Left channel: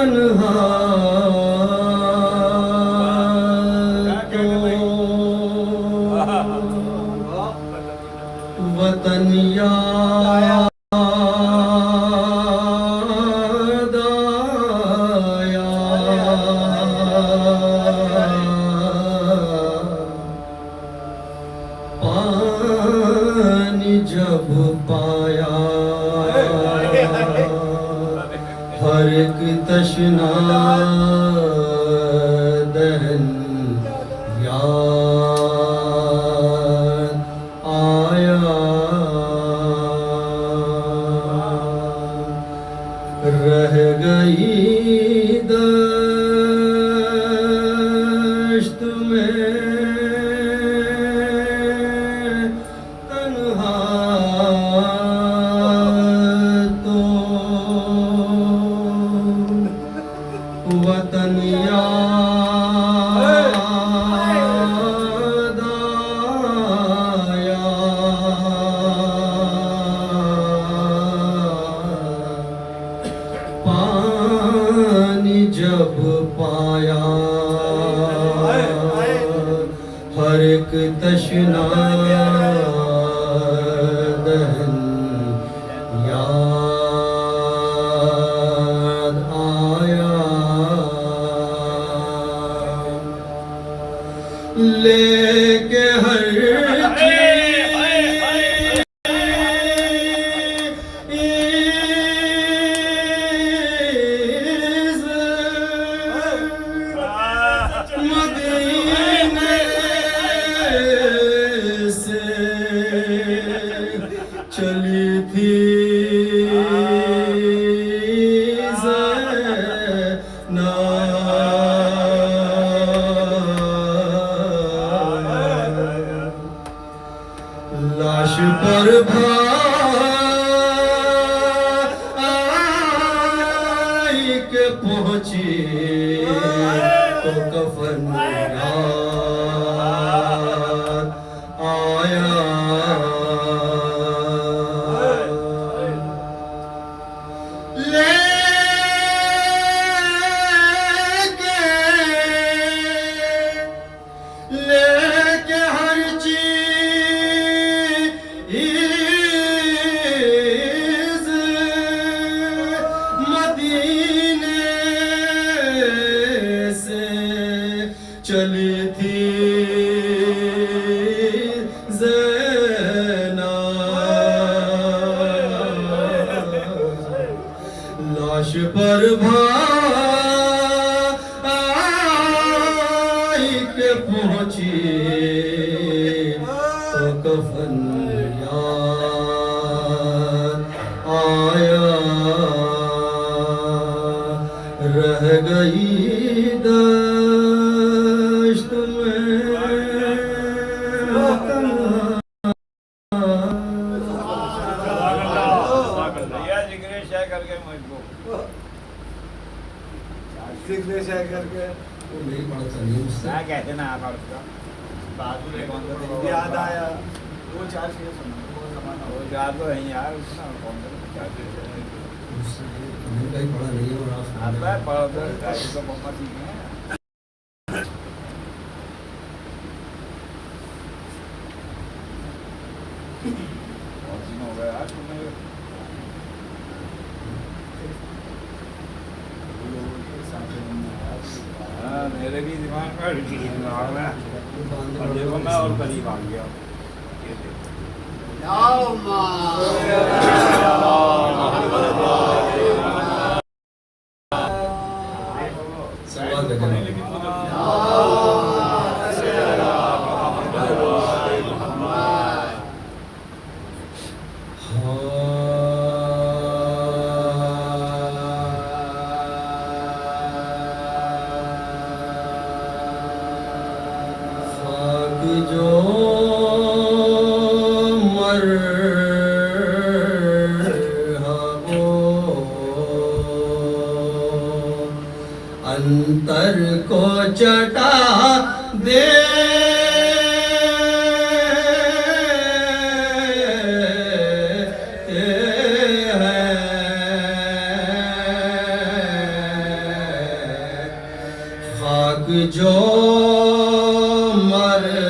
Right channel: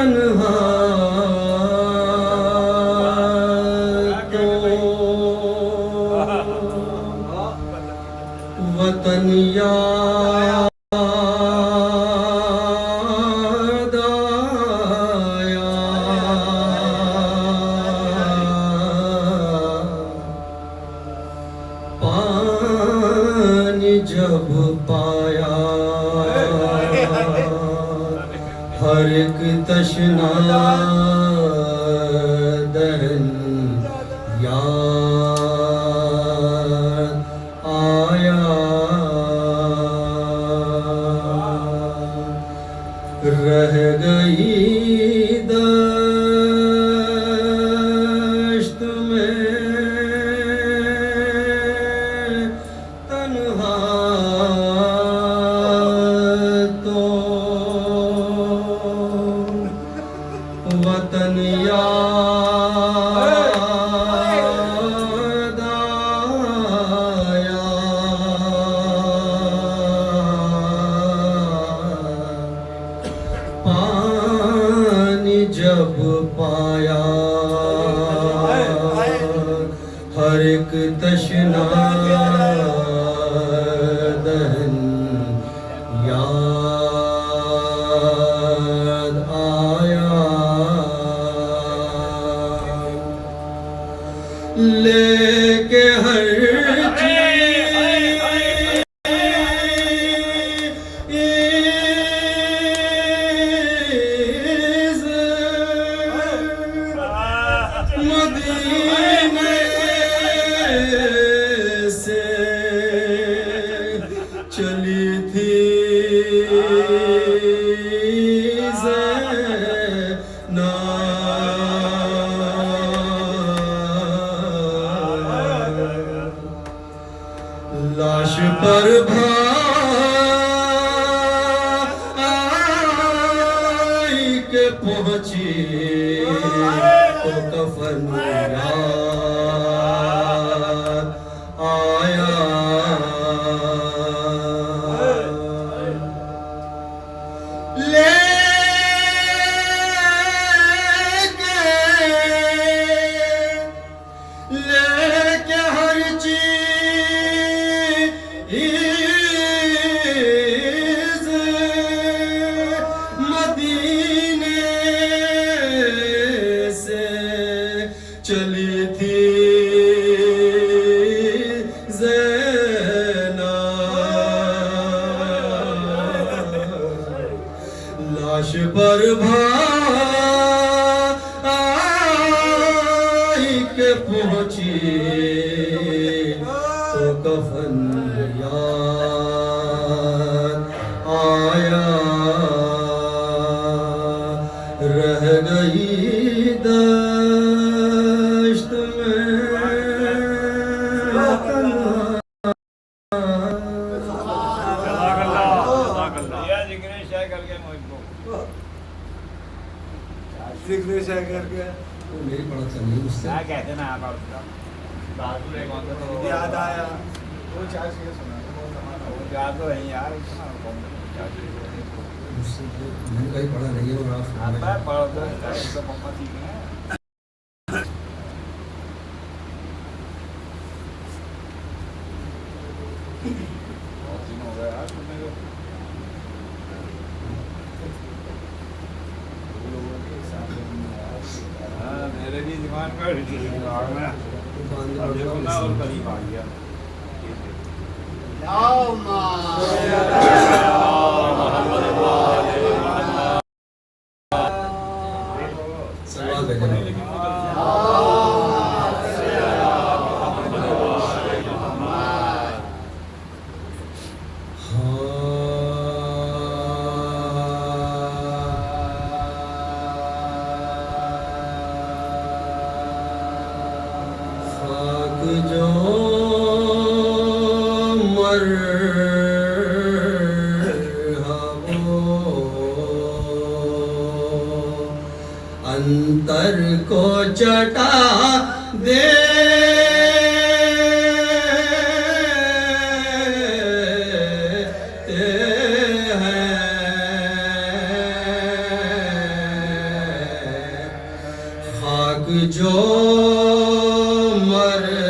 तन्हा तो वतन याद आया, पानी जब पाया हर एक तशना दहन याद आया, रह गई दश्त में तन्हा तो वतन याद आया, पानी जब पाया हर एक तशना दहन याद आया, लेके हर चीज़ मदीने से चली थी ज़ैना, लाश पर भाई के पहुंची तो कफन याद आया, लेके हर चीज़ मदीने से चली थी ज़ैना, लाश पर भाई के पहुंची तो कफन याद आया, रह गई दश्त में तन्हा। मेरी बात चली उससे कहते ना आप याद आया वो चार चीजें सुना वो याद तो नहीं यार मैंने कहीं पढ़ा नहीं है और आप आता है पढ़ो तो मम्मा ठीक है बहुत दिन हो गए यार सुनने के हाँ मेरे भी दिमाग में दिमाग में और देखो ना और करीब आ गया सवाल देखें जो अंतर को चटा दे जो मरे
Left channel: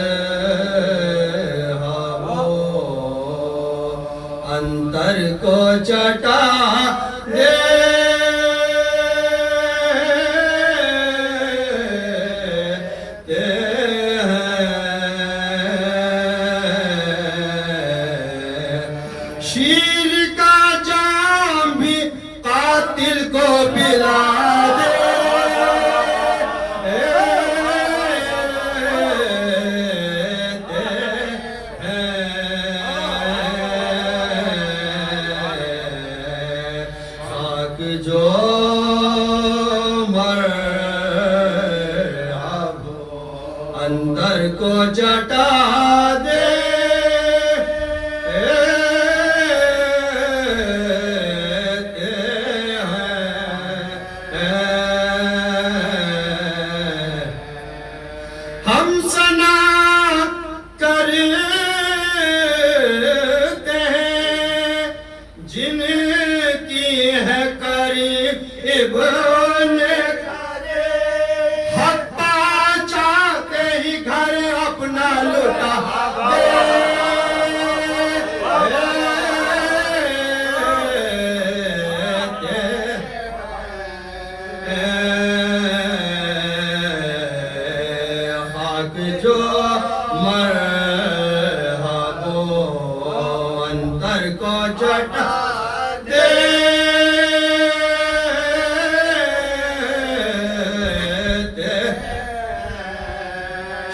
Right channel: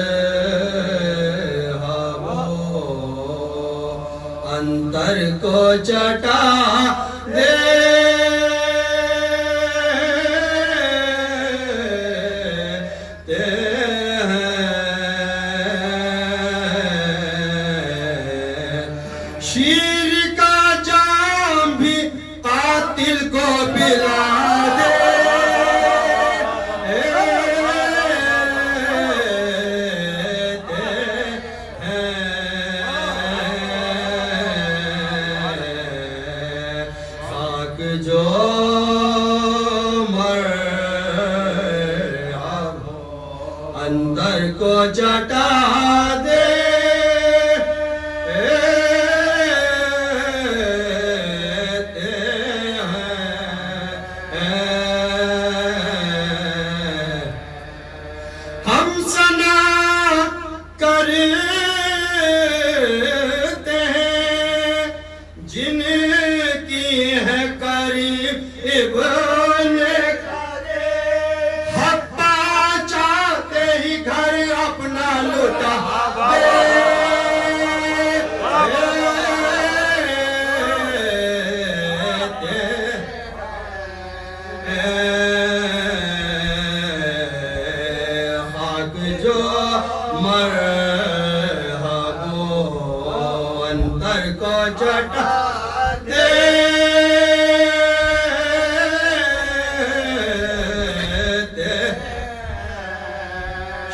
अंतर को चटा देते हैं। शीर का जाम भी कातिल को पिला जो मर अंदर को चटा दे हम सना करते हैं जिनकी है हप्पा चाहते ही घर अपना लुटा हक जो मर अंतर को चटा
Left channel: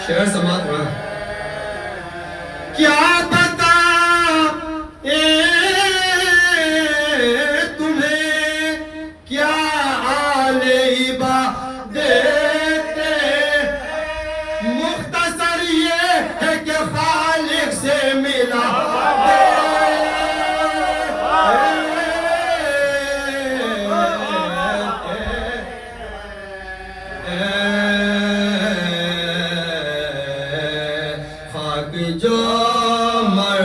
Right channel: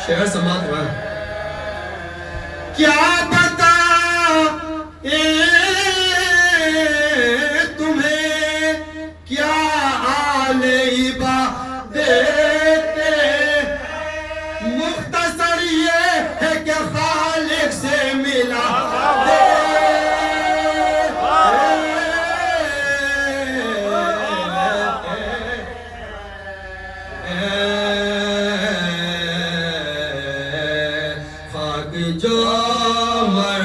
शेर समाप्त हुआ। क्या बता तुम्हें क्या आले इबा देते मुख्तसर ये है कि खालिक से मिला जो मर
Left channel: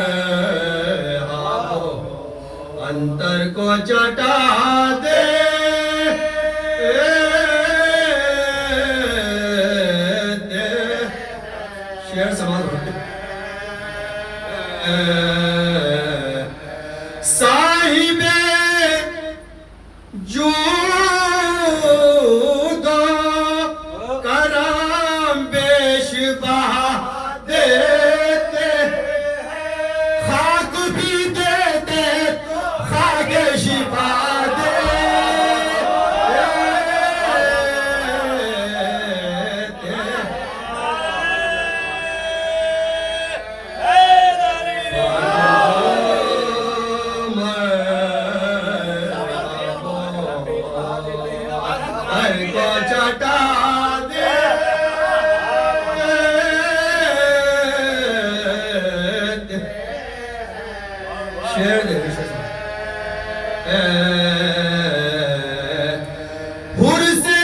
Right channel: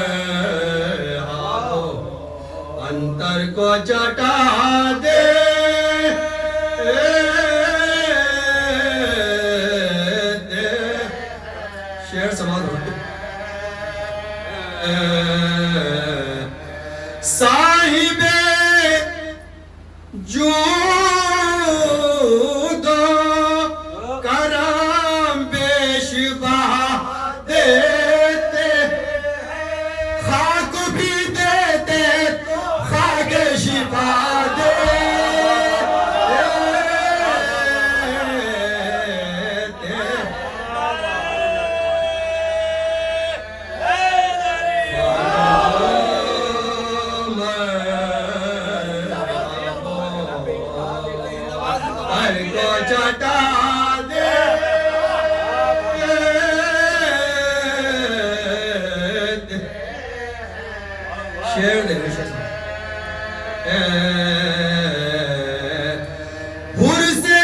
अंतर को चटा दे शेर समाज साहिबे जो करम बेशबा दे शिफा दे हर को चटा दे शेर दे हुर से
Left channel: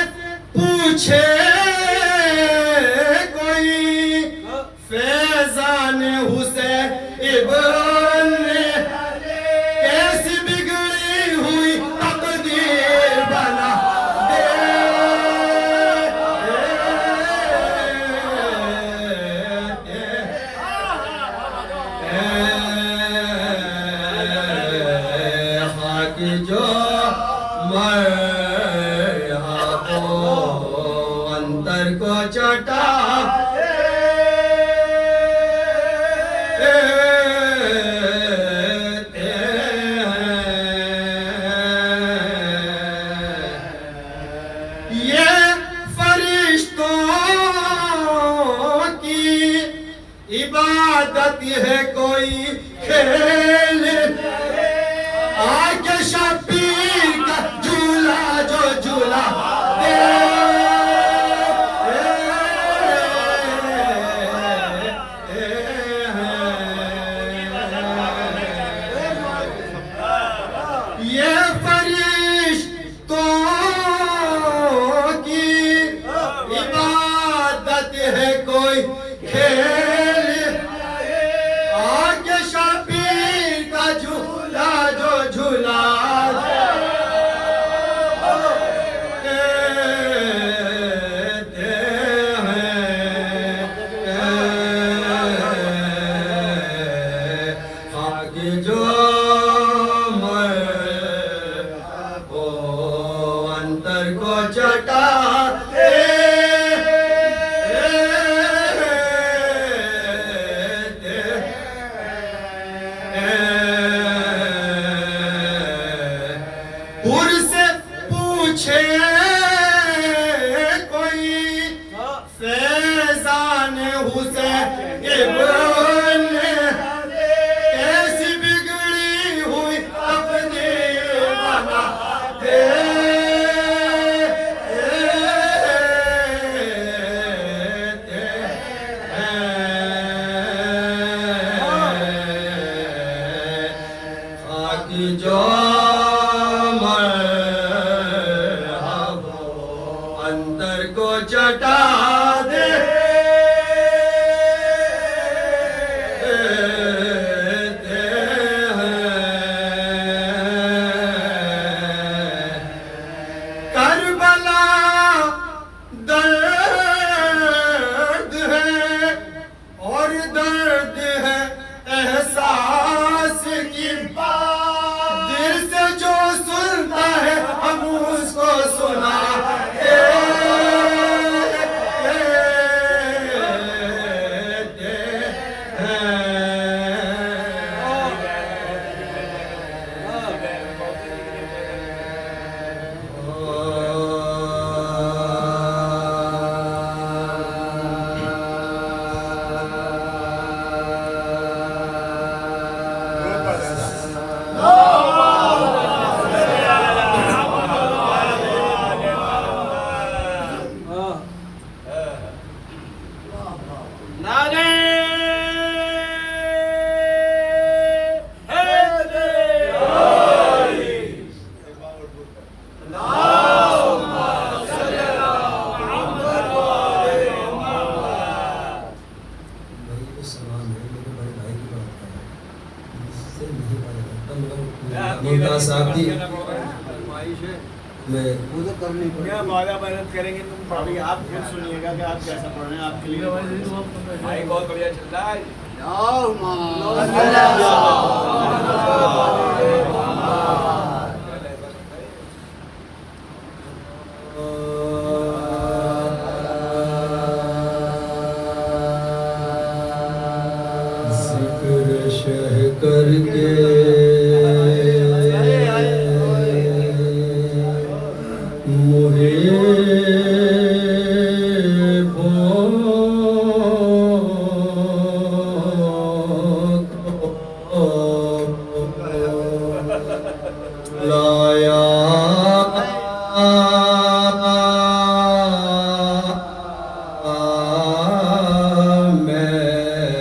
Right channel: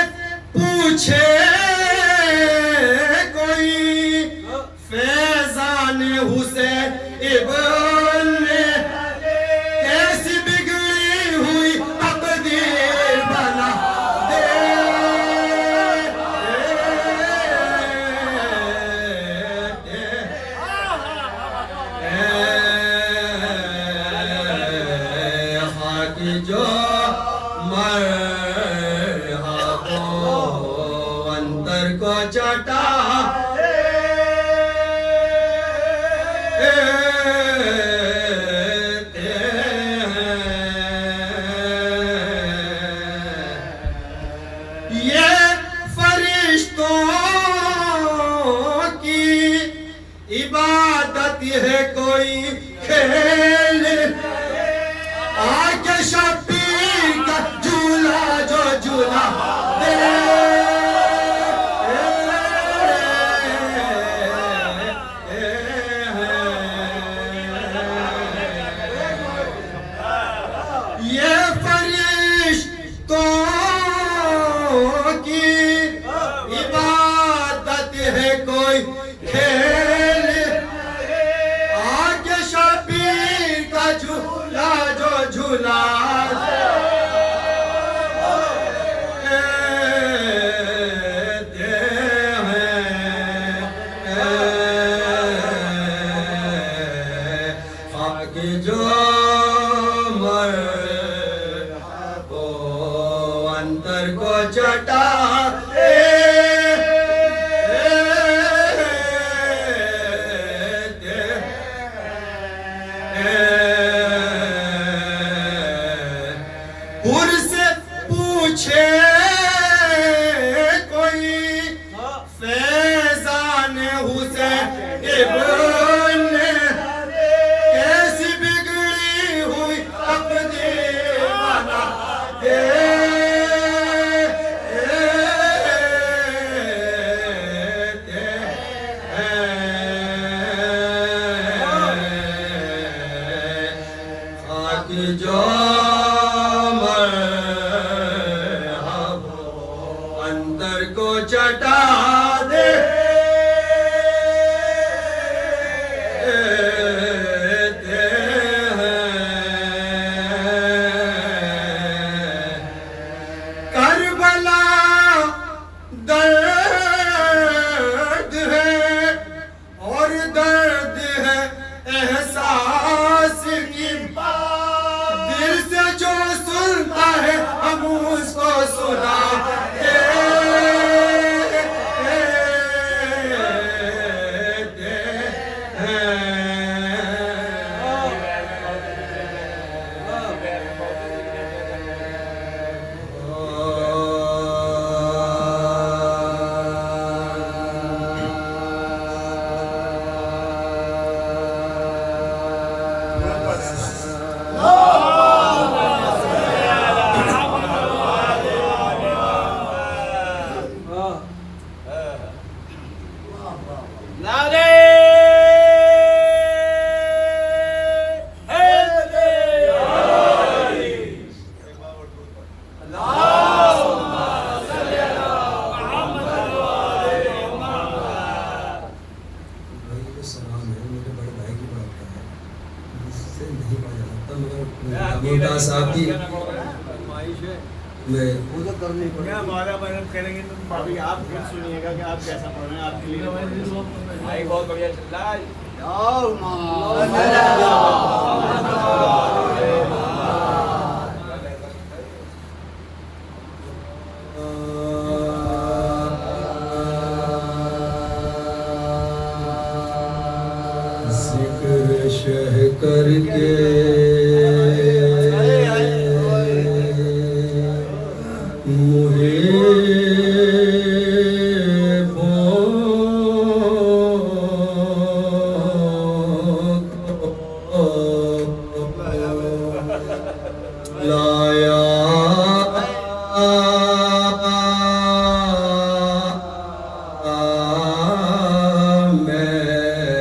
पूछे कोई फैजान हुसैन इब्न कैसी बिगड़ी हुई तकदीर बना दे जो मर अंतर को चटा ये फरिश्तों की इबादत है कोई खेल आके शबीर का झूला जो झूला दे ये फरिश्तों की इबादत है कोई खेल आके शबीर का झूला जो झूला अंतर को चटा दे से पूछे कोई फैजान हुसैन इब्न कैसी बिगड़ी हुई अपनी बना दे जो अंतर को चटा दे करबला दर्द है और दर्द है एहसास की दिल से जो सुनता है हम उसको सुना साहब जी वो तो करनी पड़ेगी। क्या वादा बैलेंस करेंगे तो भाभी आप फिर सुनिएगा कि आप कैसा पढ़ रहे हैं आपके लिए भाई बहुत बढ़िया चल रहा है जिक्र शह करके लाया मैंने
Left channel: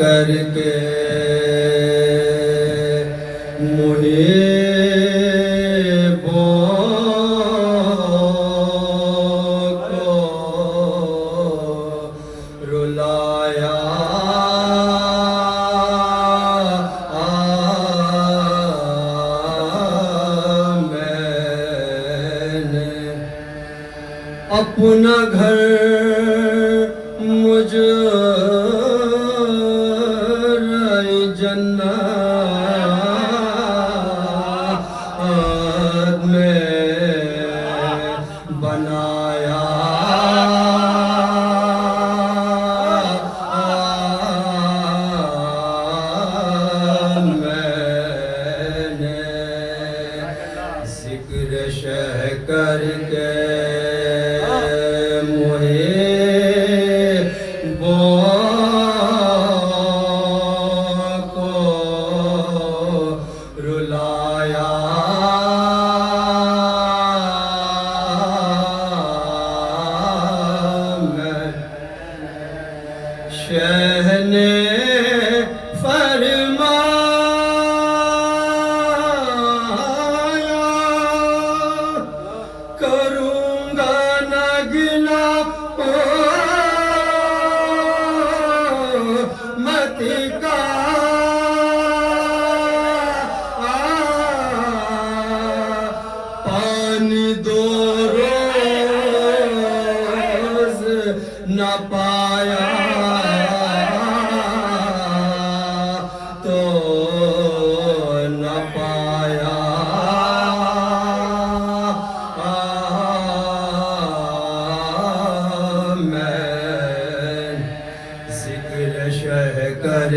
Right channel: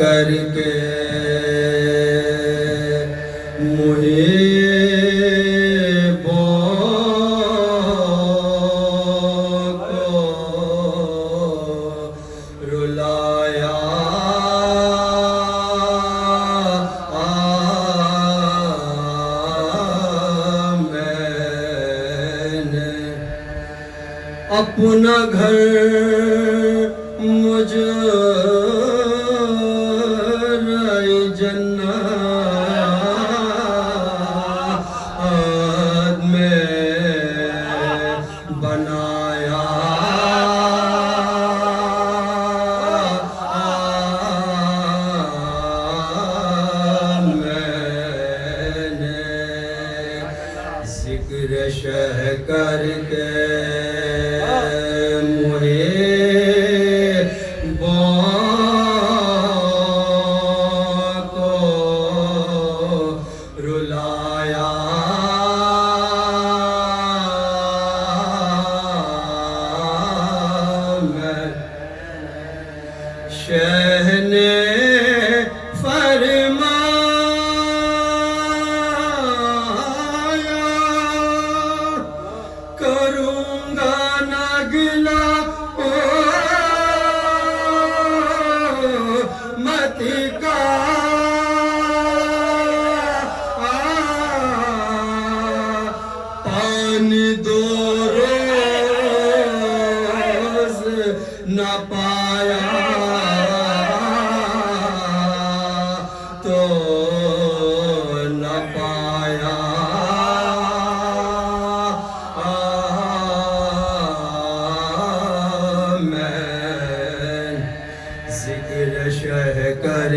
करके रुलाया मैंने अपना घर मुझ जन्नत में बनाया मैंने जिक्र शह करके रुलाया मैं शह ने फरमाया करूँगा ना गिला मत का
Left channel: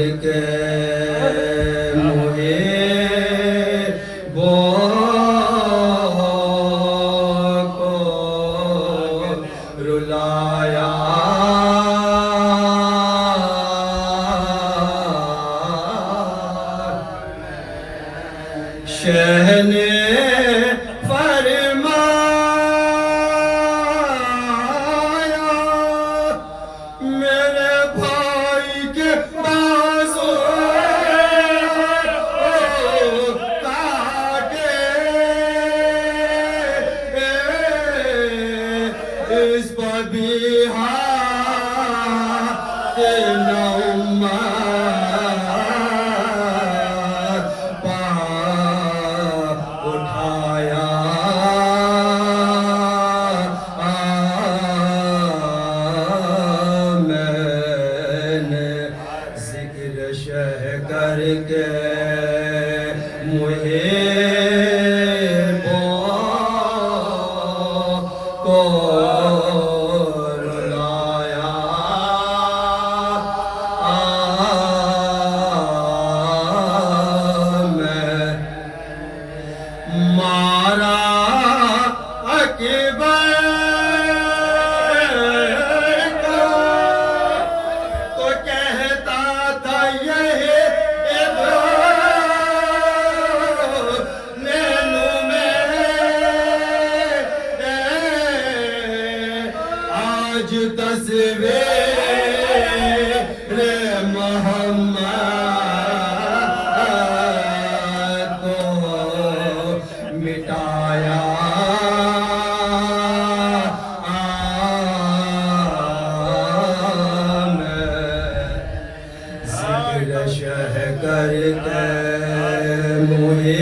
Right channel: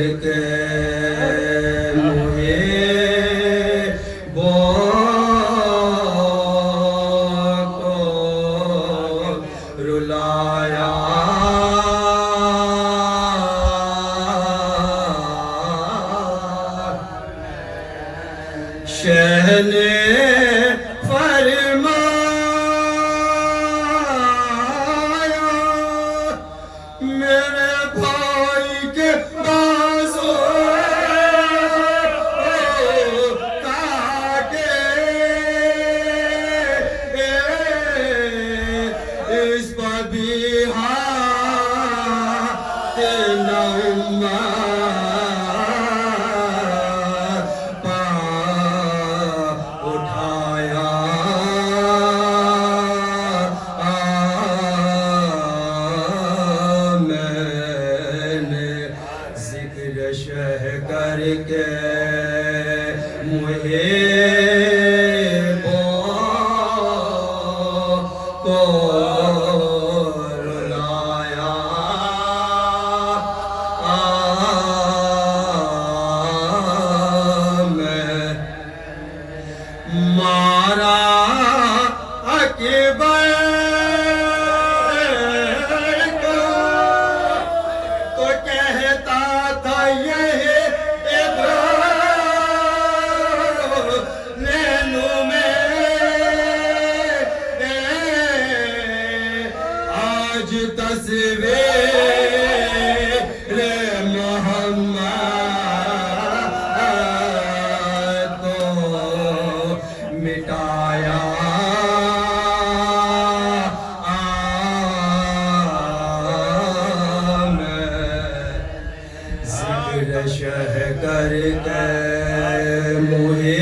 करके मुझे को रुलाया शहने करके मुझे को रुलाया मैं मारा अकबर तो कहता था यही तस्वीर मोहम्मद को मिटाया जिक्र शह करके मुझे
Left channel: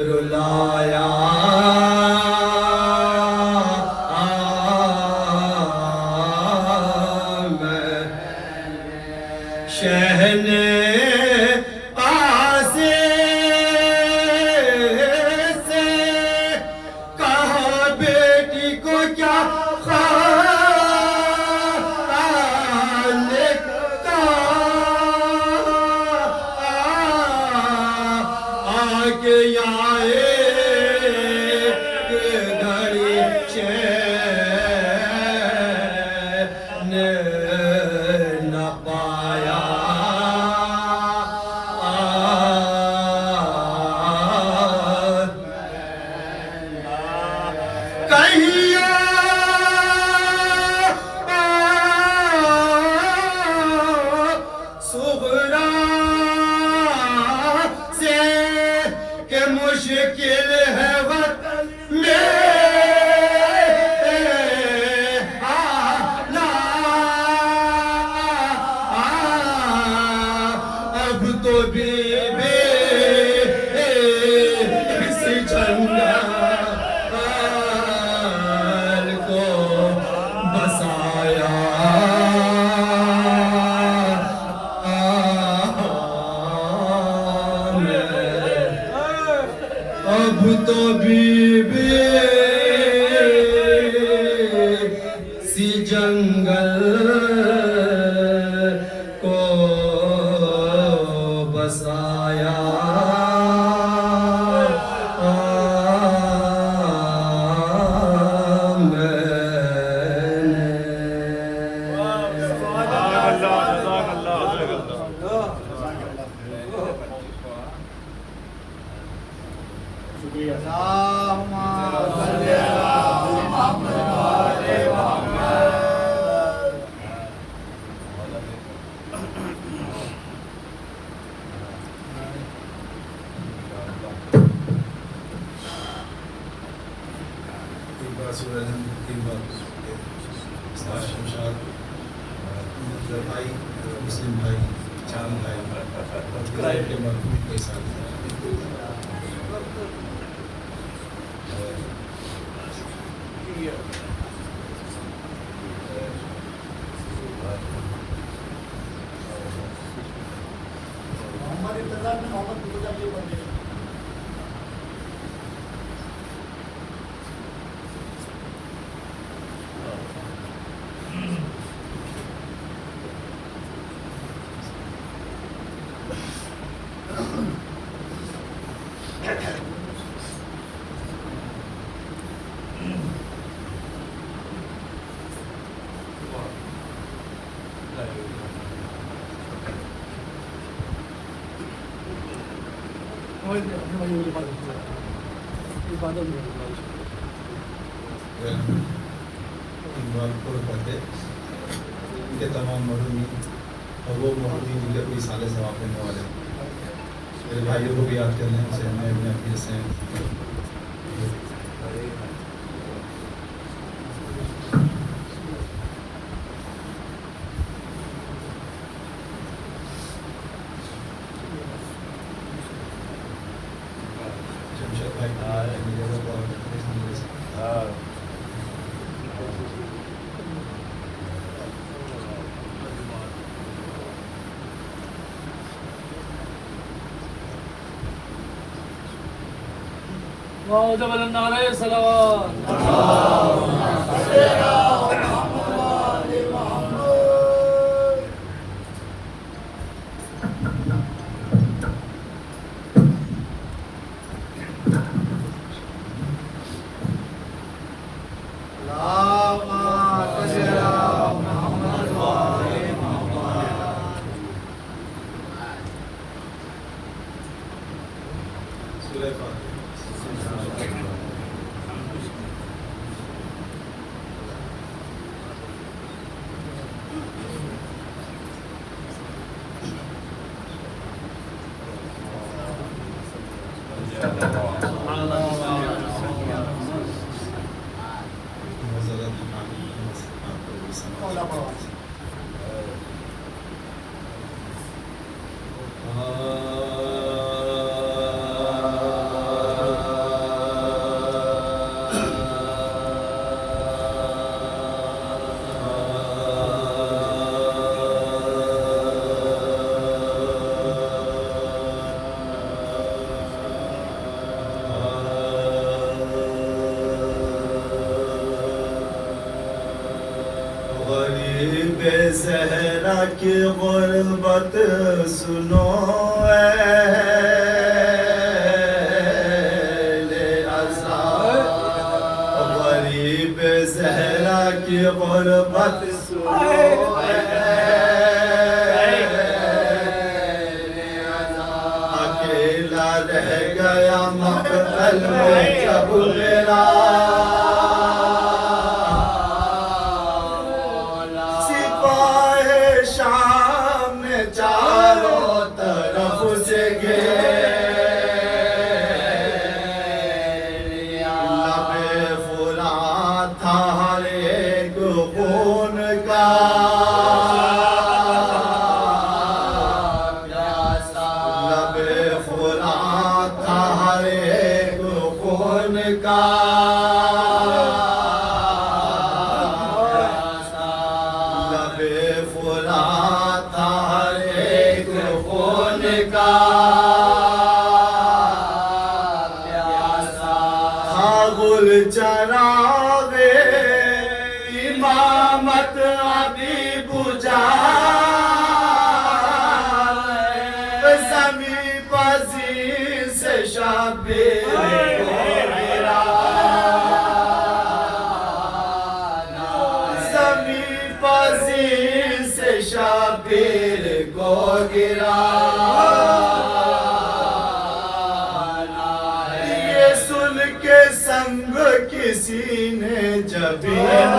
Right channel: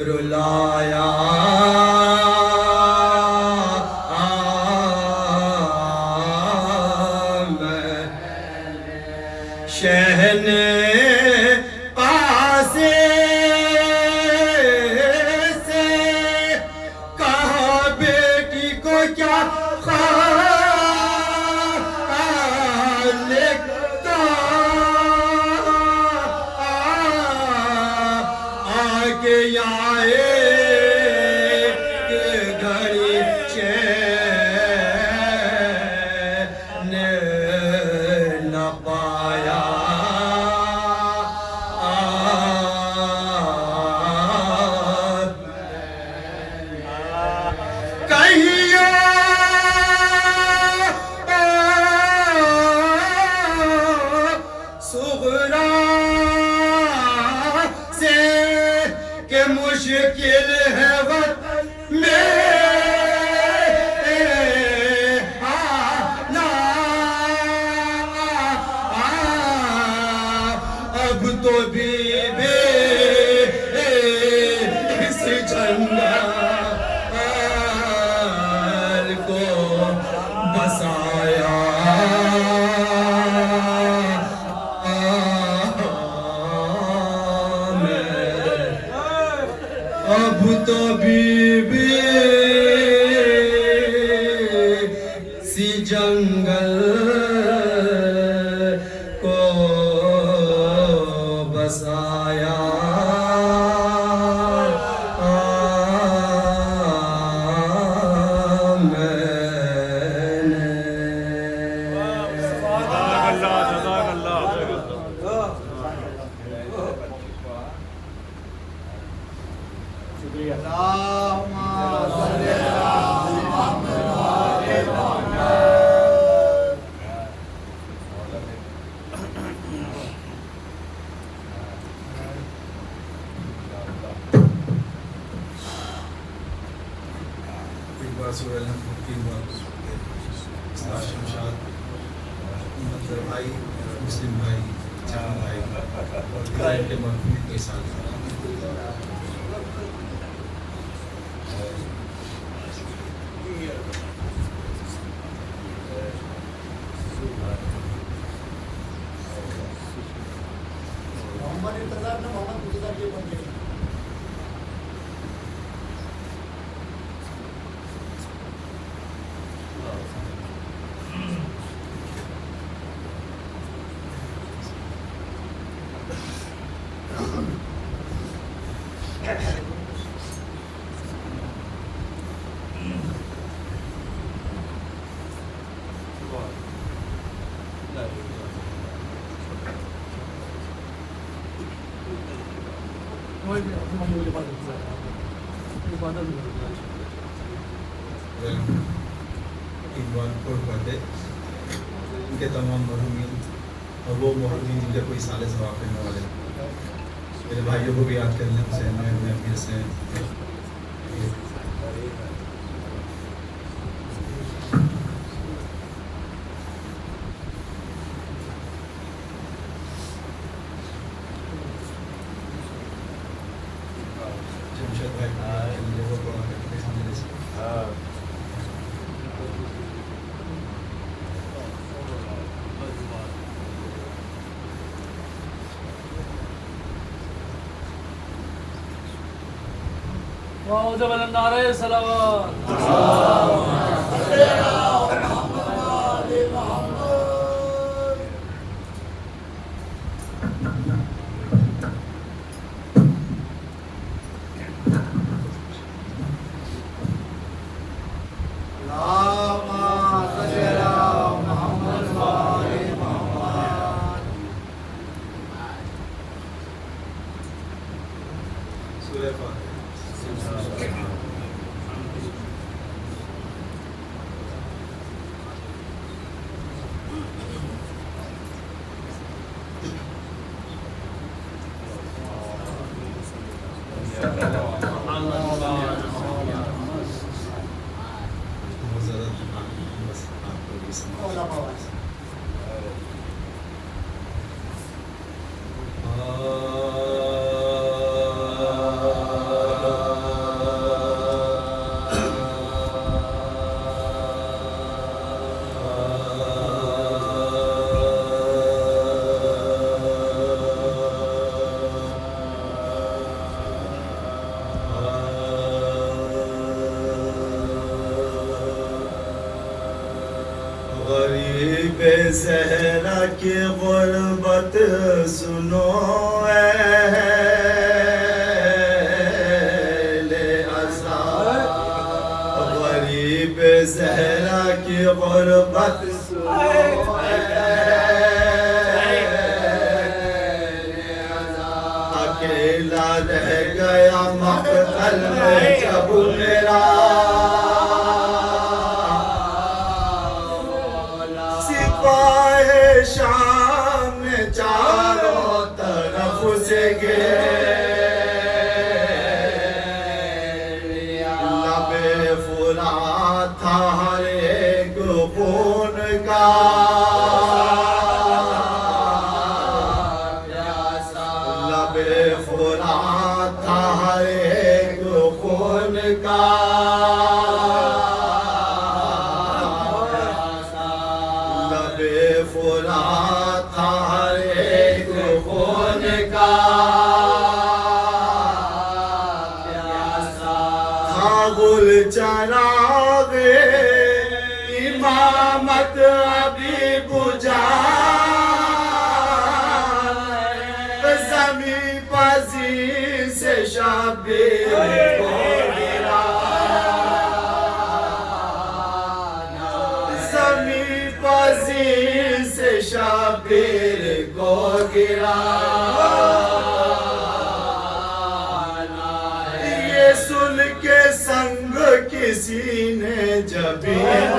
रुलाया शहने पासे से कहा बेटी को क्या आके आए घड़ी चैन न पाया कहिया सुगरा से के मुश्किल है वतन में आना अब तो बीबी इस जंगल को बसाया अब तो बीबी सी जंगल को बसाया भाई मुस्लिम भाई चांद भाई के साथ इकबाल फतेह इनके तमाम मरहूमीन और वो मोहद्दीन जिनके कोई साले सवाब करने वाले हैं। मेरे भाइयों को भी याद करने हुसैन में अपने अमीर से जमशेद भाई हाँ सूरह फातिहा। बहुत ज़्यादा थकान है, बस आपको भी समझ। गरीब ज़हरा की गुर्बत सुनो अहले अज़ा, गरीब ज़हरा की गुर्बत सुनो अहले अज़ा। अकेला रह गया मक़तल में जब मेरा शाम में चारों तरफ से लबे फुरात था हर एक खून का लबे फुरात था हर एक खून का फुरात था हर एक खून का प्यासा। था गुल चरागे इमामत अभी बुझा, ज़मी पज़ीर से शबीर को गिरा, ज़मी पज़ीर से शबीर को गिरा। ये सुन के संग किसी ने जबीन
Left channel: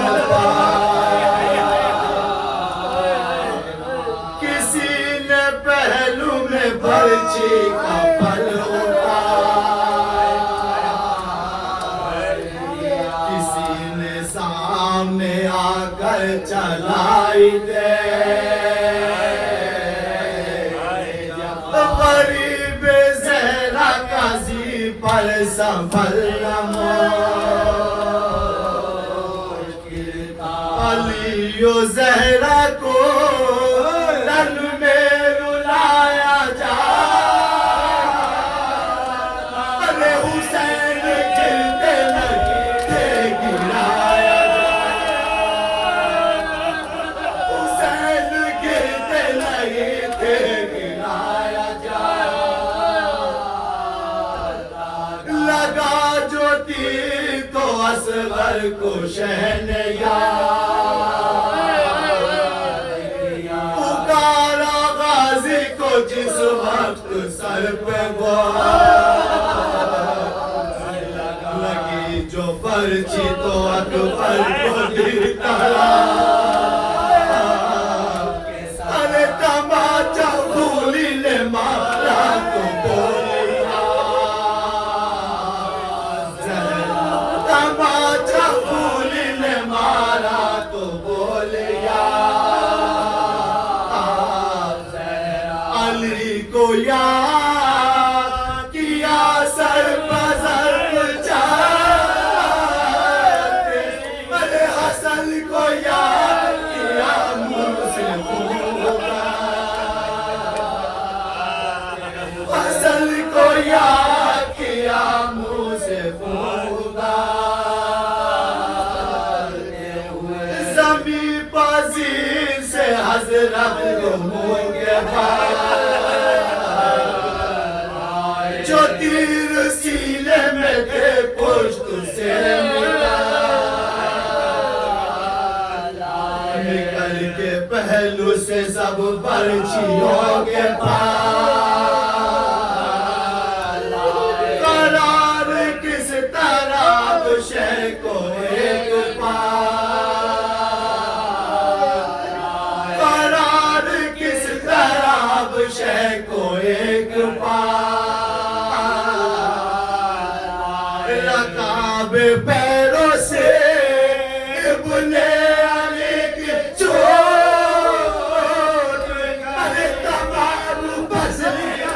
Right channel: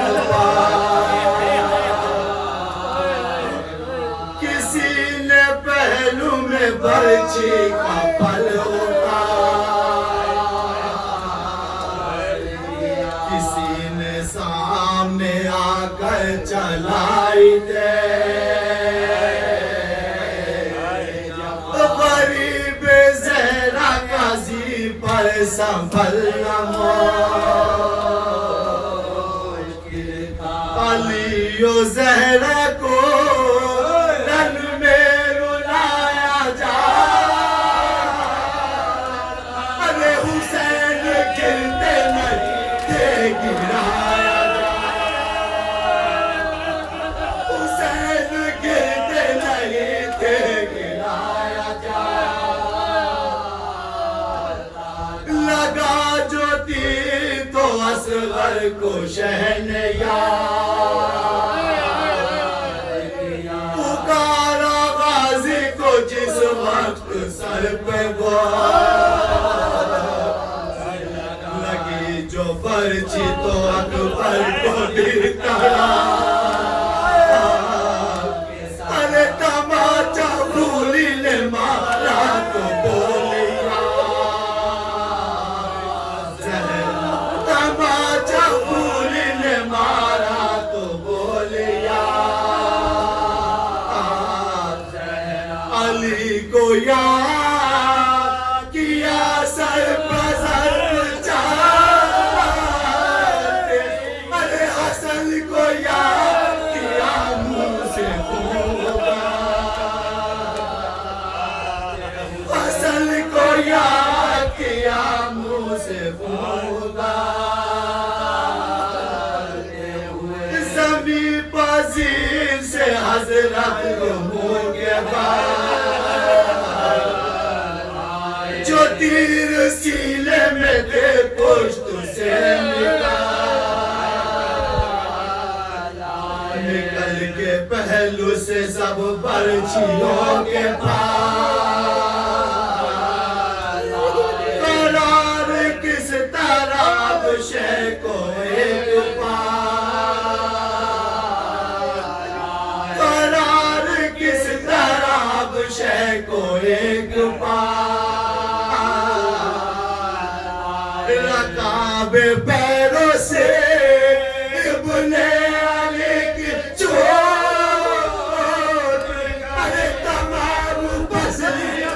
किसी ने पहलू में बर्छी का पल किसी ने सामने आकर चलाई दे। गरीब ज़हरा काजी पर संभलना मुश्किल था। अलियो ज़हरा को रन में रुलाया जा, अरे हुसैन गिरते नहीं थे गिराया जा, हुसैन गिरते नहीं थे गिराया जौहर को पुकारा गाजी को जिस वक्त सर पे लगी जो पर्ची तो अकबर को गिरता अरे तमाचा भूली ले मारा तो बोलिया तमाचा भूली ले मारा तो बोलिया अली को याद किया सर पसर चाहते अरे हसन को याद किया मुंह से हसन को याद किया मुंह से जमी पसीर से हजरत को मुंह के जो तीर सीने में थे पुष्ट से निकल के पहलू से सब पर्चियों के पास करार किस तरह दुशे को एक करार किस तरह दुशे को एक रकाबे पैरों से बुले आने की चोट अरे तमाम बसलियां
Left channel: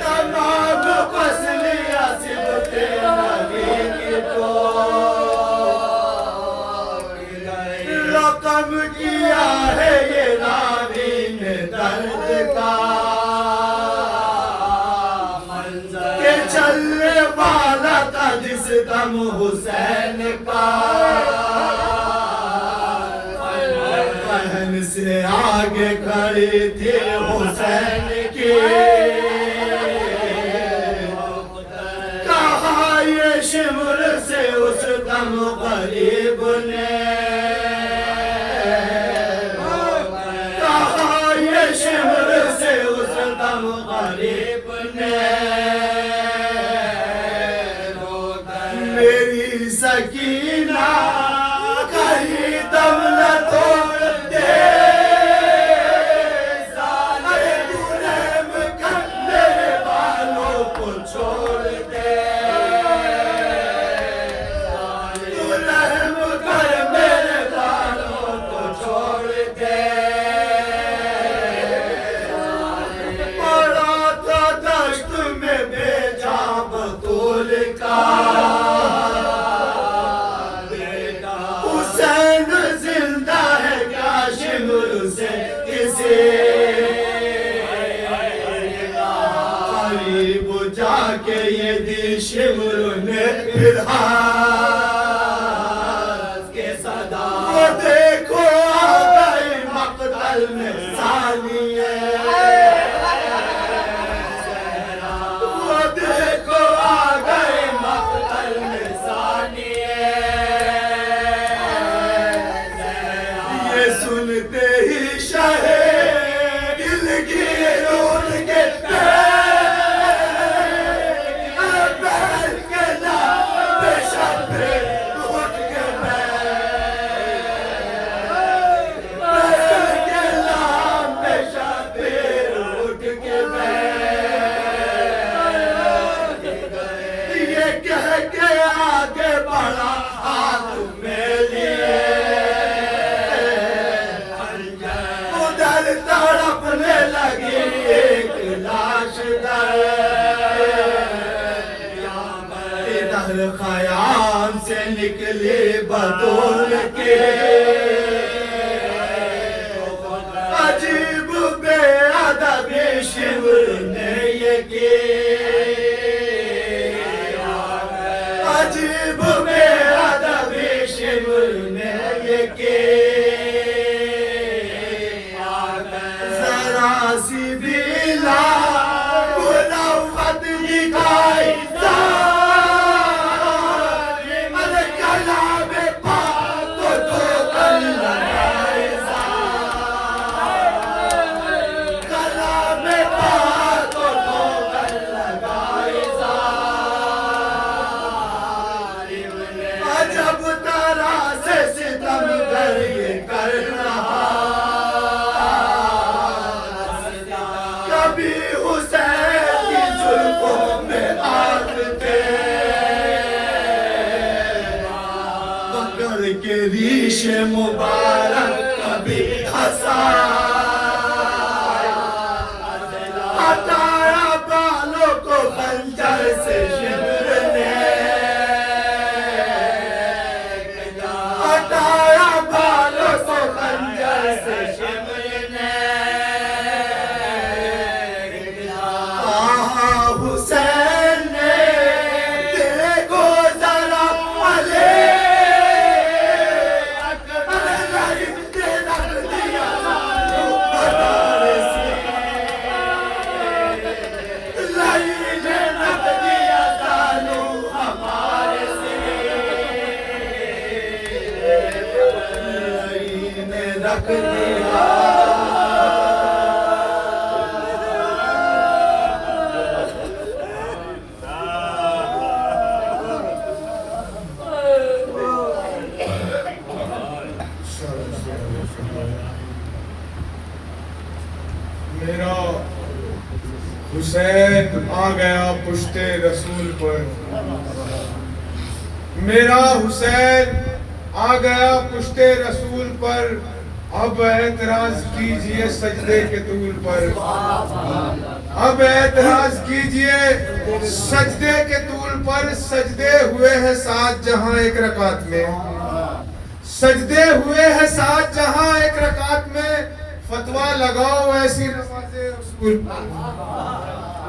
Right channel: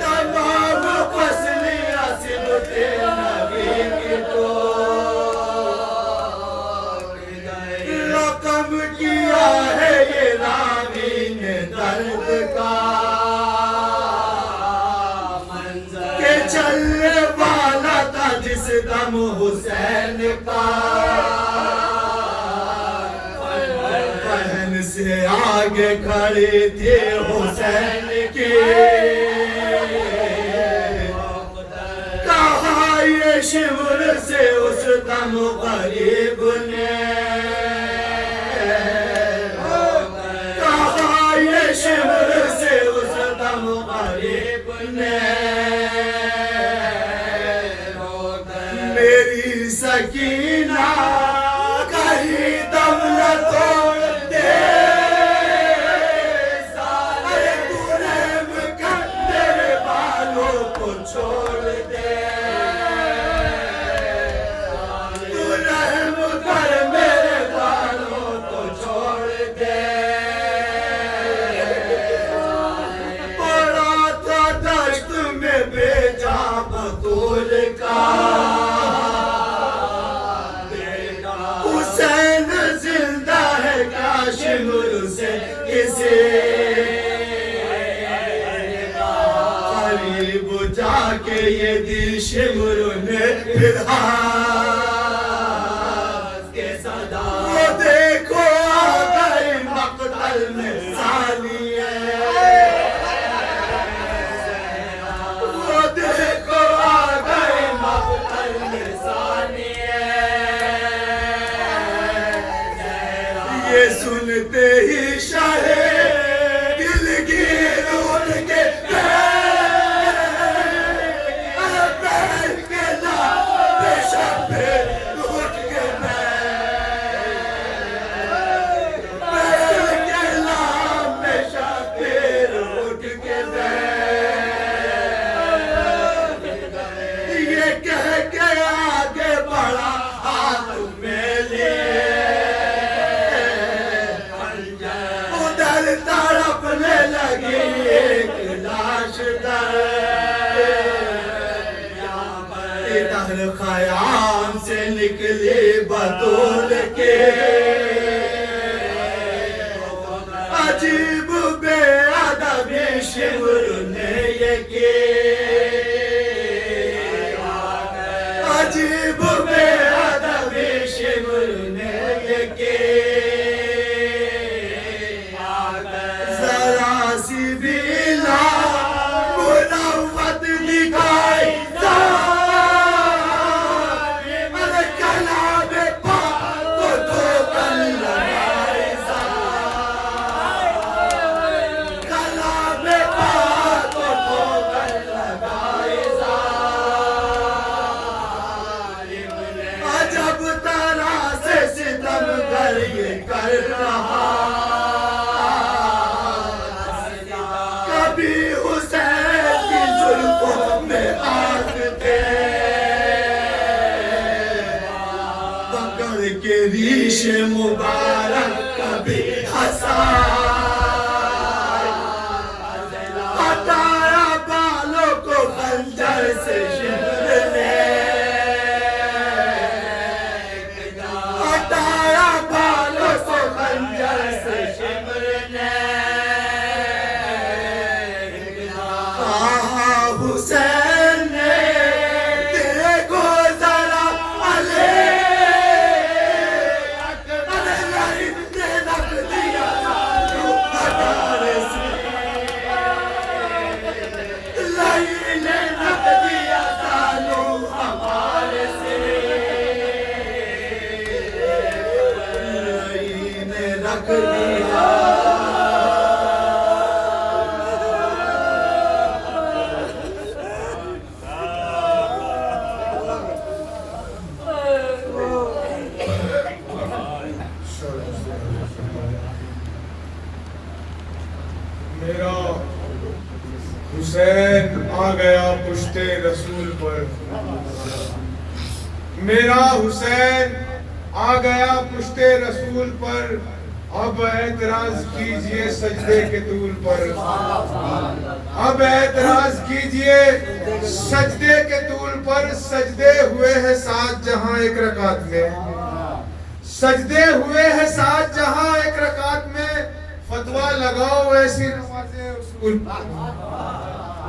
तमाम बसलियां सिमटे लगे की तो रकम किया है ये रावी ने दर्द का चलने वाला था जिस दम हुसैन का बहन से आगे खड़ी थी हुसैन की कहा ये शिमर से उस दम गरीब ने कहा ये शिमर से उस दम गरीब ने मेरी सकीना कहीं दम न तोड़ दे अरे तू रहम कर मेरे बालों को छोड़ दे तू रहम कर मेरे बालों को छोड़ दे पड़ा था दश्त में भेजा बतूल का हुसैन जिंदा है क्या शिमर से किसे करीब जाके ये दी शिमर ने फिर हाथ के सदा वो देखो आ गए मकतल में सानिए वो देखो आ गए मकतल में सानिए ये सुनते ही शाहे दिल की रोड के पैर के ला बेशक उठ के पैर के ला बेशक उठ के ये कह के आगे बढ़ा हाथ में लिए उधर तड़पने लगी एक लाश इधर खयाम से निकली बतूल के अजीब बेअदबी शिमर ने ये की अजीब बेअदबी शिमर ने ये की जरा सी भी ला मुनव्वत निगाह रीश मुबारक कभी हंसा हटाया बालों को खंजर से शिमर ने हटाया बालों को खंजर से शिमर ने हुसैन ने देखो जरा अले रख दिया हमारे से लाइने रख दिया तालू हमारे से लाइने रख दिया मेरा हुसैन आ गया पुश्ते रसूल पर, मेरा हुसैन आ गया पुश्ते रसूल पर, अब एतराज कीजिए सजदे के तूल पर, अब एतराज कीजिए सजदे के तूल पर। सजदे हुए हैं 7 जहां एक रकात में, सजदे हुए हैं 7 जहां एक रकात में। फतवा लगाओ ऐसी नमाज़े उसूल पर,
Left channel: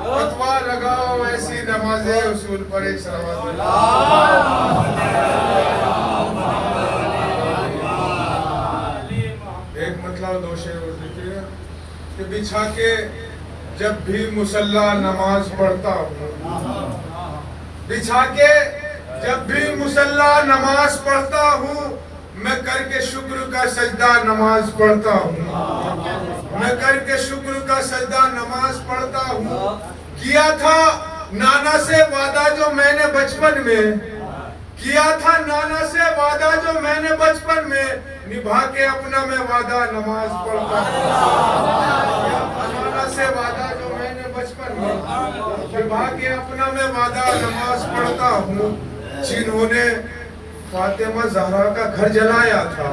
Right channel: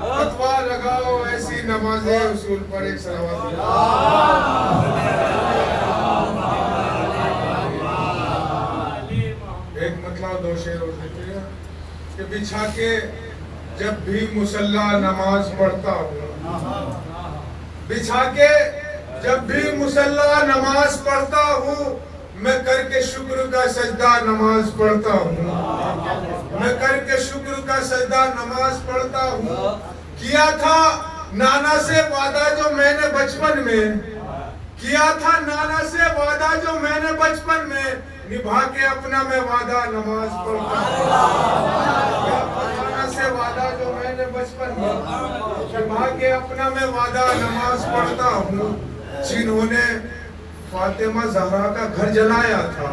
फतवा लगाओ ऐसी नमाज़े उसूल पर। एक सलावत एक मतलब 2 शेर और देखिए कि बिछा के जब भी मुसल्ला नमाज पढ़ता हूँ, बिछा के जब भी मुसल्ला नमाज पढ़ता हूँ, मैं करके शुक्र का सजदा नमाज पढ़ता हूँ, मैं करके शुक्र का सजदा नमाज पढ़ता हूँ। किया था नाना से वादा जो मैंने बचपन में, किया था नाना से वादा जो मैंने बचपन में, निभा के अपना मैं वादा नमाज पढ़ता हूँ। नाना से वादा जो मैंने बचपन में, निभा के अपना मैं वादा नमाज पढ़ता हूँ। जिन्होंने फातिमा ज़हरा का घर जलाया था,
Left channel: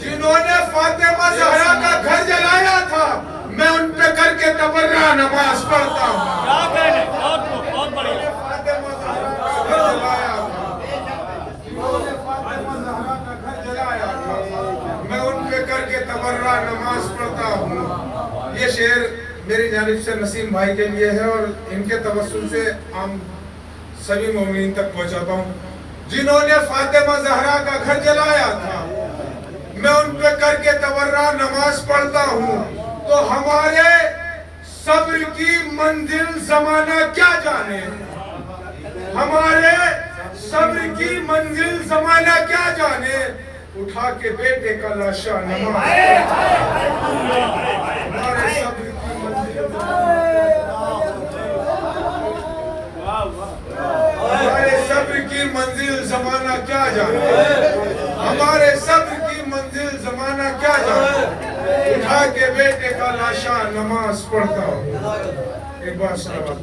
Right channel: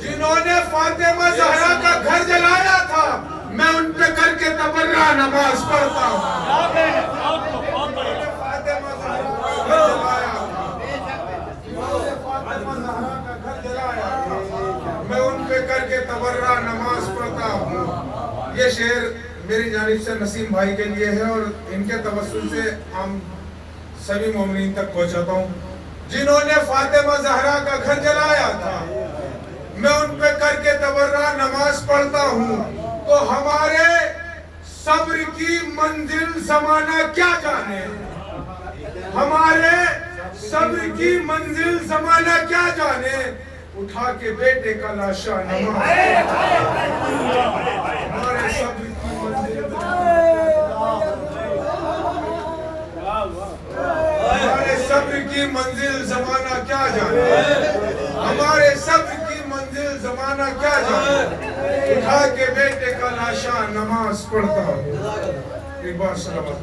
जिन्होंने फातिमा ज़हरा का घर जलाया था, मैं उन पे करके तबर्रा नमाज पढ़ता हूँ। फातिमा ज़हरा का घर जलाया था, जिन्होंने फातिमा ज़हरा का घर जलाया था, मैं उन पे करके तबर्रा नमाज पढ़ता हूँ। ये शेर मेरी जानिब से नसीम भाई के लिए है और इनके तवस्सुल से हम सभी मोमिनीन तक पहुंचाता हूँ। जिन्होंने फातिमा ज़हरा का घर जलाया था, मैं उन पे करके तबर्रा नमाज पढ़ता हूँ। तो हमारे सब्र की मंजिल ज़माना क्या जाने, हमारे सब्र की मंजिल ज़माना क्या जाने, उठा के बेटे का लाशा नमाज। हमारे सब्र की मंजिल, हमारे सब्र की मंजिल ज़माना क्या जाने, हमारे सब्र की मंजिल ज़माना क्या जाने, उठा के बेटे का लाशा नमाज पढ़ता हूँ। एक बार सलावत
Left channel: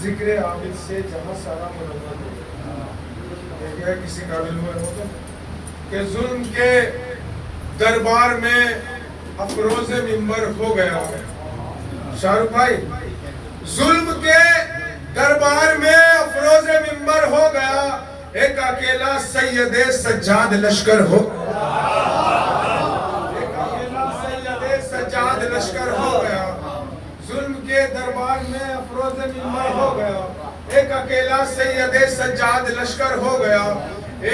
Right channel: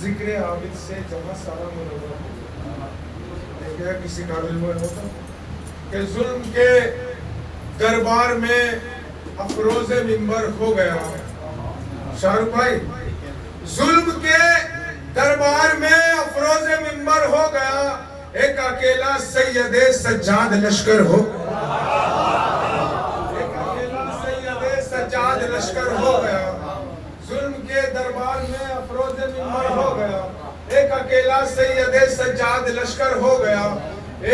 जिक्र आबिद से जहाँ सारा मनोरम देखिएगा किसी काबिल हुए हो तो कि जुल्म के दरबार में अफरोज मिंबर हो गया। शाहरुख भाई, जुल्म के दरबार में अफरोज मिंबर हो गया, एक अकेला सैयदे सज्जाद लश्कर हो, एक अकेला सैयदे सज्जाद लश्कर हो गया। जुल्म के दरबार में अफरोज मिंबर हो गया, एक अकेला सैयदे सज्जाद लश्कर हो गया।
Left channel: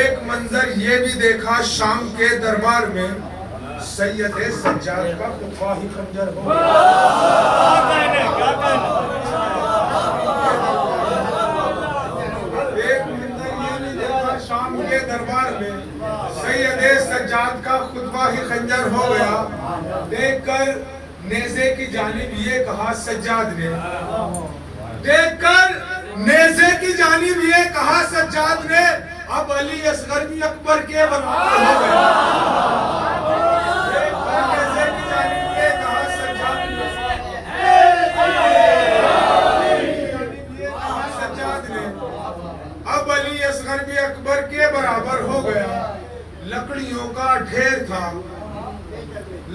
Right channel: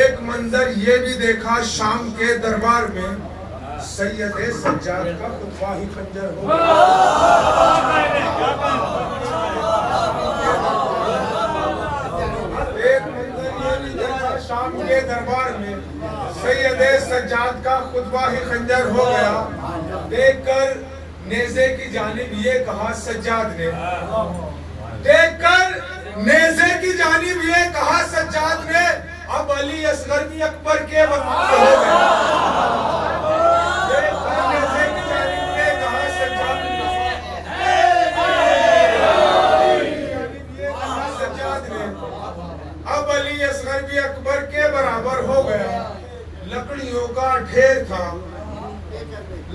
एक मंजर ये भी देखा शाम के दरबार में, सैयदे सज्जाद का खुतबा ही खंजर हो गया। एक मंजर ये भी देखा शाम के दरबार में, सैयदे सज्जाद का खुतबा ही खंजर हो गया। देखकर नेज़े की जानिब ये कहा सज्जाद ने, देखकर नेज़े की जानिब ये कहा सज्जाद ने, अब अली असगर भी अकबर के वक्त हो गया।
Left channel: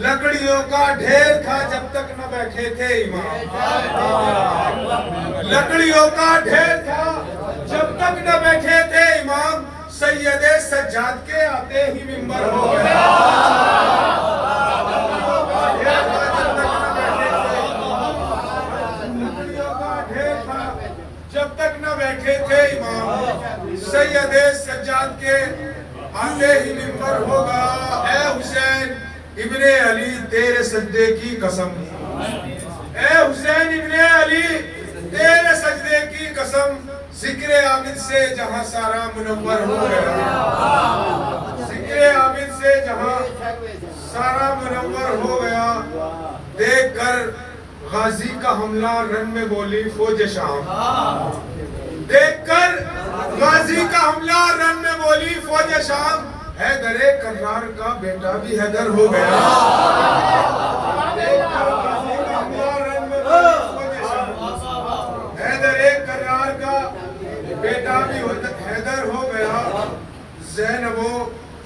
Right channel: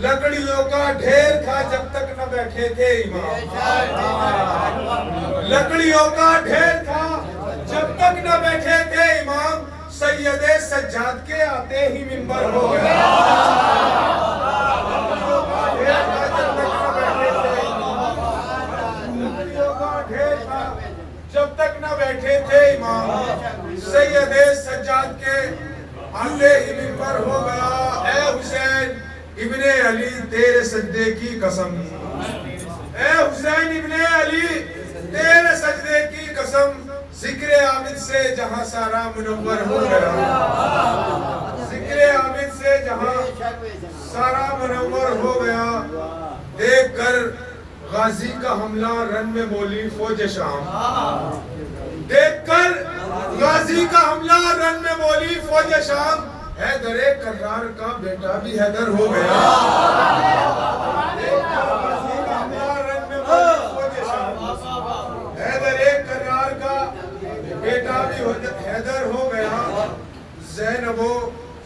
लकड़ियों का ढेर था जब तक न बैठे थे इमाम। लकड़ियों का ढेर था जब तक न बैठे थे इमाम, सैयदे सज्जाद के आते ही मिंबर हो गया। लकड़ियों का ढेर था जब तक न बैठे थे इमाम, लकड़ियों का ढेर था जब तक न बैठे थे इमाम, सैयदे सज्जाद के आते ही मिंबर होगा। ऐ हुसैन इब्ने अली तेरे सजदे की कसम, ऐ हुसैन इब्ने अली तेरे सजदे की कसम, जिक्र आबिद से जहां सारा मुनव्वर हो गया। जिक्र आबिद से जहां सारा मुनव्वर हो गया। देख कर गाजी का हमला रन में बोली फौज शाम, देख कर गाजी का हमला रन में बोली फौज शाम, हैदरे कर्रार का बेटा भी हैदर हो गया। गाजी का हमला रन में बोली फौज शाम, हैदरे कर्रार का बेटा भी हैदर हो गया। ज़ैनबो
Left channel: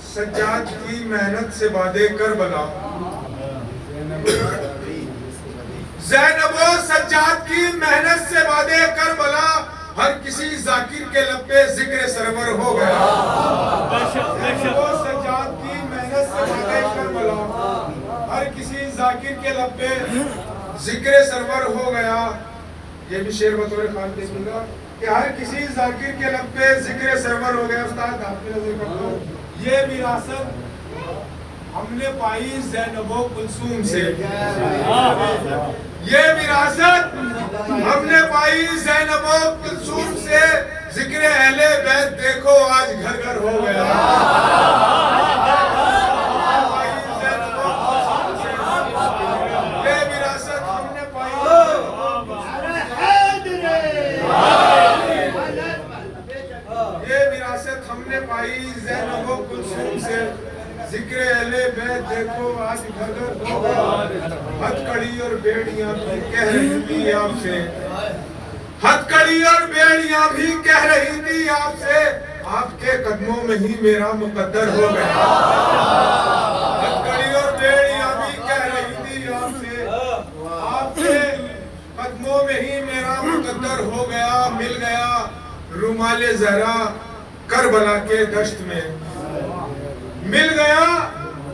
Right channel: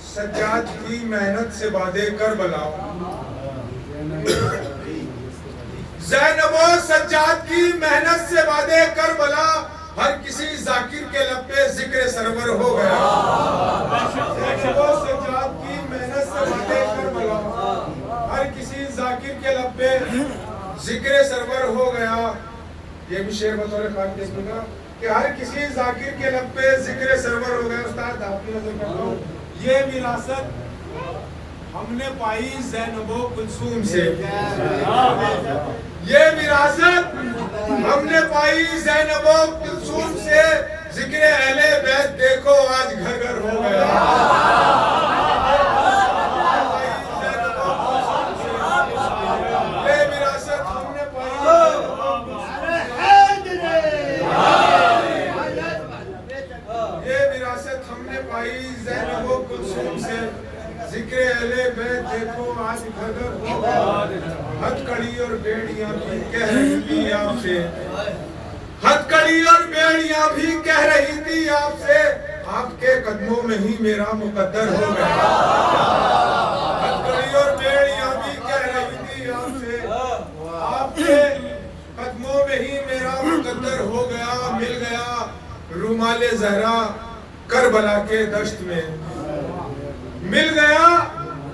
सज्जाद की मेहनत से बादे करबला, ज़ैनबो सज्जाद की मेहनत से बादे करबला, हर किसी जाकिर के लब पे जिक्र सरवर हो गया। ज़ैनबो सज्जाद की मेहनत से बादे करबला, हर किसी जाकिर के लब पे जिक्र सरवर हो गया। ये भी शेर बतौर खान देखिएगा कि हर किसी जाकिर के लब पे जिक्र सरवर हो गया। उस्ताद आपकी नजर करता हूं, ये विरासत हमने पाई ज़ैनबो कुलसूम से, ये विरासत हमने पाई ज़ैनबो कुलसूम से, जिक्र अहले बैत देखो आज घर घर हो गया। ये विरासत हमने पाई, ये विरासत हमने पाई ज़ैनबो कुलसूम से, जिक्र अहले बैत देखो आज घर घर हो गया। हथकड़ी और बेड़ियां भी कह रही थी आपसे, हथकड़ी और बेड़ियां भी कह रही थी आपसे, आपके कदमों में ही मेरा मुकद्दर हो गया। हथकड़ी और बेड़ियां भी कह रही थी आपसे, आपके कदमों में ही मेरा मुकद्दर हो गया। मिल गया रुमाले ज़हरा करबला के दश्त में, मिल गया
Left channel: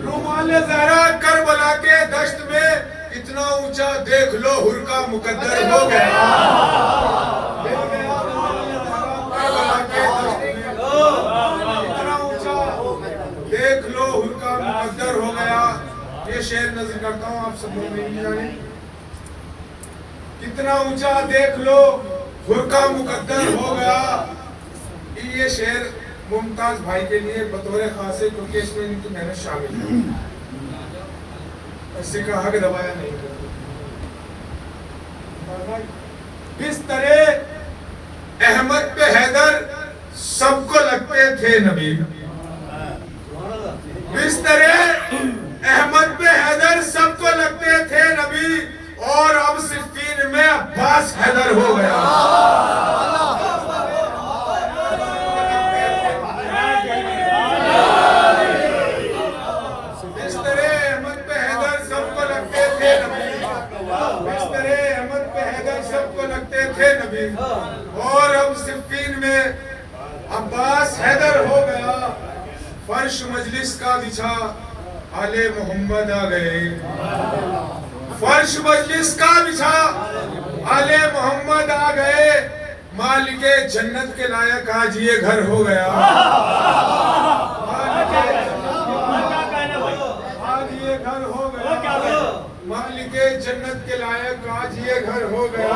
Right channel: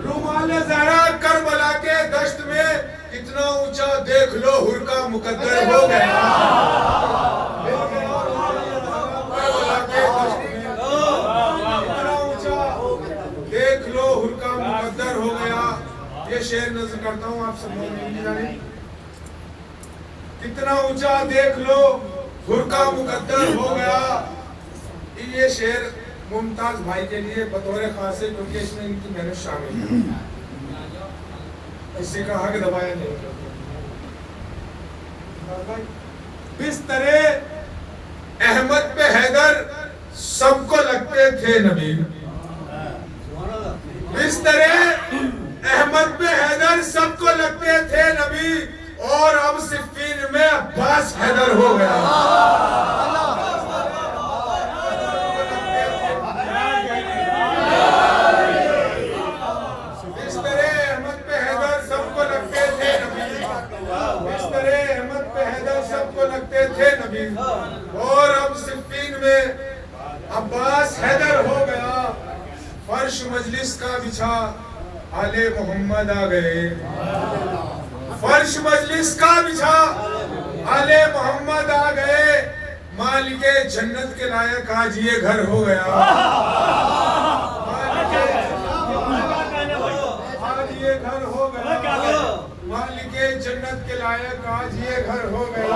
रुमाले ज़हरा करबला के दश्त में, इतना ऊंचा देख लो हुर का मुकद्दर हो गया। मिल गया करबला के दश्त में, इतना ऊंचा देख लो हुर का मुकद्दर हो गया। ये शेर नज़र करता हूँ, आप सब लोग नहीं जाने। कितना ऊंचा देख लो हुर का मुकद्दर हो गया। ये शेर मुमताज भाई के लिए बतौर खासे, क्योंकि इसमें इनकी मेहनत शामिल है। इससे कहा कि दबाया नहीं। बिस्तरे अहमद पे हैदर सबको लगते थे नबी, बिस्तरे अहमद पे हैदर सबको लगते थे नबी, और अब सिफ़ीन में अब्बास हैदर हो गया। और अब सिफ़ीन में अब्बास हैदर हो गया। फर्श मजलिस का बिछा आले मोहम्मद आ गए, फर्श मजलिस का बिछा आले मोहम्मद आ गए। मालिके जन्नत के लायक आज ये घर हो गया, आज ये घर हो गया। मालिके जन्नत के लायक आज ये घर हो गया।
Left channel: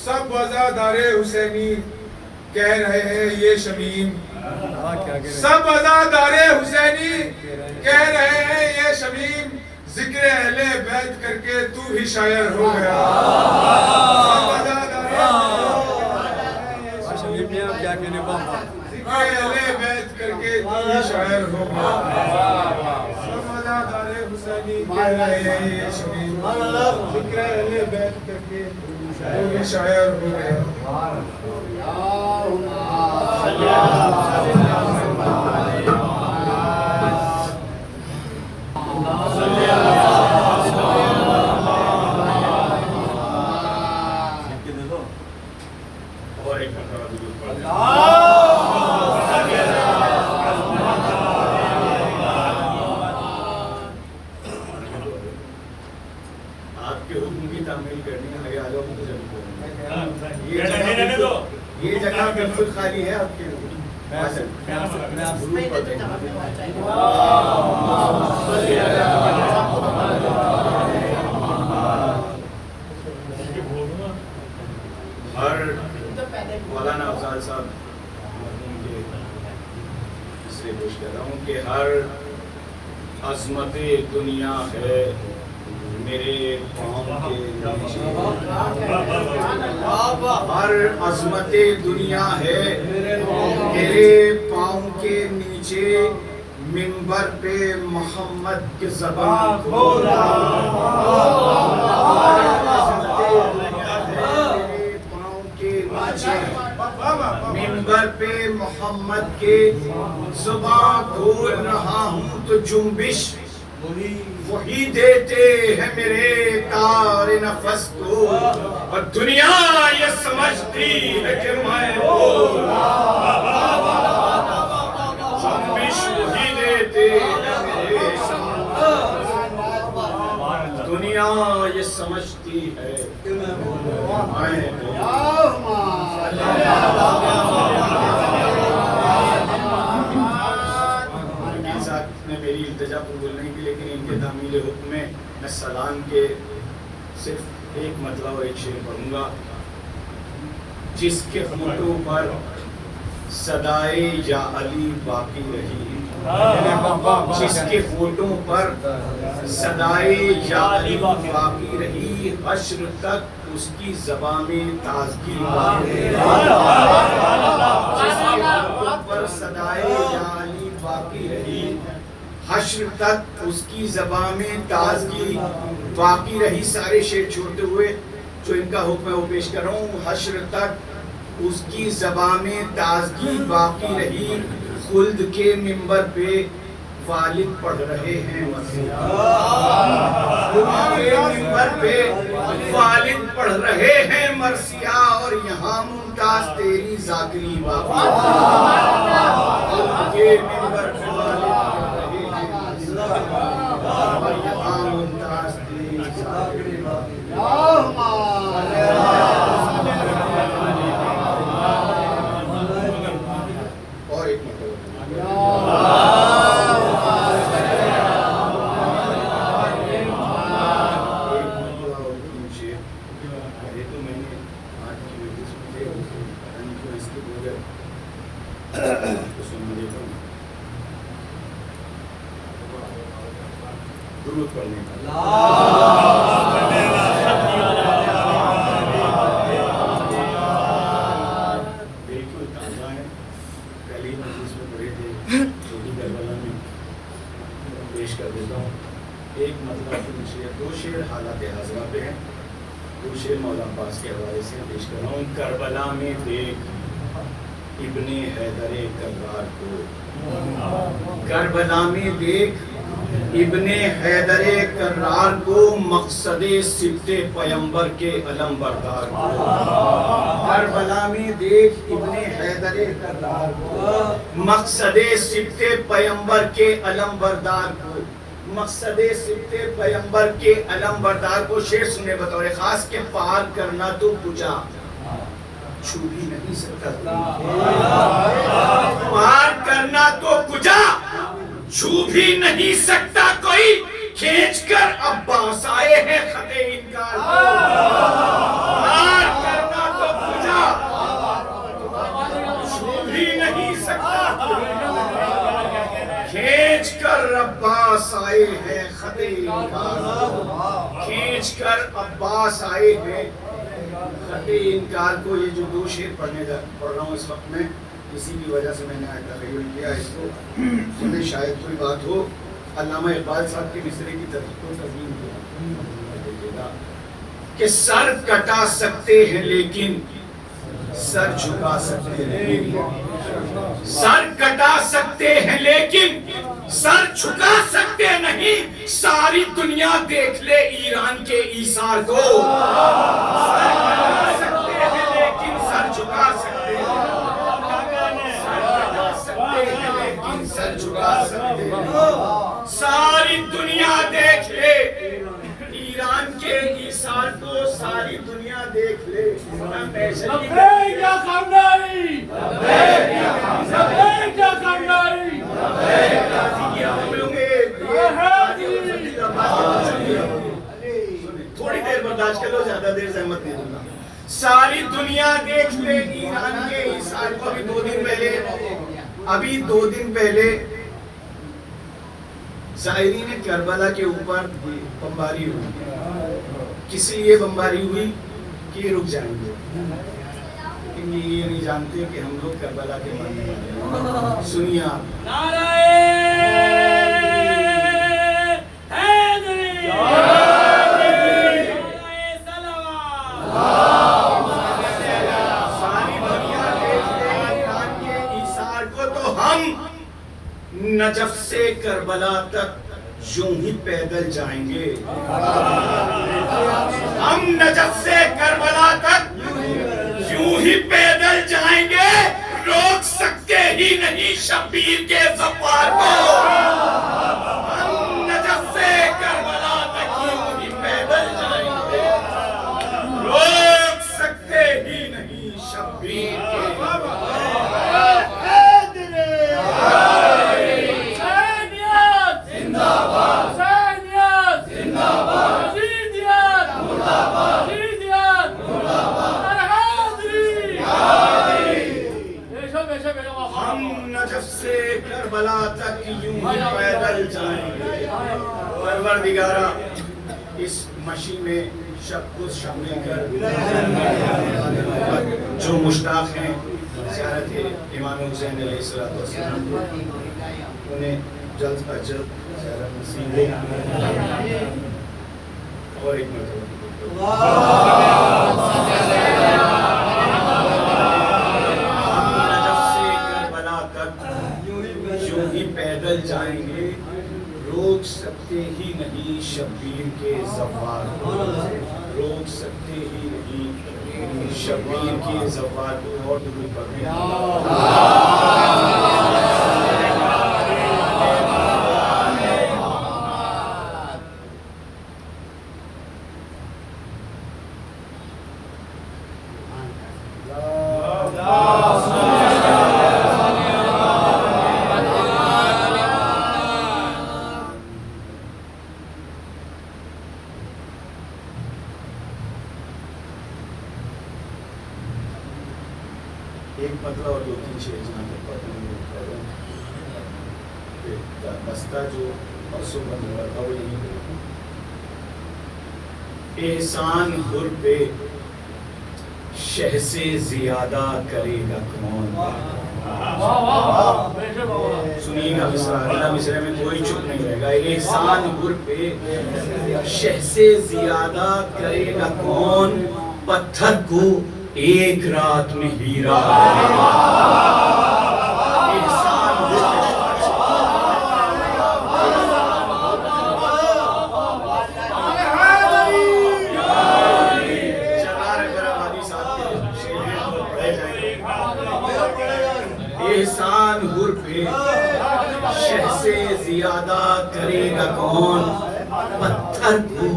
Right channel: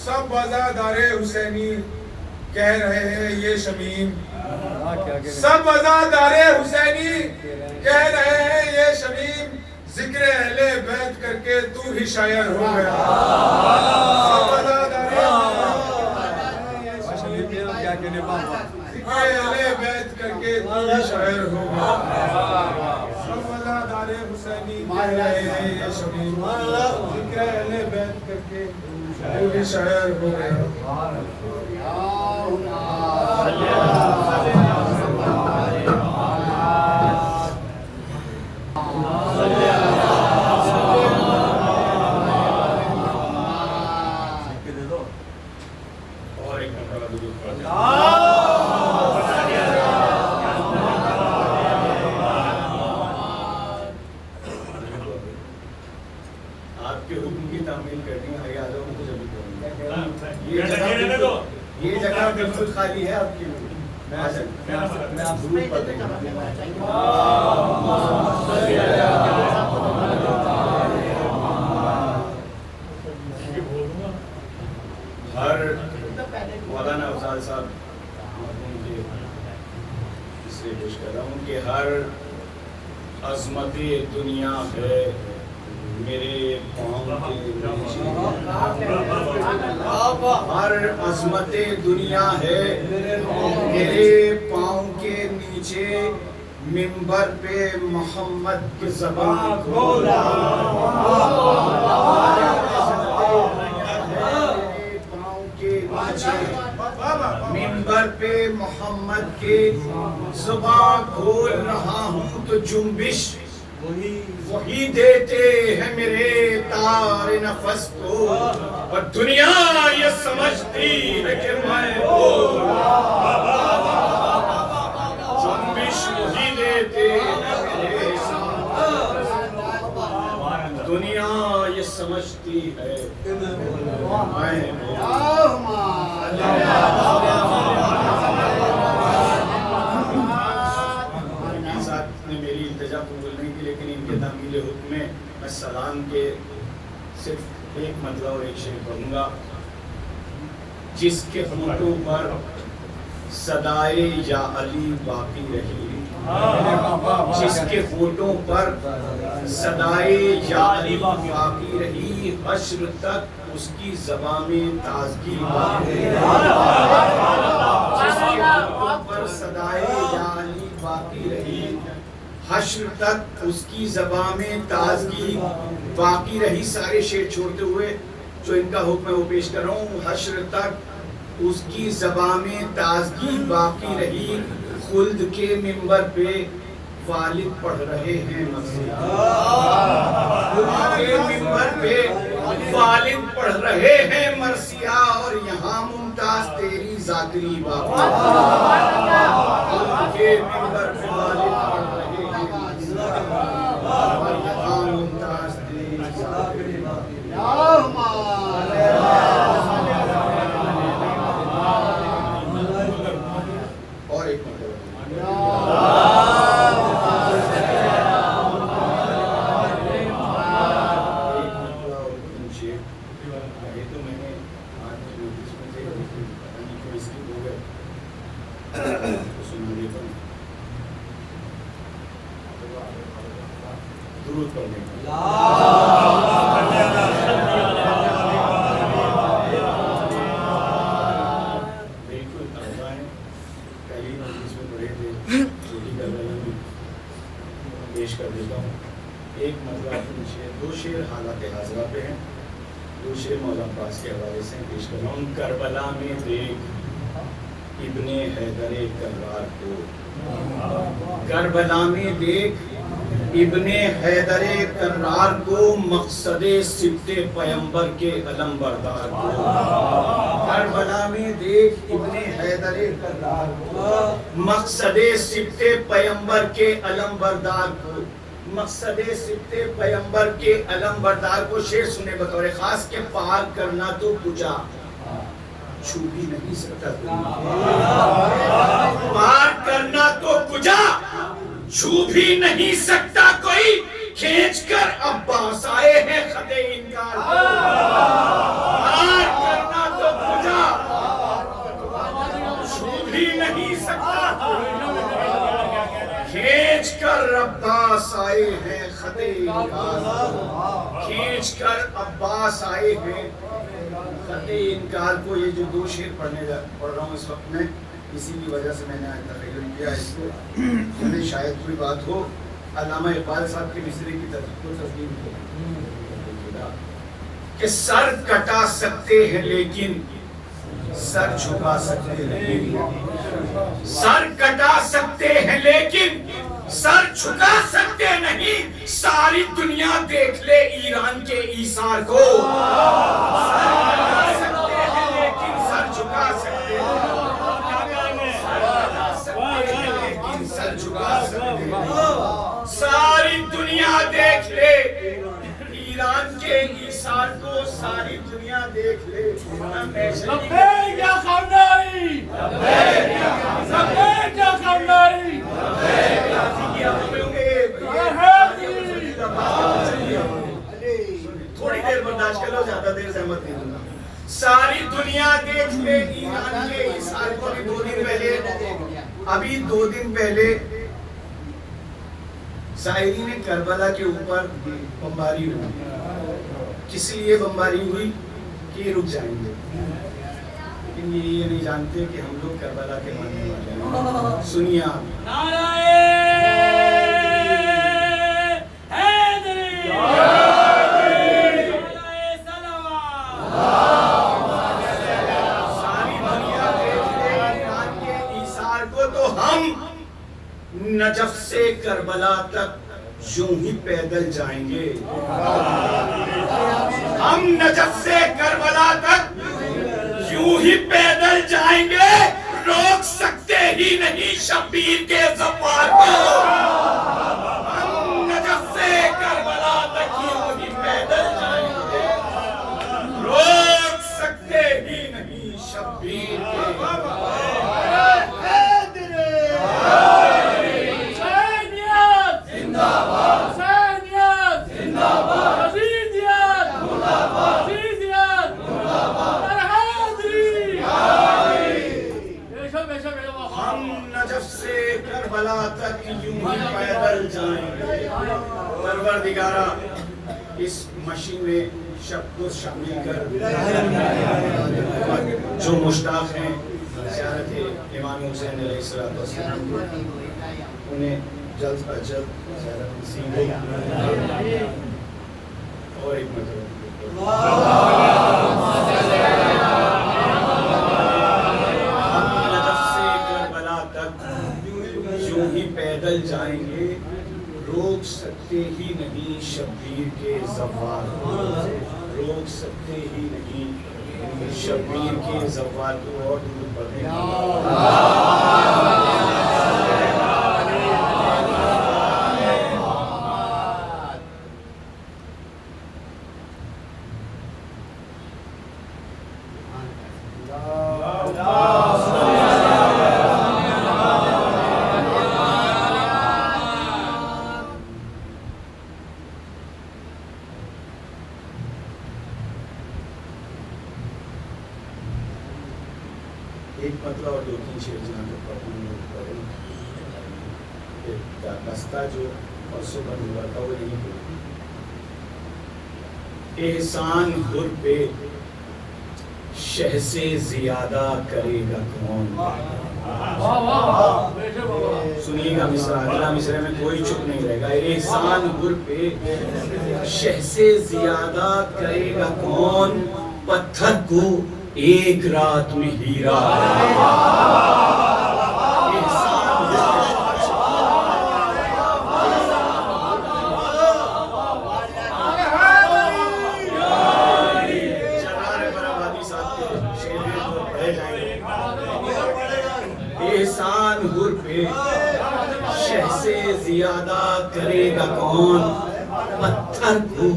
सब वज़ादारे हुसैनी कह रहे हैं ये शमीम, सब वज़ादारे हुसैनी कह रहे हैं ये शमीम, जिक्र अहले बैत करके तू ही शायर हो गया। सब वज़ादारे जिक्र अहले बैत करके तू ही शायर हो गया। सब वज़ादारे हुसैनी कह रहे हैं ये शमीम, जिक्र अहले बैत करके वो भी शायर हो गया। आपके हुक्म की तामील करनी है, आगे आ जाओ, मैं तो जल्दी बोलूंगा। ये जगह बिल्कुल खाली है आपके लिए। हर मौलाना अफजाल साहब इसलिए पेश कर रहा हूँ कि हर अजमत दुनिया है मेरे पाँव के नीचे, हर अजमत दुनिया है मेरे पाँव के नीचे, मिंबर पे मोहम्मद की ज़बान खोला, मिंबर पे मोहम्मद के जुबान खोल रहा हूँ तो जुम्बिश वही देते हैं मेरे तारे नफस को, और दुनिया ये समझती है कि मैं जुम्बिश वही देते हैं मेरे, दुनिया ये समझती है कि मैं मेरी इल्तिजा कबूल नहीं की, लेकिन इनके तामील हुक्म में मैं सलाम के सिर्फ एक मतलब और एक शेर पढ़ूंगा। जिसके होठों पर सदाए या अली बाकी रही, जिसके होठों पर सदाए या अली बाकी रही, हश्र तक उसकी ज़बान में ताज़गी बाकी रही, जिसके होठों पर सदाए या अली बाकी रही, हश्र तक उसकी ज़बान में ताज़गी बाकी रही। सारे शेर छोड़ते हुए जो इनका हुक्म है वो पेश कर रहा हूँ। हश्र तक उसकी ज़बान में ताज़गी बाकी रही, खुल्द के मिंबर पे वालिद पढ़ रहे हैं मसीहा, के मिंबर पे वालिद पढ़ रहे हैं मरसिया, और यहाँ मुमताज तेरी ज़ाकरी बाकी, के मिंबर पे वालिद पढ़ रहे हैं और यहाँ मुमताज तेरी ज़ाकरी बाकी। और एक मतलब तो मैंने इसके पूरे सुन देता हूँ दुरूद पढ़ने का। बिल्कुल ताज़ा है, पहली मजलिस में पढ़े थे, छोटी करबला में पेश कर देता हूँ। एक मतलब शेर, दो शेर हालात हाज़िरा पे हैं, दो शेर मौला अब्बास के हवाले से पेश कर रहा हूँ। करबला में देख इब्ने हैदरे कर्रार को, करबला में देख इब्ने हैदरे कर्रार को, मकसदे सिब्ते पैगंबर के अलम बरदार को, करबला में देख इब्ने हैदरे कर्रार को, मकसदे सिब्ते पैगंबर के अलम बरदार को, मकसदे सिब्ते पैगंबर के अलम बरदार को। शेर सुने बतौर खास के पार करना तो पूजा छू भी नहीं सकता, पार करना तो पूजा छू भी नहीं सकता कोई, खींच कर अब्बास आए हैं खते इनकार को, पार करना तो पूजा छू भी नहीं सकता, खींच कर अब्बास आए हैं खते इनकार, खींच कर अब्बास आए हैं खते इनकार को। ये जो दो शेर पढ़ रहा हूँ इस वक्त में, इसी की वजह से मैंने आज तकरीर किया इसको, सुने शायद कोई बात हो। अल्लामा इकबाल साहब के मिसरे की तस्वीर कि सर कटा सकते हैं लेकिन सर झुका सकते नहीं, सर कटा सकते हैं लेकिन सर झुका सकते नहीं, सारी दुनिया देख ले ईरान के ईसार को, सर कटा सकते हैं लेकिन सर झुका सकते हैं, लेकिन सर झुका सकते हैं, सारी दुनिया देख ले ईरान के ईसार को सारी दुनिया देख ले। क्या करना है? क्या करना है? थोड़ी देर बर्दाश्त कर लो, ज्यादा देर सहमत नहीं दूंगा। सारी दुनिया देख ले ईरान के ईसार को। अभी 2 दिन पहले ज़ायरीन करबला के ऊपर बमबारी हुई। किस लिए बमबारी हुई कि ये रुक जाएंगे, लेकिन ये नहीं जानते कि हम लोग करबला के मानने वाले हैं। सुनिए आप, सारी दुनिया देख ले ईरान के ईसार को, तो हम नजफ से करबला तक यूं ही पैदल जाएंगे। हम नजफ से करबला तक यूं ही पैदल जाएंगे, रोक सकते ही नहीं शब्बीर के ज़फ़ार को। हम नजफ से करबला तक यूं ही पैदल जाएंगे, रोक सकते ही नहीं शब्बीर के से करबला तक यूं ही पैदल जाएंगे। परवरदिगारा, इस मशीन में सब कुछ शामिल कर जो मुश्ताक हैं ज़ियारत इमाम हुसैन अलैहिस्सलाम, उन्हें जल्द अज जल्द ज़ियारत नसीब हो। और एक मतलब पैदल जाएंगे, रोक सकते ही नहीं शब्बीर के ज़फ़ार को। रोक सकते ही नहीं शब्बीर के ज़फ़ार को। और दुरूद पढ़ें। एक मतलब और 2-3 शेर जहाँ तक बस्ता जो परसों बंद हुआ था वो यही है। एहसान हुर पे शह से ज्यादा करेगा कौन। सुनिएगा मिसरा, अगला मिसरे में कोई चुप नहीं रहेगा। एहसान हुर पे शह से ज्यादा करेगा कौन, पत्थर को एक रात में हीरा। एहसान हुर पे शह से ज्यादा करेगा कौन, पत्थर को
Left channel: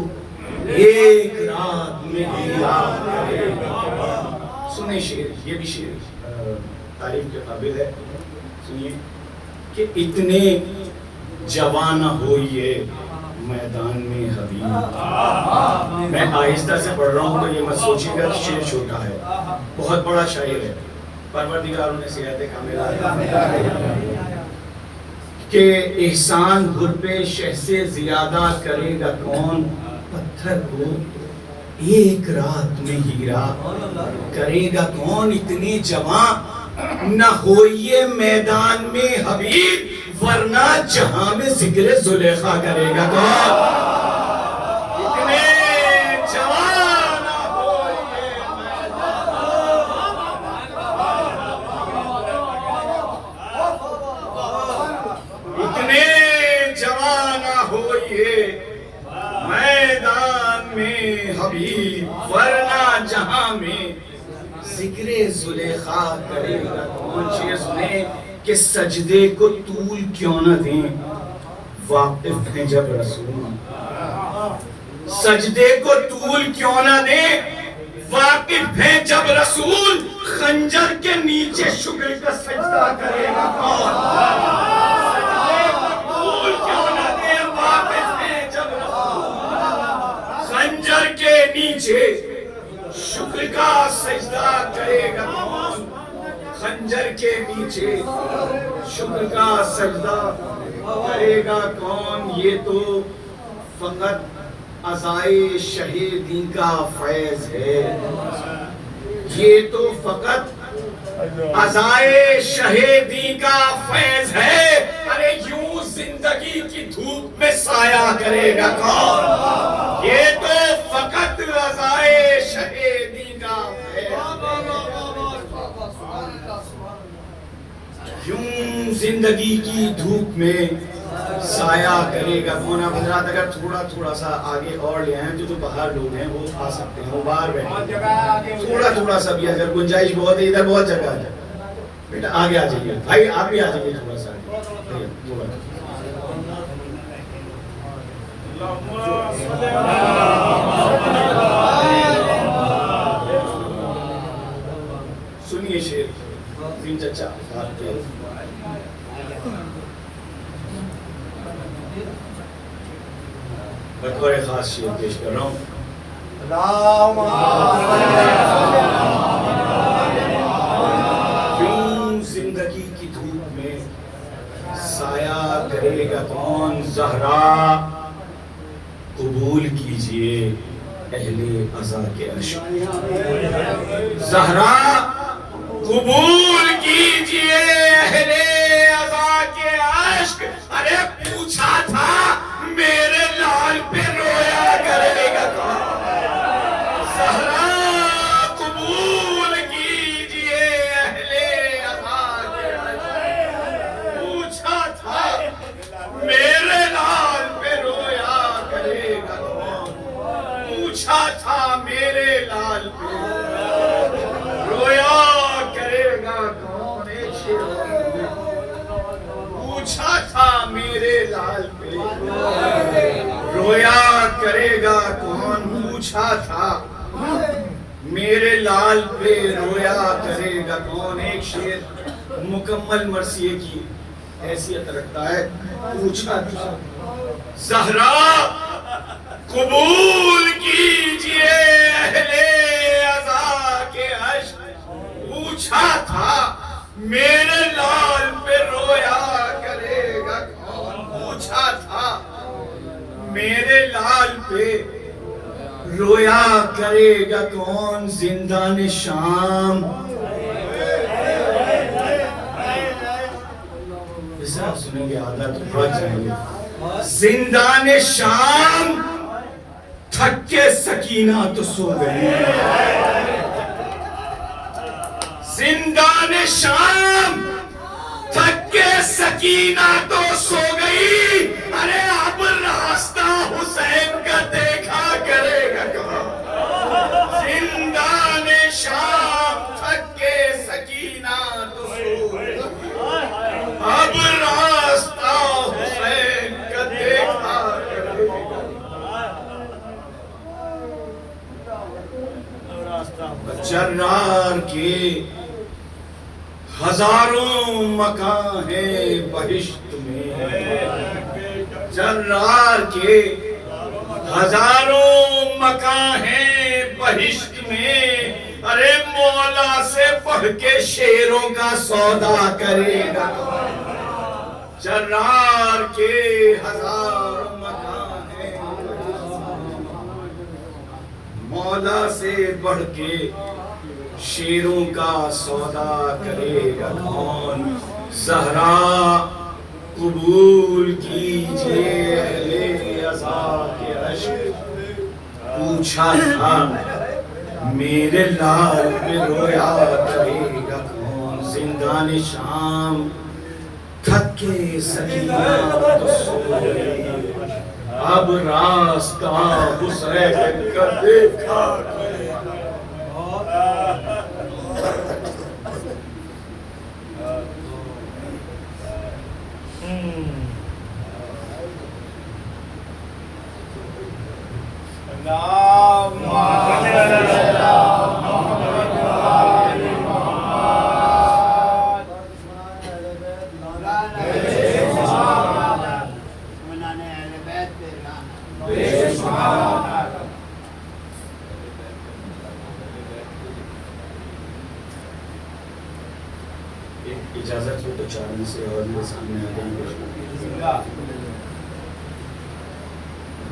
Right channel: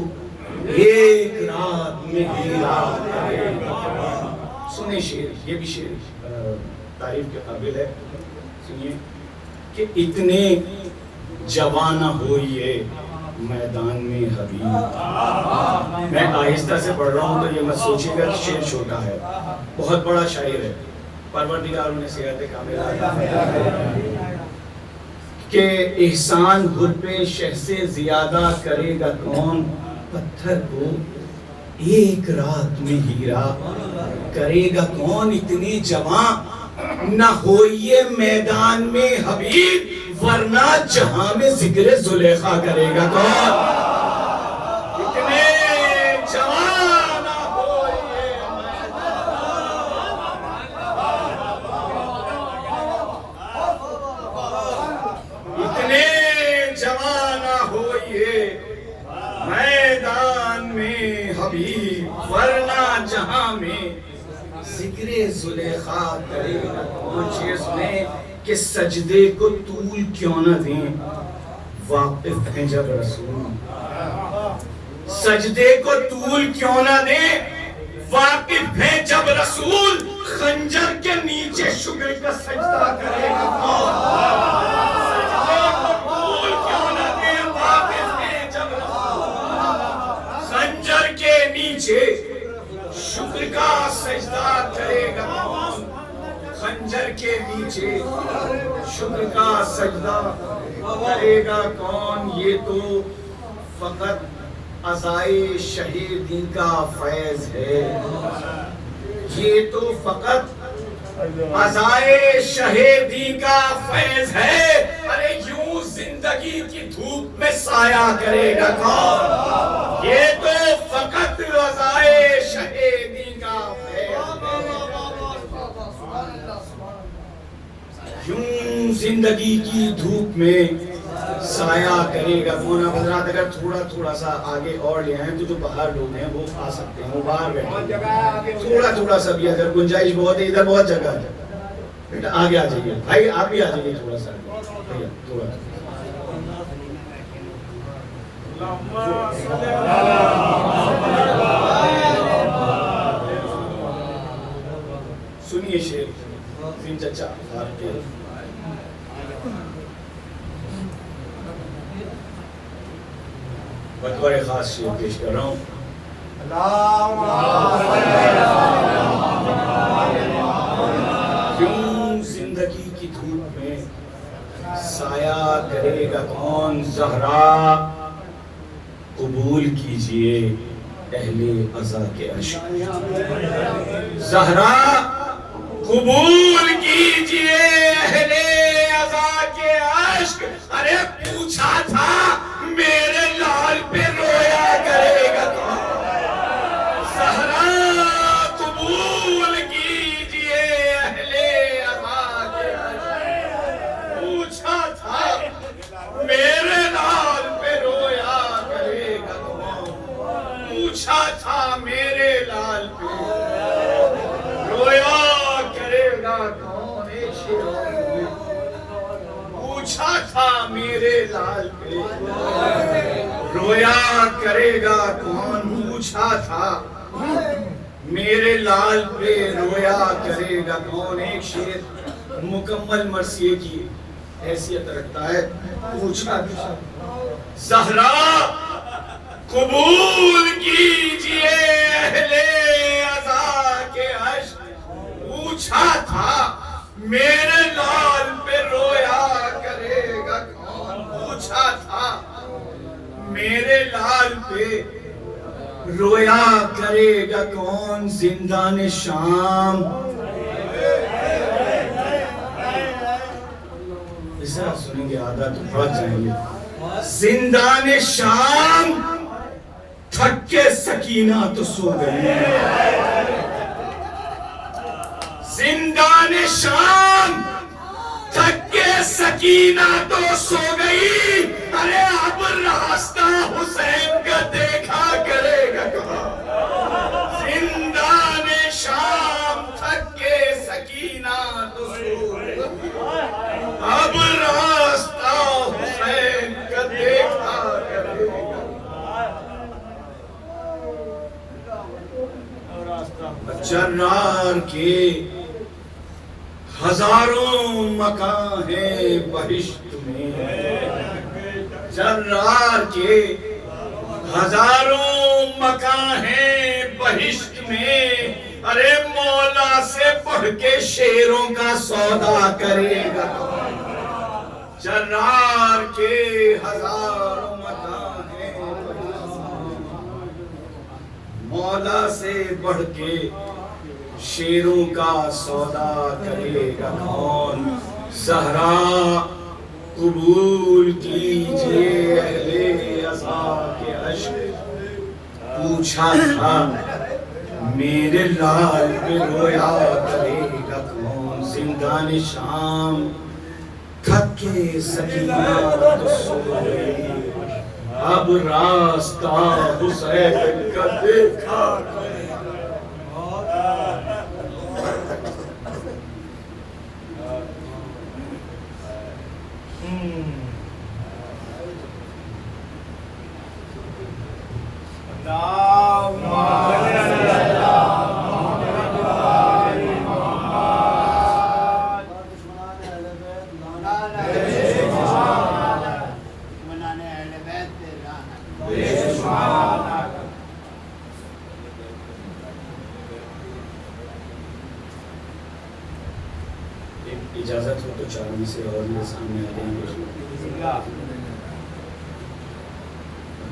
एक रात में हीरा करेगा। सुने शेर, ये भी शेर तारीफ के काबिल है। सुनिए कि इतने जवाना हो ये मैदान में हबीब। मैं आहिस्ता से पढ़ रहा हूँ तो ये मत सोचिएगा कि शेर छोटा है, बहुत बड़ा शायर है। परवरदिगार ने सियाहत कामिला के एहसान हुर पे शह से ज्यादा करेगा कौन, पत्थर को एक रात में हीरा करेगा कौन। इतने जवां न हो ये मैदान में हबीब, वरना जहां में जिक्र जुलेखा करेगा कौन। इतने जवां न हो ये इतने जवां न हो ये मैदान में हबीब, वरना जहां में जिक्रे जुलेखा करेगा कौन। शेर सुने कि सजदे को तूल क्यों न दें, वाकिफ हैं जब रसूल। सजदे को तूल क्यों ना दे, वाकिफ है जब रसूल खंजर के नीचे शुक्र का सजदा करेगा कौन? तूल क्यों ना दे, वाकिफ है जब रसूल खंजर के नीचे शुक्र का सजदा करेगा कौन? खंजर के नीचे शुक्र का सजदा करेगा कौन? ये तो फकत अज़ाए शहीदी का फैज है, ये तो फकत अज़ाए शहीदी का फैज है। अरे यूं जिंदगी की धूप में साया करेगा कौन? ये तो फकत अज़ाए शहीदी का फैज है, यूं जिंदगी की धूप में साया करेगा कौन? आप हजरात अगर थोड़ा थोड़ा सा आगे और ले आए तो जो बाहर लोग हैं वो आ सकते हैं, वो बाहर बैठे, थोड़ा थोड़ा सा भी अगर गुंजाइश बहुत है, इधर बहुत जगह है, बेटा आगे आ जाइए, भाई आप भी आ जाइए थोड़ा सा भैया थोड़ा। सुनिए शेर बिन चचा आपके बतौर खास शेर पेश कर रहा हूँ। क्यों जिंदगी की धूप में साया करेगा कौन? ज़हरा कबूल कीजिए अहले अज़ा के अश्क, ज़हरा कबूल कीजिए अहले अज़ा के अश्क। अरे पूछा था मेरे लाल पे रोया करेगा कौन? ज़हरा कबूल कीजिए अहले अज़ा के अश्क। पूछा था मेरे लाल पे रोया करेगा कौन? पूछा था मेरे लाल पे रोया करेगा कौन? एक शेर पूछा था मेरे लाल पे रोया करेगा कौन? पूछा था मेरे लाल पे रोया करेगा कौन? एक शेर मुकम्मल मरसिए की हैसियत रखता है। पूछा था ज़हरा कबूल कीजिए अहले अज़ा के अश्क। पूछा था मेरे लाल पे रोया करेगा कौन? पूछा था मेरे लाल पे रोया करेगा कौन? जिंदान शाम इसे सुनेंगे आधा तो बढ़ जाएंगे। जिंदान शाम थक के सकीना तो सो गई, जिंदान शाम थक के सकीना तो सो गई। अरे अब रास्ता हुसैन का देखा करेगा कौन? जिंदान शाम थक के सकीना तो सो गई, अब रास्ता हुसैन का देखा करेगा। जर्रार के हजारों मकान है बहिश्त में, जर्रार के हजारों मकान है बहिश्त में। अरे मौला से बढ़ के शेरों का सौदा करेगा। जर्रार के हजारों मकान है, मौला से बढ़ के शेरों का सौदा करेगा कौन? ज़हरा कबूल कीजिए अहले अज़ा के अश्क। पूछा था मेरे लाल पे रोया करेगा कौन? जिंदान शाम थक के सकीना तो सो गई, अब रास्ता हुसैन का देखा। इजाजत हो तो चावल से और ये सामने आ गई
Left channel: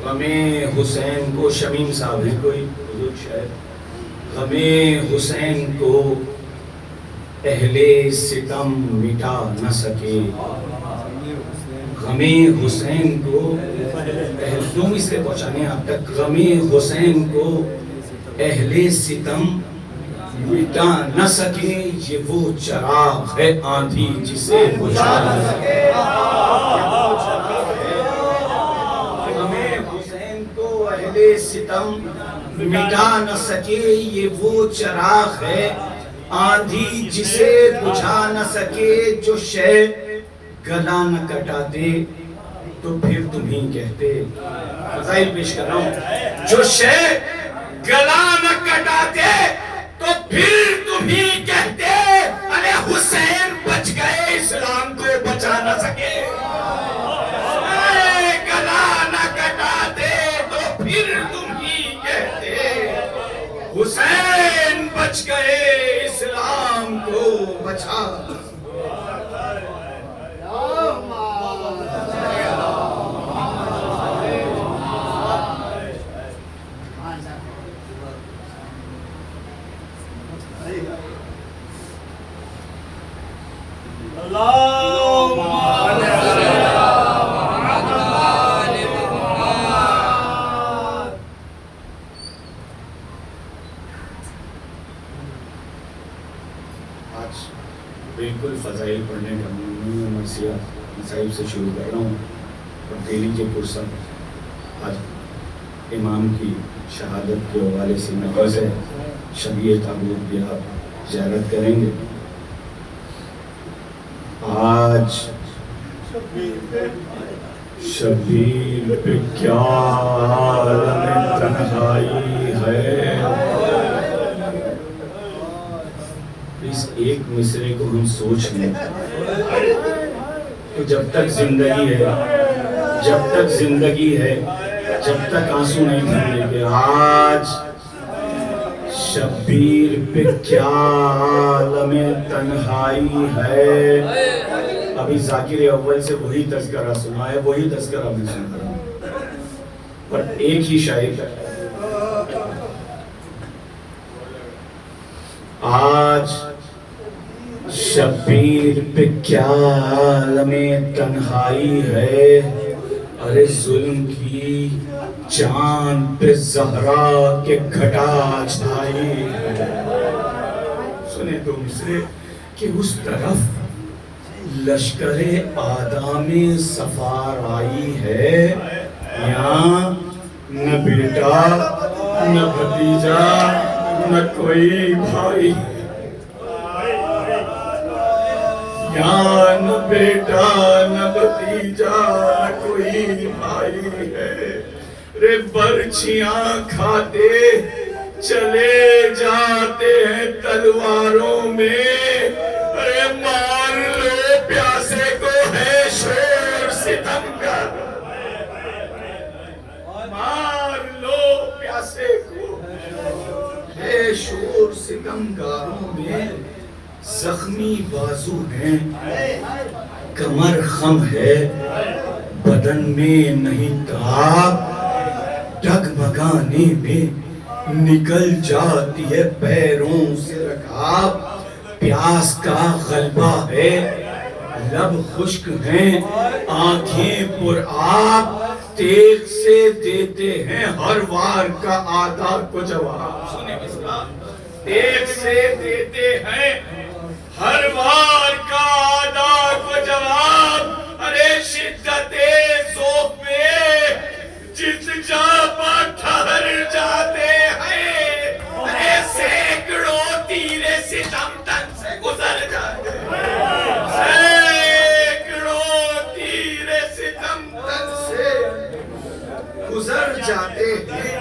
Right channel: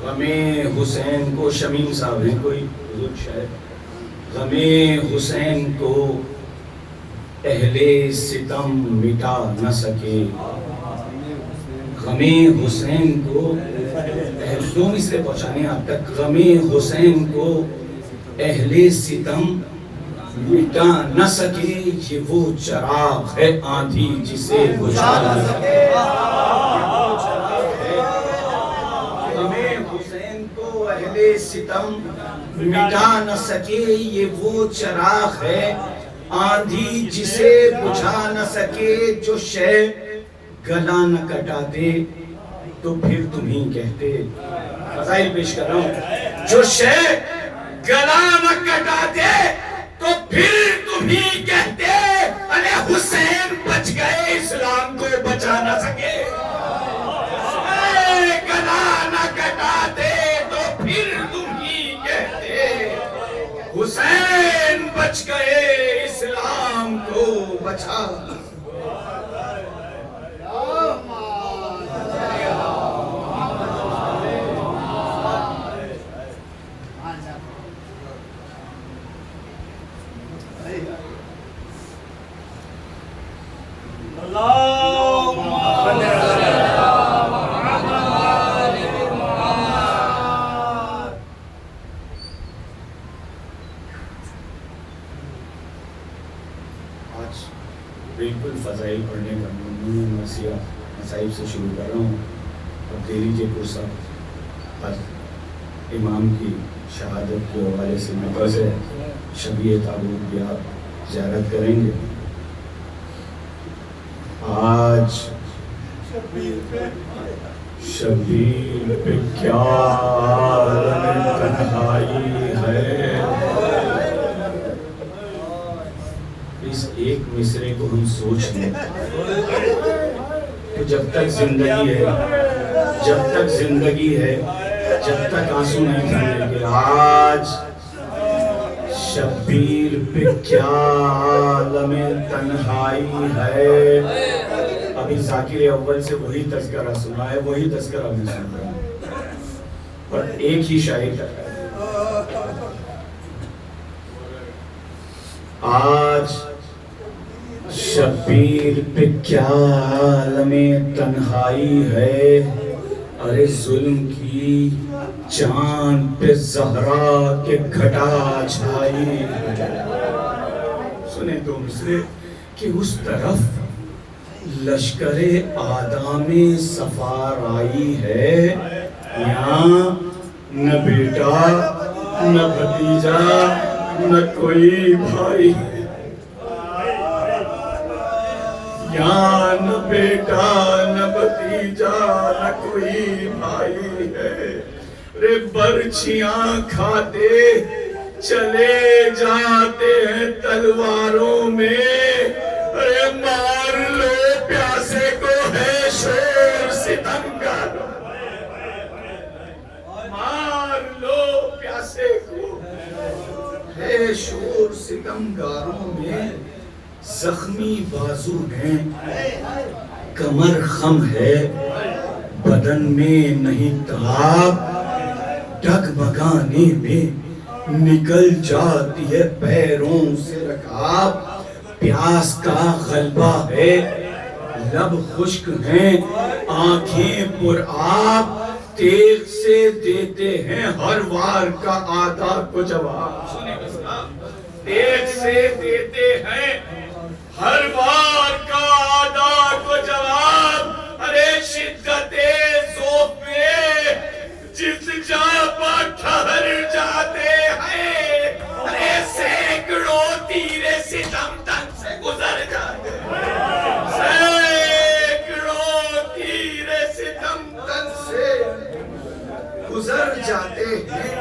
गमे हुसैन को शमीम साहब है कोई हुजूर शायद गमे हुसैन को पहले सितम मिटा न सके गमे हुसैन को तुम इसे पहुंचाने आप तक गमे हुसैन को पहले सितम मिटा न सके ये वो चराग है आंधी जिसे बुझा न सके गमे हुसैन को पहले सितम मिटा न सके ये वो चराग है आंधी जिसे बुझा न सके जो शय गला न कटाते तो फिर तुम ही कहते फजाइल पेश कर रहा हूं जो शय गला न कटाते तो फिर तुम ही कहते अरे हुसैन बच गए इस्लाम को बचा न सके गला न कटाते तो फिर तुम ही कहते हुसैन बच गए इस्लाम को बचा बिल्कुल फजाइल पढ़ने का मसाइब से शुरू कर रहा हूँ और कह लीजिए फुर्सत आज इमाम की शहादत के हवाले से मक्का से शबीए ताबूत भी आप ज़ियारत करेंगे। आज शबीर पे क्या तन्हाई है इस एक मिसरे को हम सोच लें तो जब तक जिंदगी है जब तक आंसू नहीं थमेंगे आज शबीर पे क्या आलमे तन्हाई है। अभी जाकिर अव्वल से वही तज़किरा सुना है वही तज़किरा मैं सुन रहा हूं पर एक ही शायर आज शबीर पे क्या आलमे तन्हाई है अरे जुल्म की चांद पे जहरा के घटा छाई सुने दो मिसरे कि उस तरफ लश्करे आदामे सफार आई है यहाँ न बेटा न भतीजा न कोई भाई यहाँ न बेटा न भतीजा न कोई भाई है रे बर्छियां खाते चले जाते हैं तलवारों में अरे मार लो प्यासे को है शोर सितम का मार लो प्यासे को है शोर सितमगारों में जख्मी बाजू हैं कमर खम है बदन में नहीं ताप डगमगाने में निकल जाती है पैरों से रकाब प्यास का गलबा है लब खुश्क हैं आंखें पुरआब तेग से देते हैं हर वार का आदा को जवाब तेग से देते हैं हर वार का आदा को जवाब अरे शिद्दते ज़ौक़ में जिस जा पर ठहर जाते हैं अरे सैकड़ों तीरे सितम तन से गुजर जाते हैं सैकड़ों तीरे सितम तन से गुजर जाते हैं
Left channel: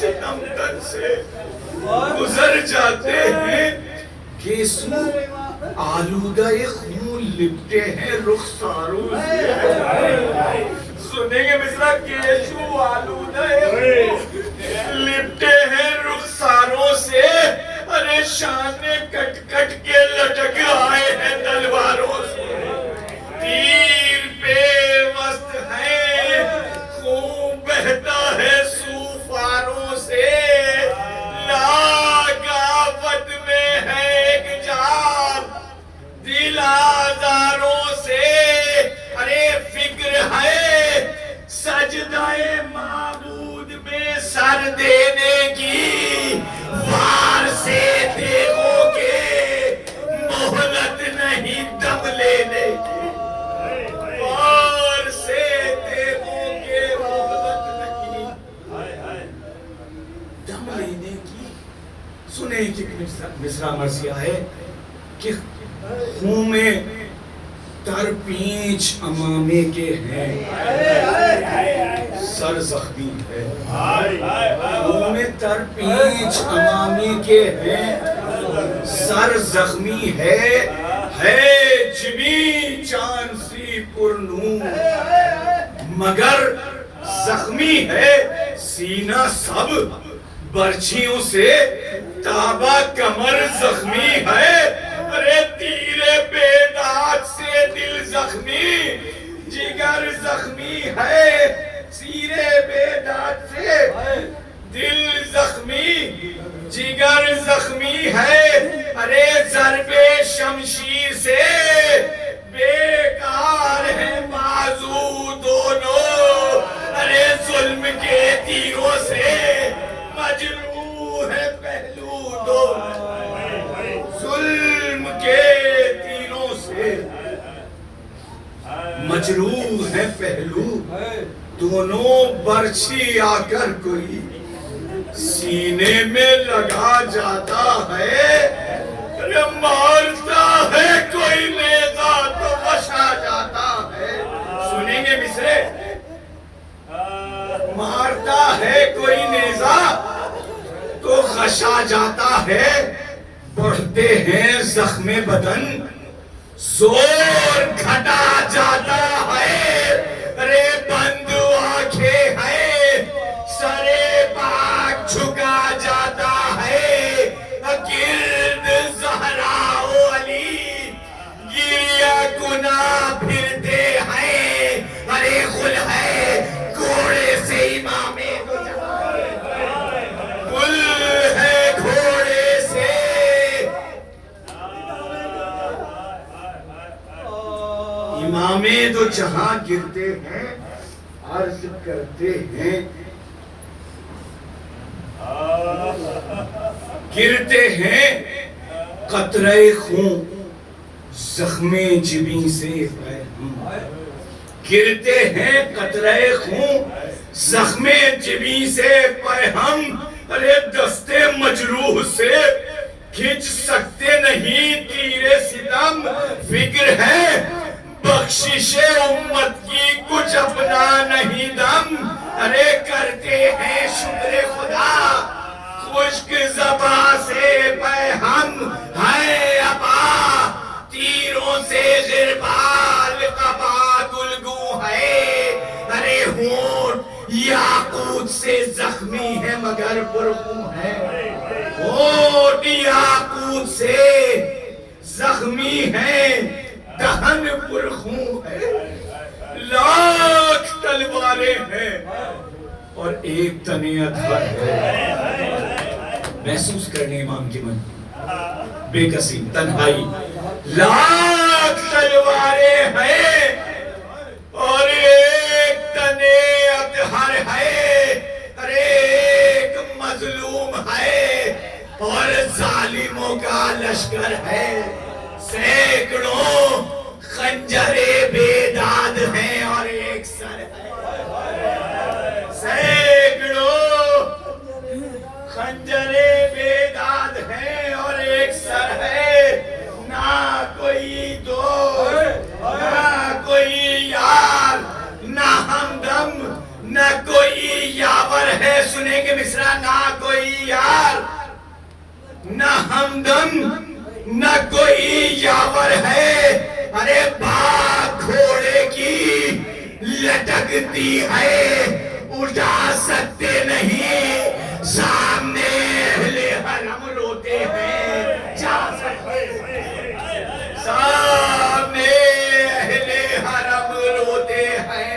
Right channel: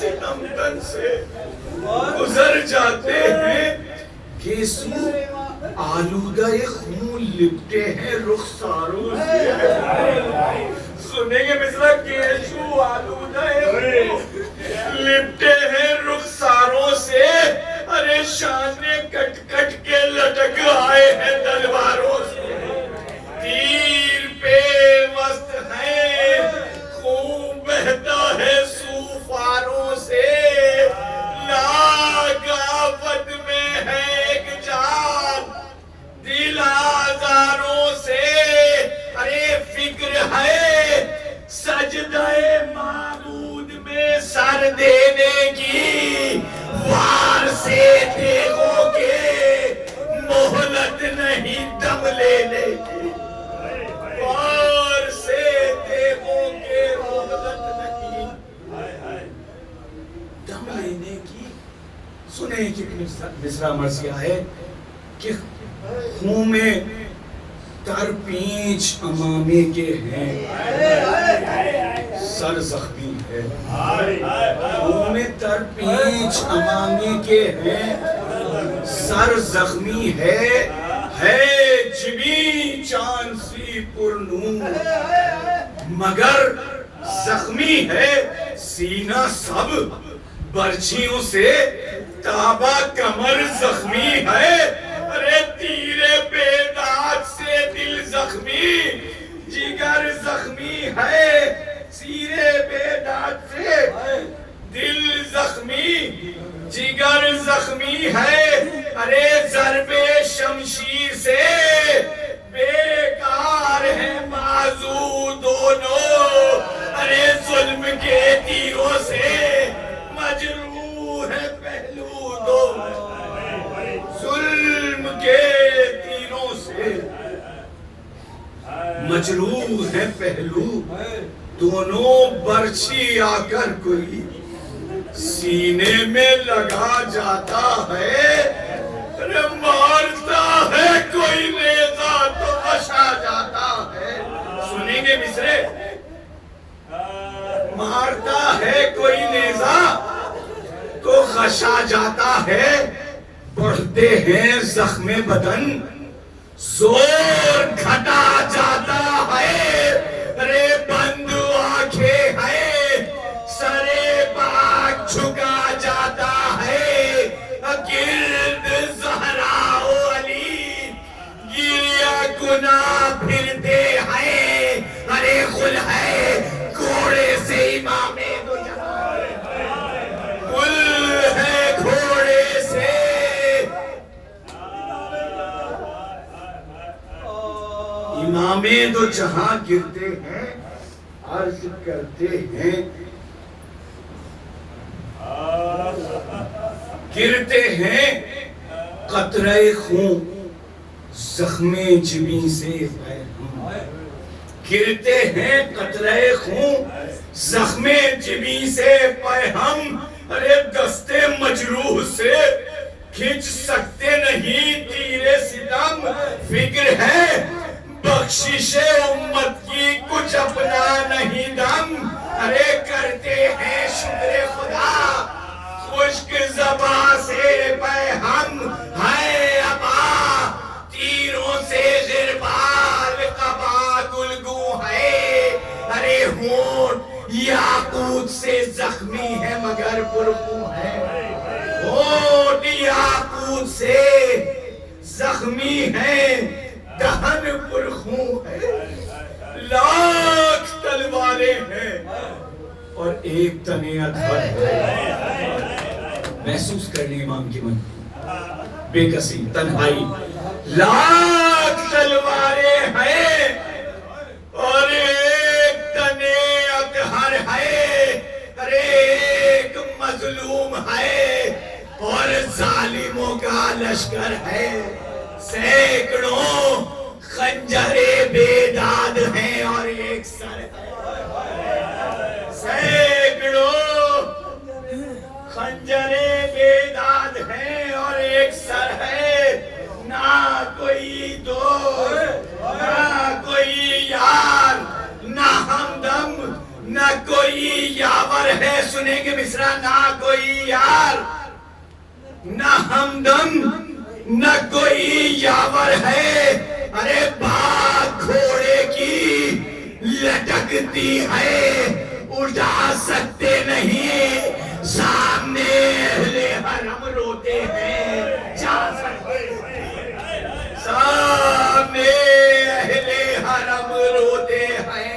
सितमगन से गुजर जाते हैं। गेसू आलूदा खून लिपटे हैं रुखसारों से। सुनेंगे मिश्रा, केशू आलूदा लिपटे हैं रुखसारों से। अरे शाने कट कट के लटक आए हैं तलवारों से। तीर पे मस्त है, खून बहता है सूफारों से। लागावत में है एक जान दिल आजारों से। अरे फिक्र है सजदाए माबूद में सर देने की। वार से देखोगे मोहलत नहीं दम लेने की। वार से देखोगे मोहलत नहीं दम लेने की। सुने कि मिसरा मर्सिया है कि खून में तरपींच अमामे के हैं, सर जख्मी है। खून में तरपींच अमामे के हैं, सर जख्मी है जिबी चांद सी पुरनूर। मगर जख्मी है सीना सब बर्छियों से। ताबा कमर जख्मी है। अरे तीरे बेदाग से दिल जख्मी, जिगर जख्मी है। सीरे बेदाग से दिल जख्मी, जिगर जख्मी है। अरे ज़रबे शमशीर से बेकार है बाजू दोनों। अरे जुल्म के तीरों से मजरूह है पहलू दोनों। जुल्म के तीरों से मजरूह है पहलू दोनों। बर्छी आकर कोई सीने में लगा जाता है। अरे मारता है कोई नेजा तो बचा जाता है। सुनेंगे मिसरे, मारता है कोई नेजा तो खशा जाता है। बढ़ते हैं जख्मे बदन जोर घटा जाता है। अरे बंद आंखें है सरे पाक झुका जाता है। गिर्द ज़हराओ अली गिरिया गुना फिरते हैं। अरे गुल है घोड़े से इमामे गुल है घोड़े से। इमामे तो जहां गिरते हैं अर्ज करते हैं। गिरते हैं कतरे खून जख्मे जिबी से। गिरते हैं कतरे खून जख्मे जिबी से पैहम। अरे दस्ते मजरूह से खींच सकते नहीं तीरे सितम। फिक्र है बख्शिशे उम्मत की कुछ अपना नहीं दम। अरे करते हैं शुक्र खुदा खुश्क ज़बा से पैहम है अबा। तीरों से गिरबाल कबा गुलगू है। अरे होंठ याकूत से जख्मी है मगर पुरखू है। होंठ याकूत से जख्मी है दहन पुरखू है। लाख तलवारें हैं और एक तने अधर है। महसूस करने इमाम की मन बेकसी तन्हाई। लाख तलवारें हैं और एक तने अधर है। अरे एक मजलूम है और जालिमों का लश्कर है। सैकड़ों खंजरे बेदाद हैं और एक सर है। सैकड़ों खंजरे बेदाद हैं और एक सर है। ना कोई दोस्त ना कोई यार ना हमदम ना कोई यावर है, सुनेंगे मिसरा, ना कोई यार, ना हमदम, न कोई यावर है। अरे बाग घोड़े की लटकती है, उठा सकते नहीं, सामने अहले हरम रोते हैं, जा सकते सामने अहले हरम रोते हैं।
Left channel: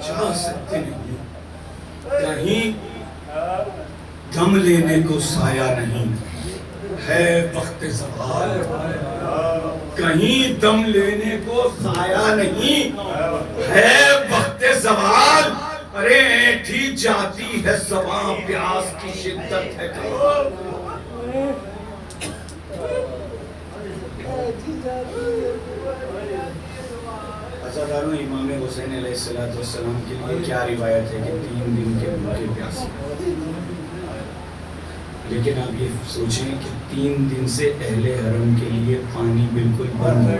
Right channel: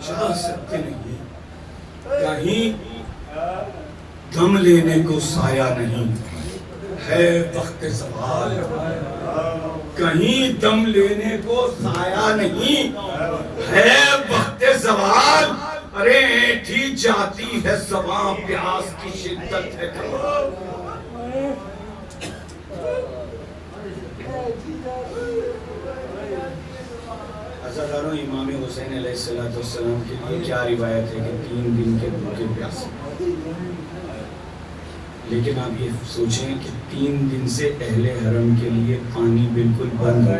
जा सकते नहीं, कहीं दम लेने को साया नहीं है वक्त ज़वाल, कहीं दम लेने को साया नहीं है वक्त ज़वाल। अरे ऐठी जाती है ज़बां, प्यास की शिद्दत है कमाल। अज़ादारों, इमाम हुसैन अलैहिस्सलाम के लिए क्या रिवायत है कि 3 दिन के भूखे प्यासे, लेकिन आप ये सोचें कि 3 दिन से अहले हरम के लिए पानी बिल्कुल बंद है,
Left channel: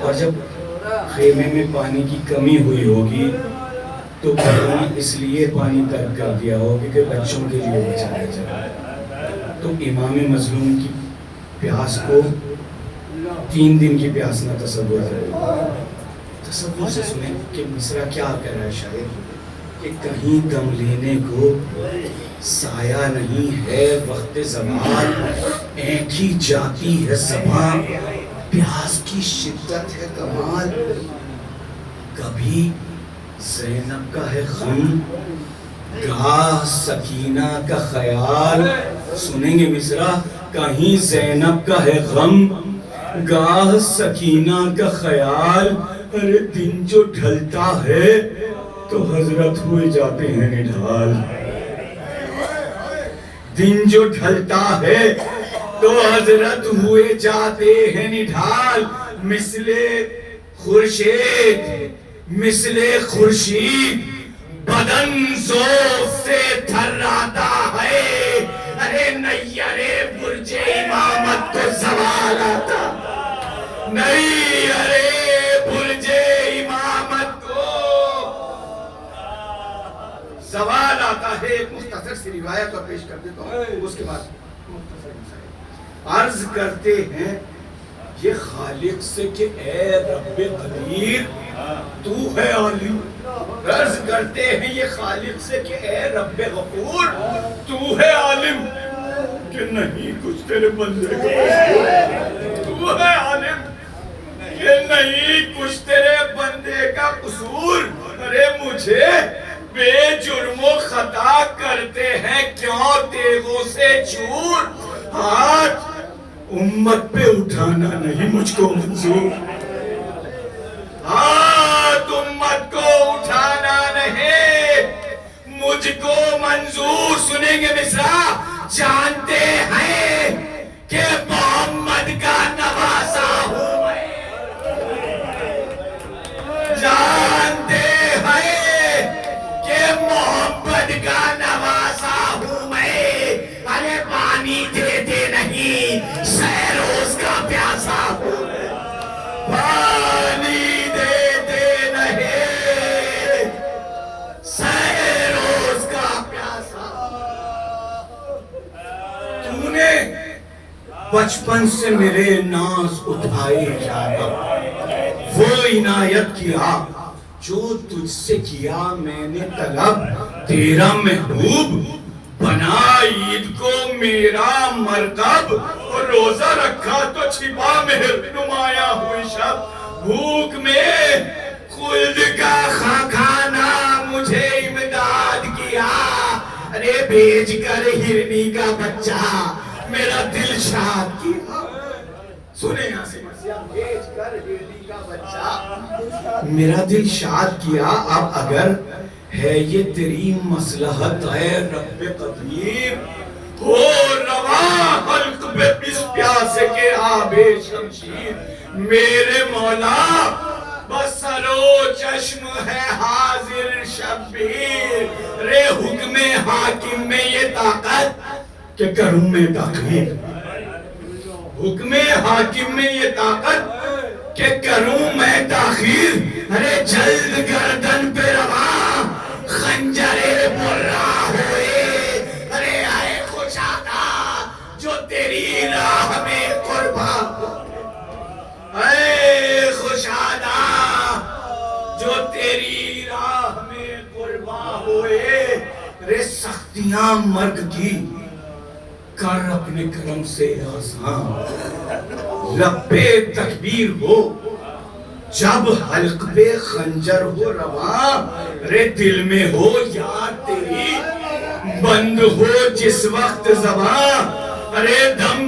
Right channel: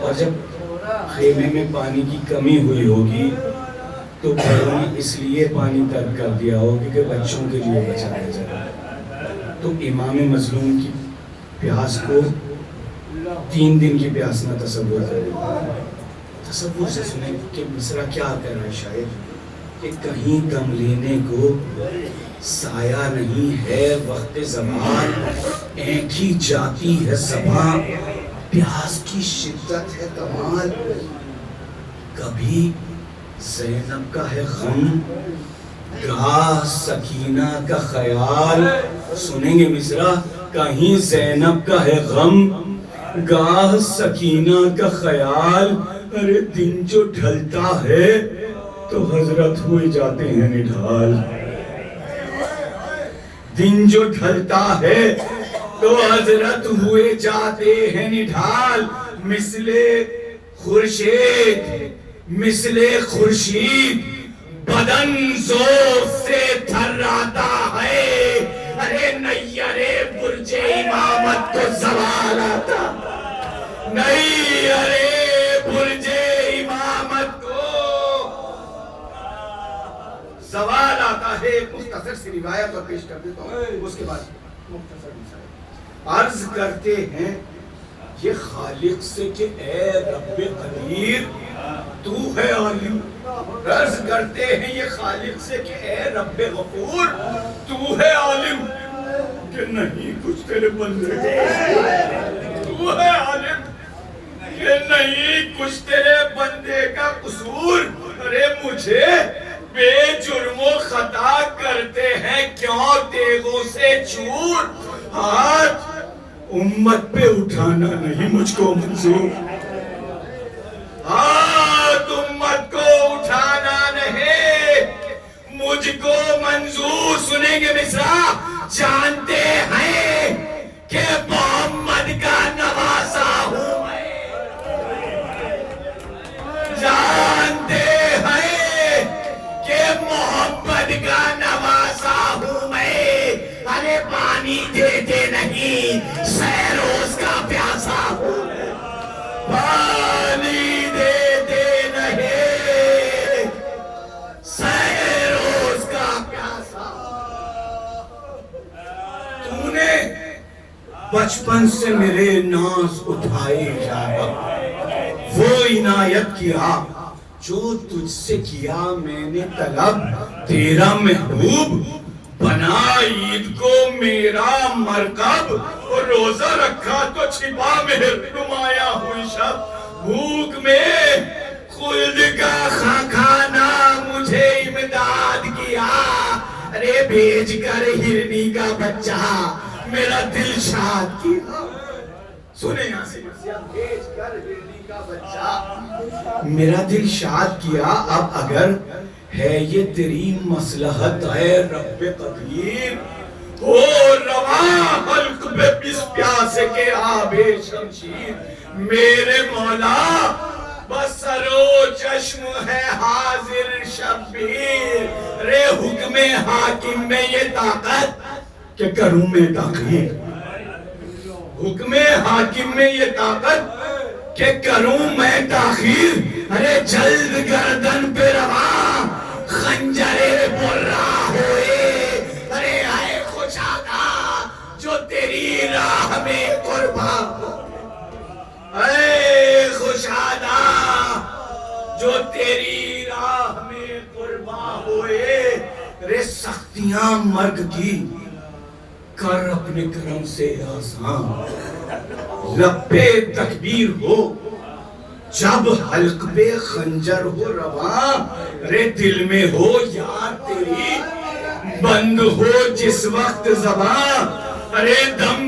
और जब खेमे में पानी की कमी हुई होगी तो घरों में इसलिए पानी तर्क कर दिया होगा कि बच्चों के लिए बचाया जाए। तो इमाम मजलूम की प्यास को 3 दिन की प्यास ना तसव्वुर करें। तसव्वुर से सुने कि मिसरा क्या कर रहा है शायद, कि कहीं दम लेने को साया नहीं है वक्त ज़वाल, ऐठी जाती है ज़बां, प्यास की शिद्दत है कमाल। कभी ज़ैनब का है गम, गाह सकीना का ख्याल, सुनेंगे मिसरा, कहीं ज़ैनब का है गम, गाह सकीना का ख्याल। अरे दिन जो ढलता है तो हजरत हुए जाते हैं निढाल, दिन जो ढलता है तो हजरत हुए जाते हैं निढाल। मिसले खुर्शीद, मिसले खुर्शीद बदन जोर से थर्राता है। अरे नैयरे बुर्जे इमामत को सवाल आता नहीं, अरे बुर्जे इमामत को सवाल आता है। एक मुख्तसर सी रिवायत और पेश कर देता हूँ, उसके बाद मुख्तसर अर्ज करते हैं ये खालिक से कि ए रब्बे कदीर तू है आलिम। अर्ज करते हैं ये खालिक से कि ए रब्बे गफूर तू है आलिम, कि नहीं कुछ तेरे बंदे का, तू है आलिम कि नहीं कुछ तेरे बंदे का कसूर। अरे मुझे बेजुर्मो खता करते हैं क्यों तेगों से चूर, हाथ उम्मत पे उठाना नहीं मुझको मंजूर, हाथ उम्मत को उठाना नहीं मुझको मंजूर। सुनेंगे मिसरा, जानते हैं कि मोहम्मद का नवासा हूं मैं, जानते हैं कि मोहम्मद का नवासा हूं मैं। अरे पानी देते नहीं सैरोज का प्यासा हूं, पानी देते नहीं सैरोज का प्यासा। तूने बचपन से मेरे नाज उठाए जाना, वो इनायत किया जो तुझसे किया मैंने तलब। तेरा महबूब बना ईद को मेरा मरकब, और रोजा रखा तो छिपा मेहर नुमाया हुई शब। भूख में खुल्द का खाना मुझे इमदाद किया, अरे भेज कर हिरनी का बच्चा मेरा दिल शाद किया। सुने यहाँ से, भेज कर हिरनी का बच्चा मेरा दिल शाद किया। अब अगर है ये तेरी मसलहत है रब्बे कदीर, हो रवा हल्क पे इस प्यासे के आबे शमशीर। मेरे मौला बसरो चश्म है हाजिर शब्बीर। रे हुक्मे हाकिम में ये ताकत कि करूं मैं तकरीर, हुक्मे हाकिम में ये ताकत कि करूं मैं ताखीर, अरे जल्द गर्दन पे रवा खंजरे बुर्रा होए, अरे आए खुशादा जो तेरी राह में कुर्बान हो, ऐ खुशादा जो तेरी राह में कुर्बान होए, रे सख्तियां मर्ग की कर अपने करम से आसान, लब्बे तकबीर हो जब हल्क पे खंजर हो रवा, रे दिल में हो याद तेरी बंद हो जिस वक्त ज़बान, अरे दम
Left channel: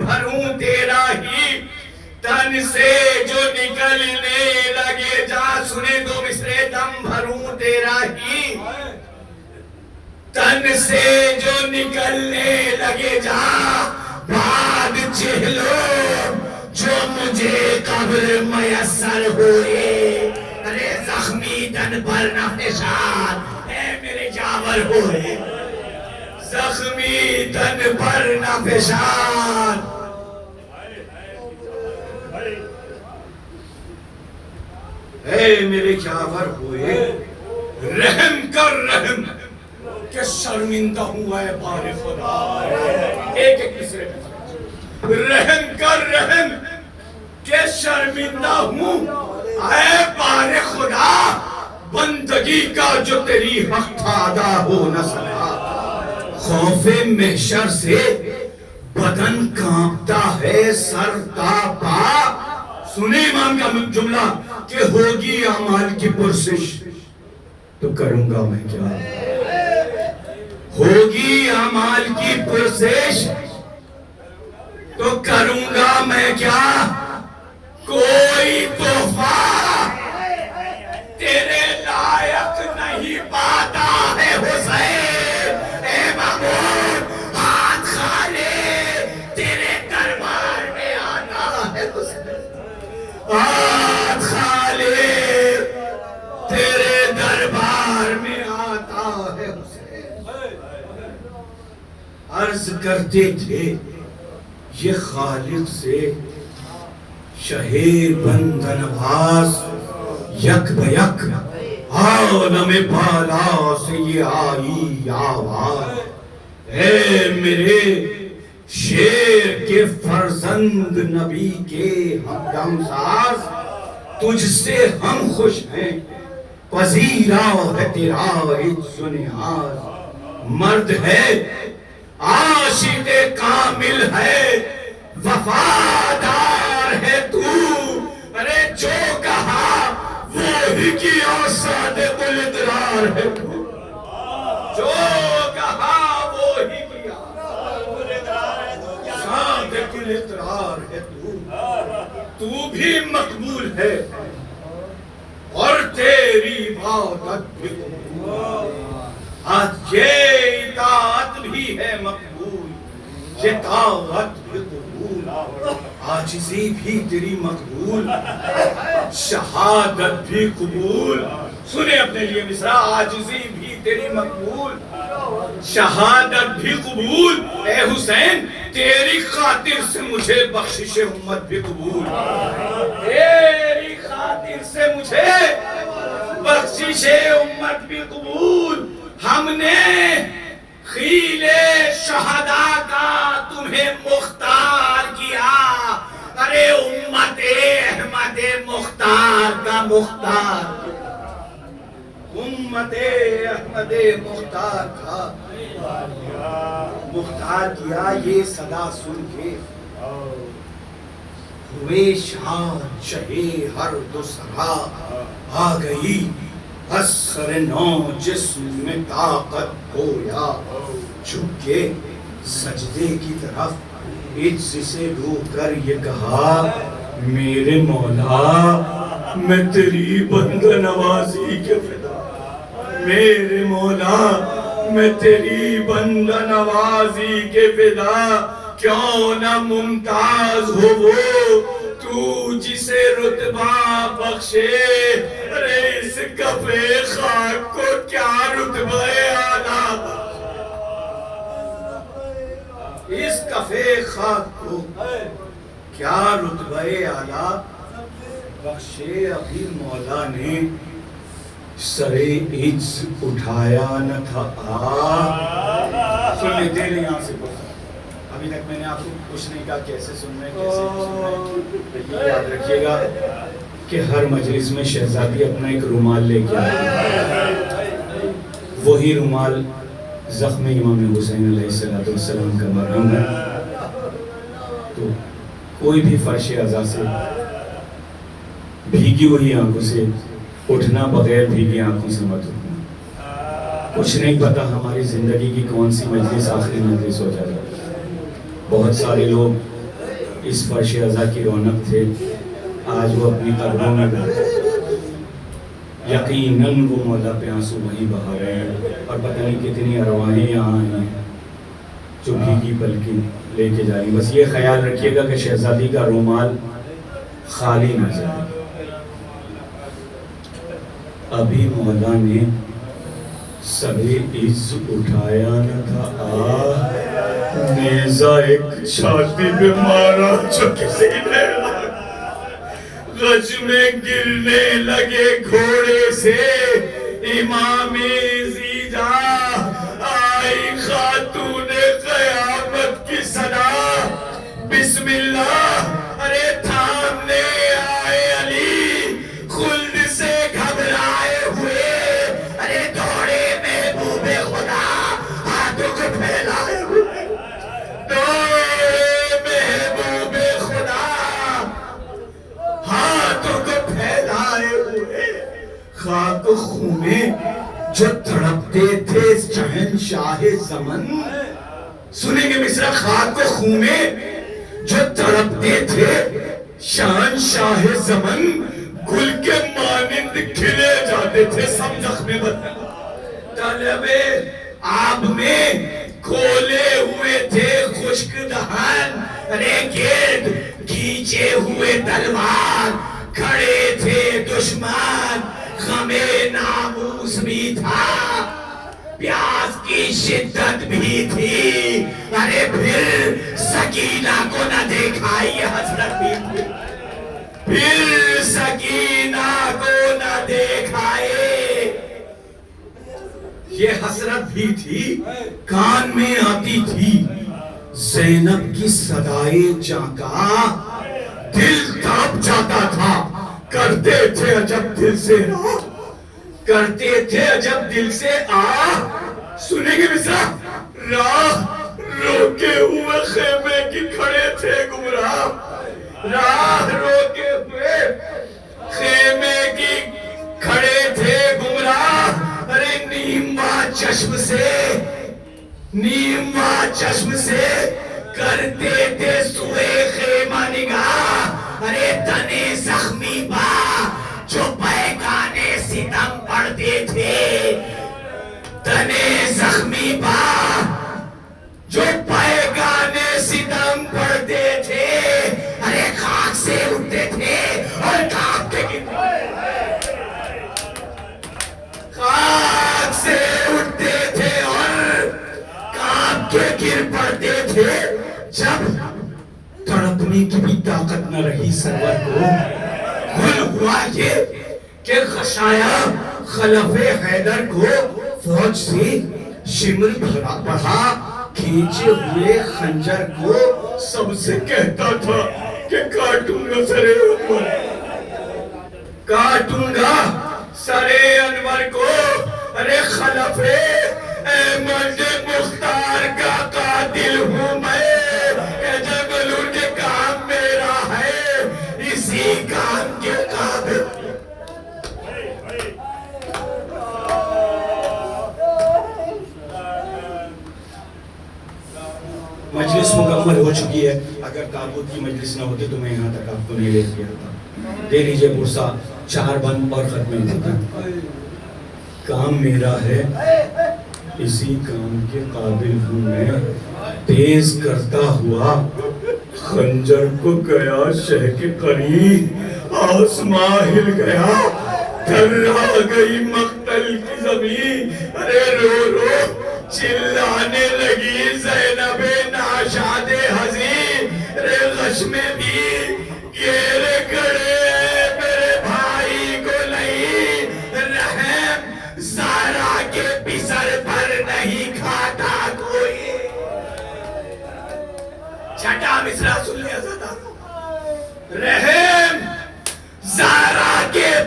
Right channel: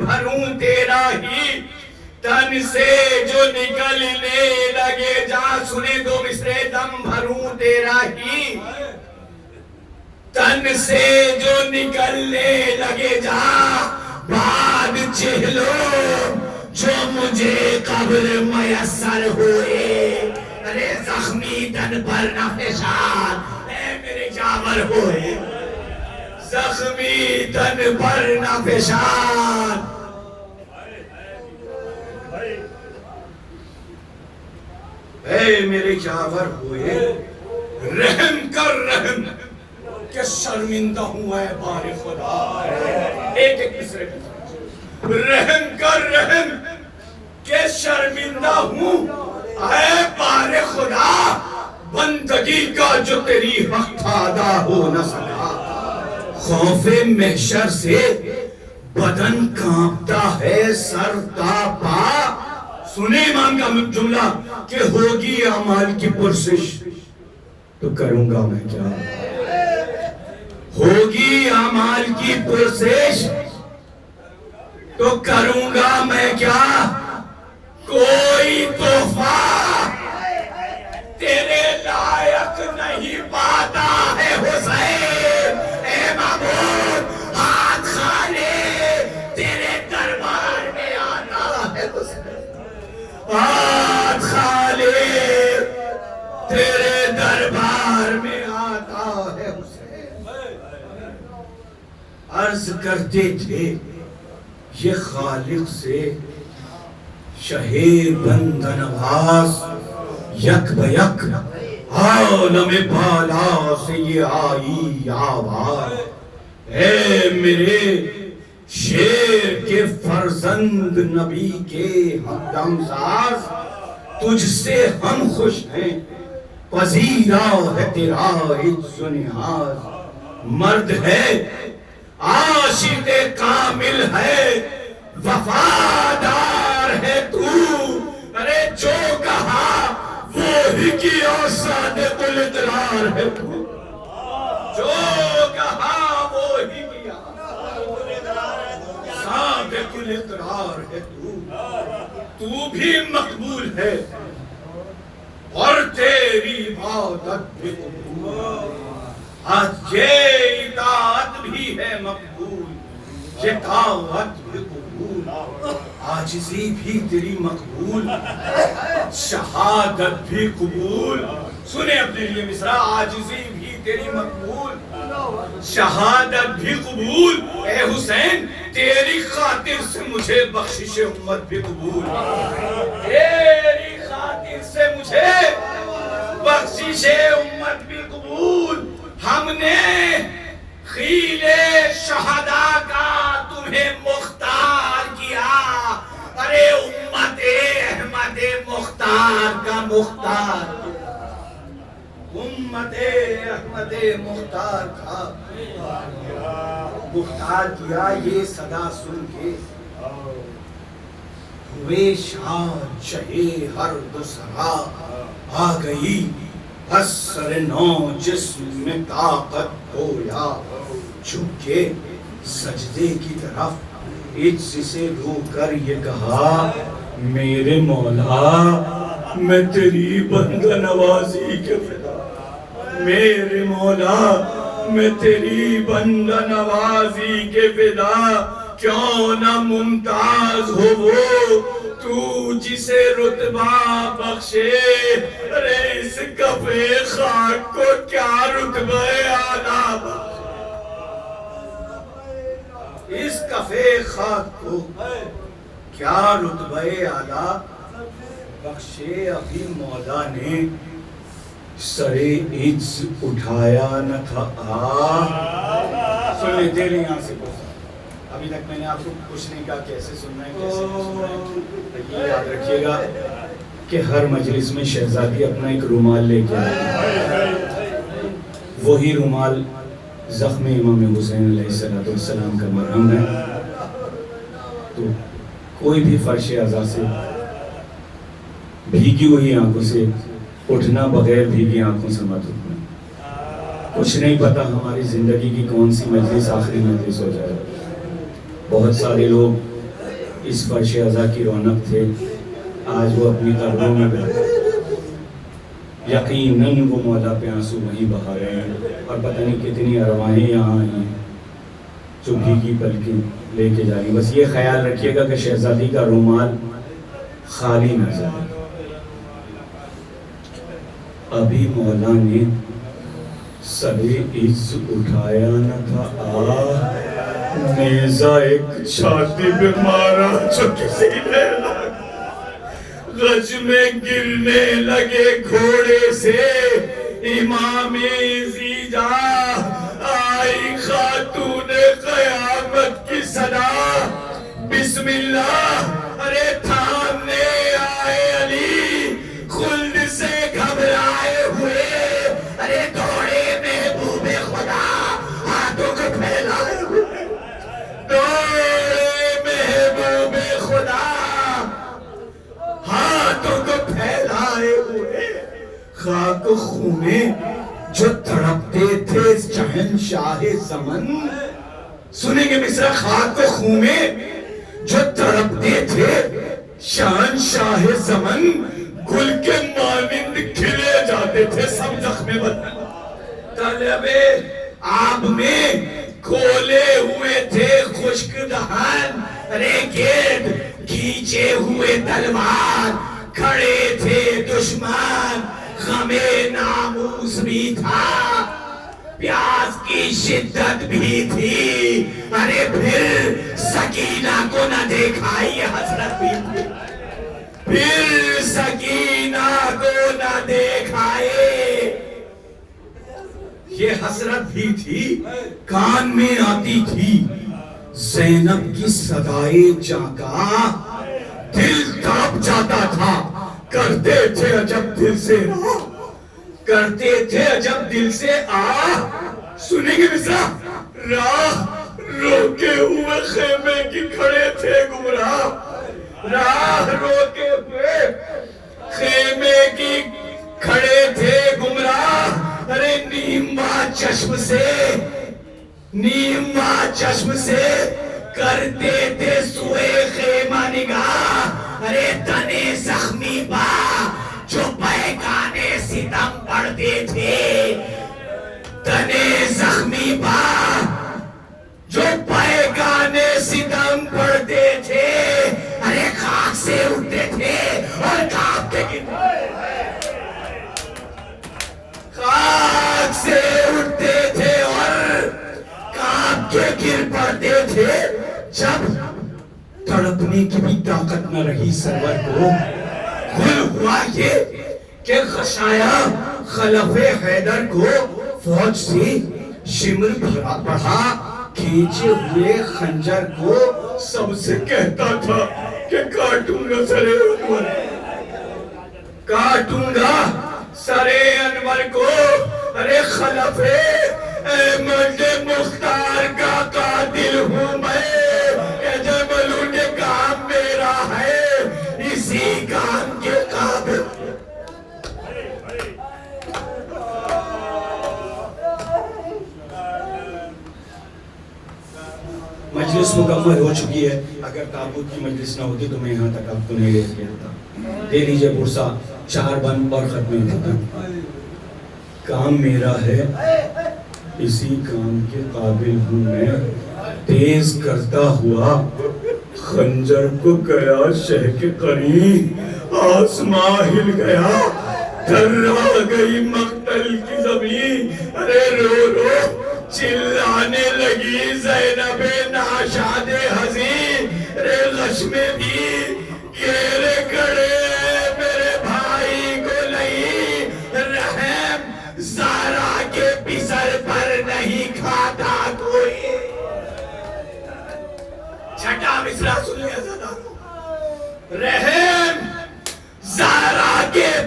भरूं तेरा ही तन से जो निकलने लगे जा, सुने दो मिसरे, दम भरूं तेरा ही तन से जो निकलने लगे जा, बाद चेहलो जो मुझे कब्र मयस्सर हुए, अरे जख्मी तन पर न निशान मेरे जावर हुए, जख्मी तन पर न निशान, मेरे जावर हुए, रहम कर रहम कि शर्मिंदा हुआ है बारे खुदा, एक एक मिसरे पे रहम कर रहम कि शर्मिंदा हूँ है बारे खुदा, बंदगी का जो तेरी हक था अदा हो न सका, खौफे महशर से बदन कांपता है सर तापा, सुने इमाम का जुमला कि होगी अमाल की पुरसिश तो करूंगा मैं क्या, होगी अमाल की पुरसिश तो करूंगा मैं क्या, कोई तोहफा तेरे लायक नहीं पाता है हुसैन, ए महमूद हाथ खाली तेरे दरबार में आता है हुसैन, हाथ खाली तेरे दरबार में आता है हुसैन। अर्ज करते थे ये खालिक से शहे बंदनवास, यक बयक आलम बाला से ये आई आवाज, है मेरे शेर के फर्जंद नबी के हमदमसाज, तुझसे हम खुश हैं पजीरा है तेरा इज्ज़ो नियाज़, मर्द है आशिक़े कामिल है वफादार है तू, अरे जो कहा वो ही किया सादिक़ुल इक़रार है तू, जो कहा वो ही किया सादिक़ुल इक़रार है तू भी मकबूल है और तेरी इबादत भी कबूल, आज ये इताअत भी है मकबूल, ये ताअत भी कबूल, आजिज़ी भी तेरी मकबूल, शहादत भी कबूल, सुने अपने लिए मिसरा, आजिज़ी भी तेरी मकबूल, शहादत भी कबूल, ए हुसैन तेरी खातिर से मुझे बख्शिश उम्मत भी कबूल, तेरी खातिर से मुझे बख्शिश उम्मत भी कबूल, हमने खीले शहदा का तुम्हें मुख्तार किया, अरे उम्मते अहमदे मुख्तार का मुख्तार, उम्मते अहमदे मुख्तार का मुख्तार किया, ये सदा सुन के हुए शान शहे हर दूसरा, आ गई असर नौ जिस्म में ताकत खोया, झुके सजदे की तरफ इज्ज़ से रोकर ये कहा, मेरे मौला मैं तेरी बंदा नवाजी के फिदा, मेरे मौला मैं तेरी बंदा नवाजी के फिदा, क्यों ना मुमताज हो वो तू जिसे रुतबा बख्शे, अरे इस कफे खाक को क्या रुतबा आला, इस कफे खाक को क्या रुतबे आला बख्शे अभी मौला ने, सरे इज्ज उठाया न था सुन लेते नहीं यहाँ से कुछ। अभी तक मैंने आपको कुछ नहीं कहा कैसे सुनना है कैसे नहीं सुनना है, लेकिन याद रखिएगा कि हर मजलिस में शहजादी अपना एक रुमाल लेके आए, वही रुमाल जख्म इमाम हुसैन अलैहिस्सलाम का मरहम है। तो कोई भी फर्श अज़ा से भीगी हुई आंखों से उठना, बगैर भीगी आंखों से मत उठना। कुछ नहीं पता हमारी जिंदगी की कौन सी मजलिस आखिरी मजलिस हो जाए। बहुत सारे लोग इस फर्श अज़ा की रौनक थे, आज वो अपनी कब्रों में गए। यकीनन वो मौला पे आंसू वही बहा रहे हैं, और पता नहीं कितनी अरवाहें यहाँ आई हैं जो भीगी पलकी लेके जा रही। बस ये ख्याल रखिएगा कि शहजादी का रुमाल खाली न जाए। अभी मौला ने सभी इज्ज उठाया न था नेज़ा एक छाती पे मारा जो किसी ने गज में गिरने लगे घोड़े से इमामे ज़ीजा आई खातूने क़यामत की सदा बिस्मिल्लाह। अरे थामने आए अली खुल्द से घबराए हुए, अरे दौड़े महबूबे खुदा हाथों को फैलाए हुए, दौड़े महबूबे खुदा हाथों को फैलाए हुए। खाक खूने जो तड़पते थे शहंशाह ज़मन, सुनेंगे मिस्र, खाक खूने जो तड़पते थे शहंशाह ज़मन, गुल के मानिंद खिले जाते थे सब जख्मे बदन। तलबे आब में खोले हुए थे खुश्क दहन, अरे गिर्द खींचे हुए तलवार खड़े थे दुश्मन, गमे नामूस भी था, प्यास की शिद्दत भी थी। अरे फिर सकीना को न देखा, ये हसरत भी थी, फिर सकीना को न देखाए ये हसरत भी थी। कान में आती थी ज़ैनब की सदाए जाका, दिल कांप जाता था, करते थे अजब दिल से करते थे अजब दिल से सुनेंगे मिस्रा, राह रोके हुए खेमे की खड़े थे गुमराह, राह रोके हुए खेमे की खड़े थे गुमराह। अरे नीमा चश्म से करते थे सुए खेमा निगाह। अरे तने जख्मी बा जो पैगाने सितम पढ़ते थे, तने जख्मी बा जो पैगाने सितम पढ़ते थे, अरे खाक से उठते थे और कांपते गिरते, खाक से उठते थे और कांप के गिर पड़ते थे। जब तड़पने की भी ताकत न रही सरवर को, खुल हुआ ये कि खशाया खलफे हैदर को फौज से शिमर बढ़ा, खींचे हुए खंजर को सबसे कहता था कि काटूंगा सरे अनवर, काटूंगा सरे अनवर को। अरे खलफे अहमद मुख्तार का कातिल हूँ मैं, जबलू के काम मेरा है, इसी काम के काबिल। मजलिस मुकम्मल हो चुकी है। अगर ताबूत की मजलिस ना होती तो मैं यहाँ तक आपको नहीं ले गया था। दे लीजिए पुरसा, 4 बंद और खत्म होता। काम मेरा है, इसी काम के काबिल हूँ मैं, तेज करता हुआ खंजर को गया शह के करीब, आसमां हिल गया, थर्रा गई मक्तल की जमीन। अरे रो रो चिल्लाने लगी ज़ैनबे नाशा,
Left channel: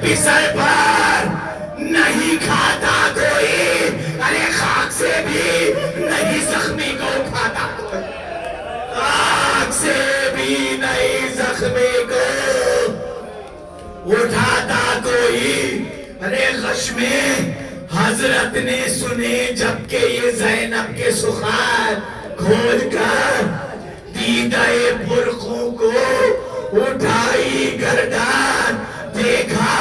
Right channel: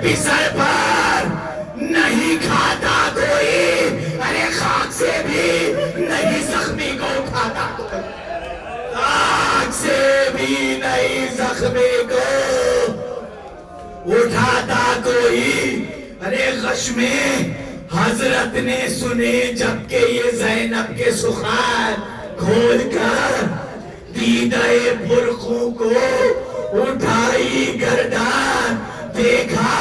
भी सर पर नहीं खाता कोई, अरे खाक से भी नहीं जख्मी को उठाता कोई, खाक से भी नहीं जख्मी को उठाता कोई। अरे गश में हजरत ने सुने जबकि ये ज़ैनब के सुखार खोल कर दीदाए बुरखों को उठाई गर्दन, देखा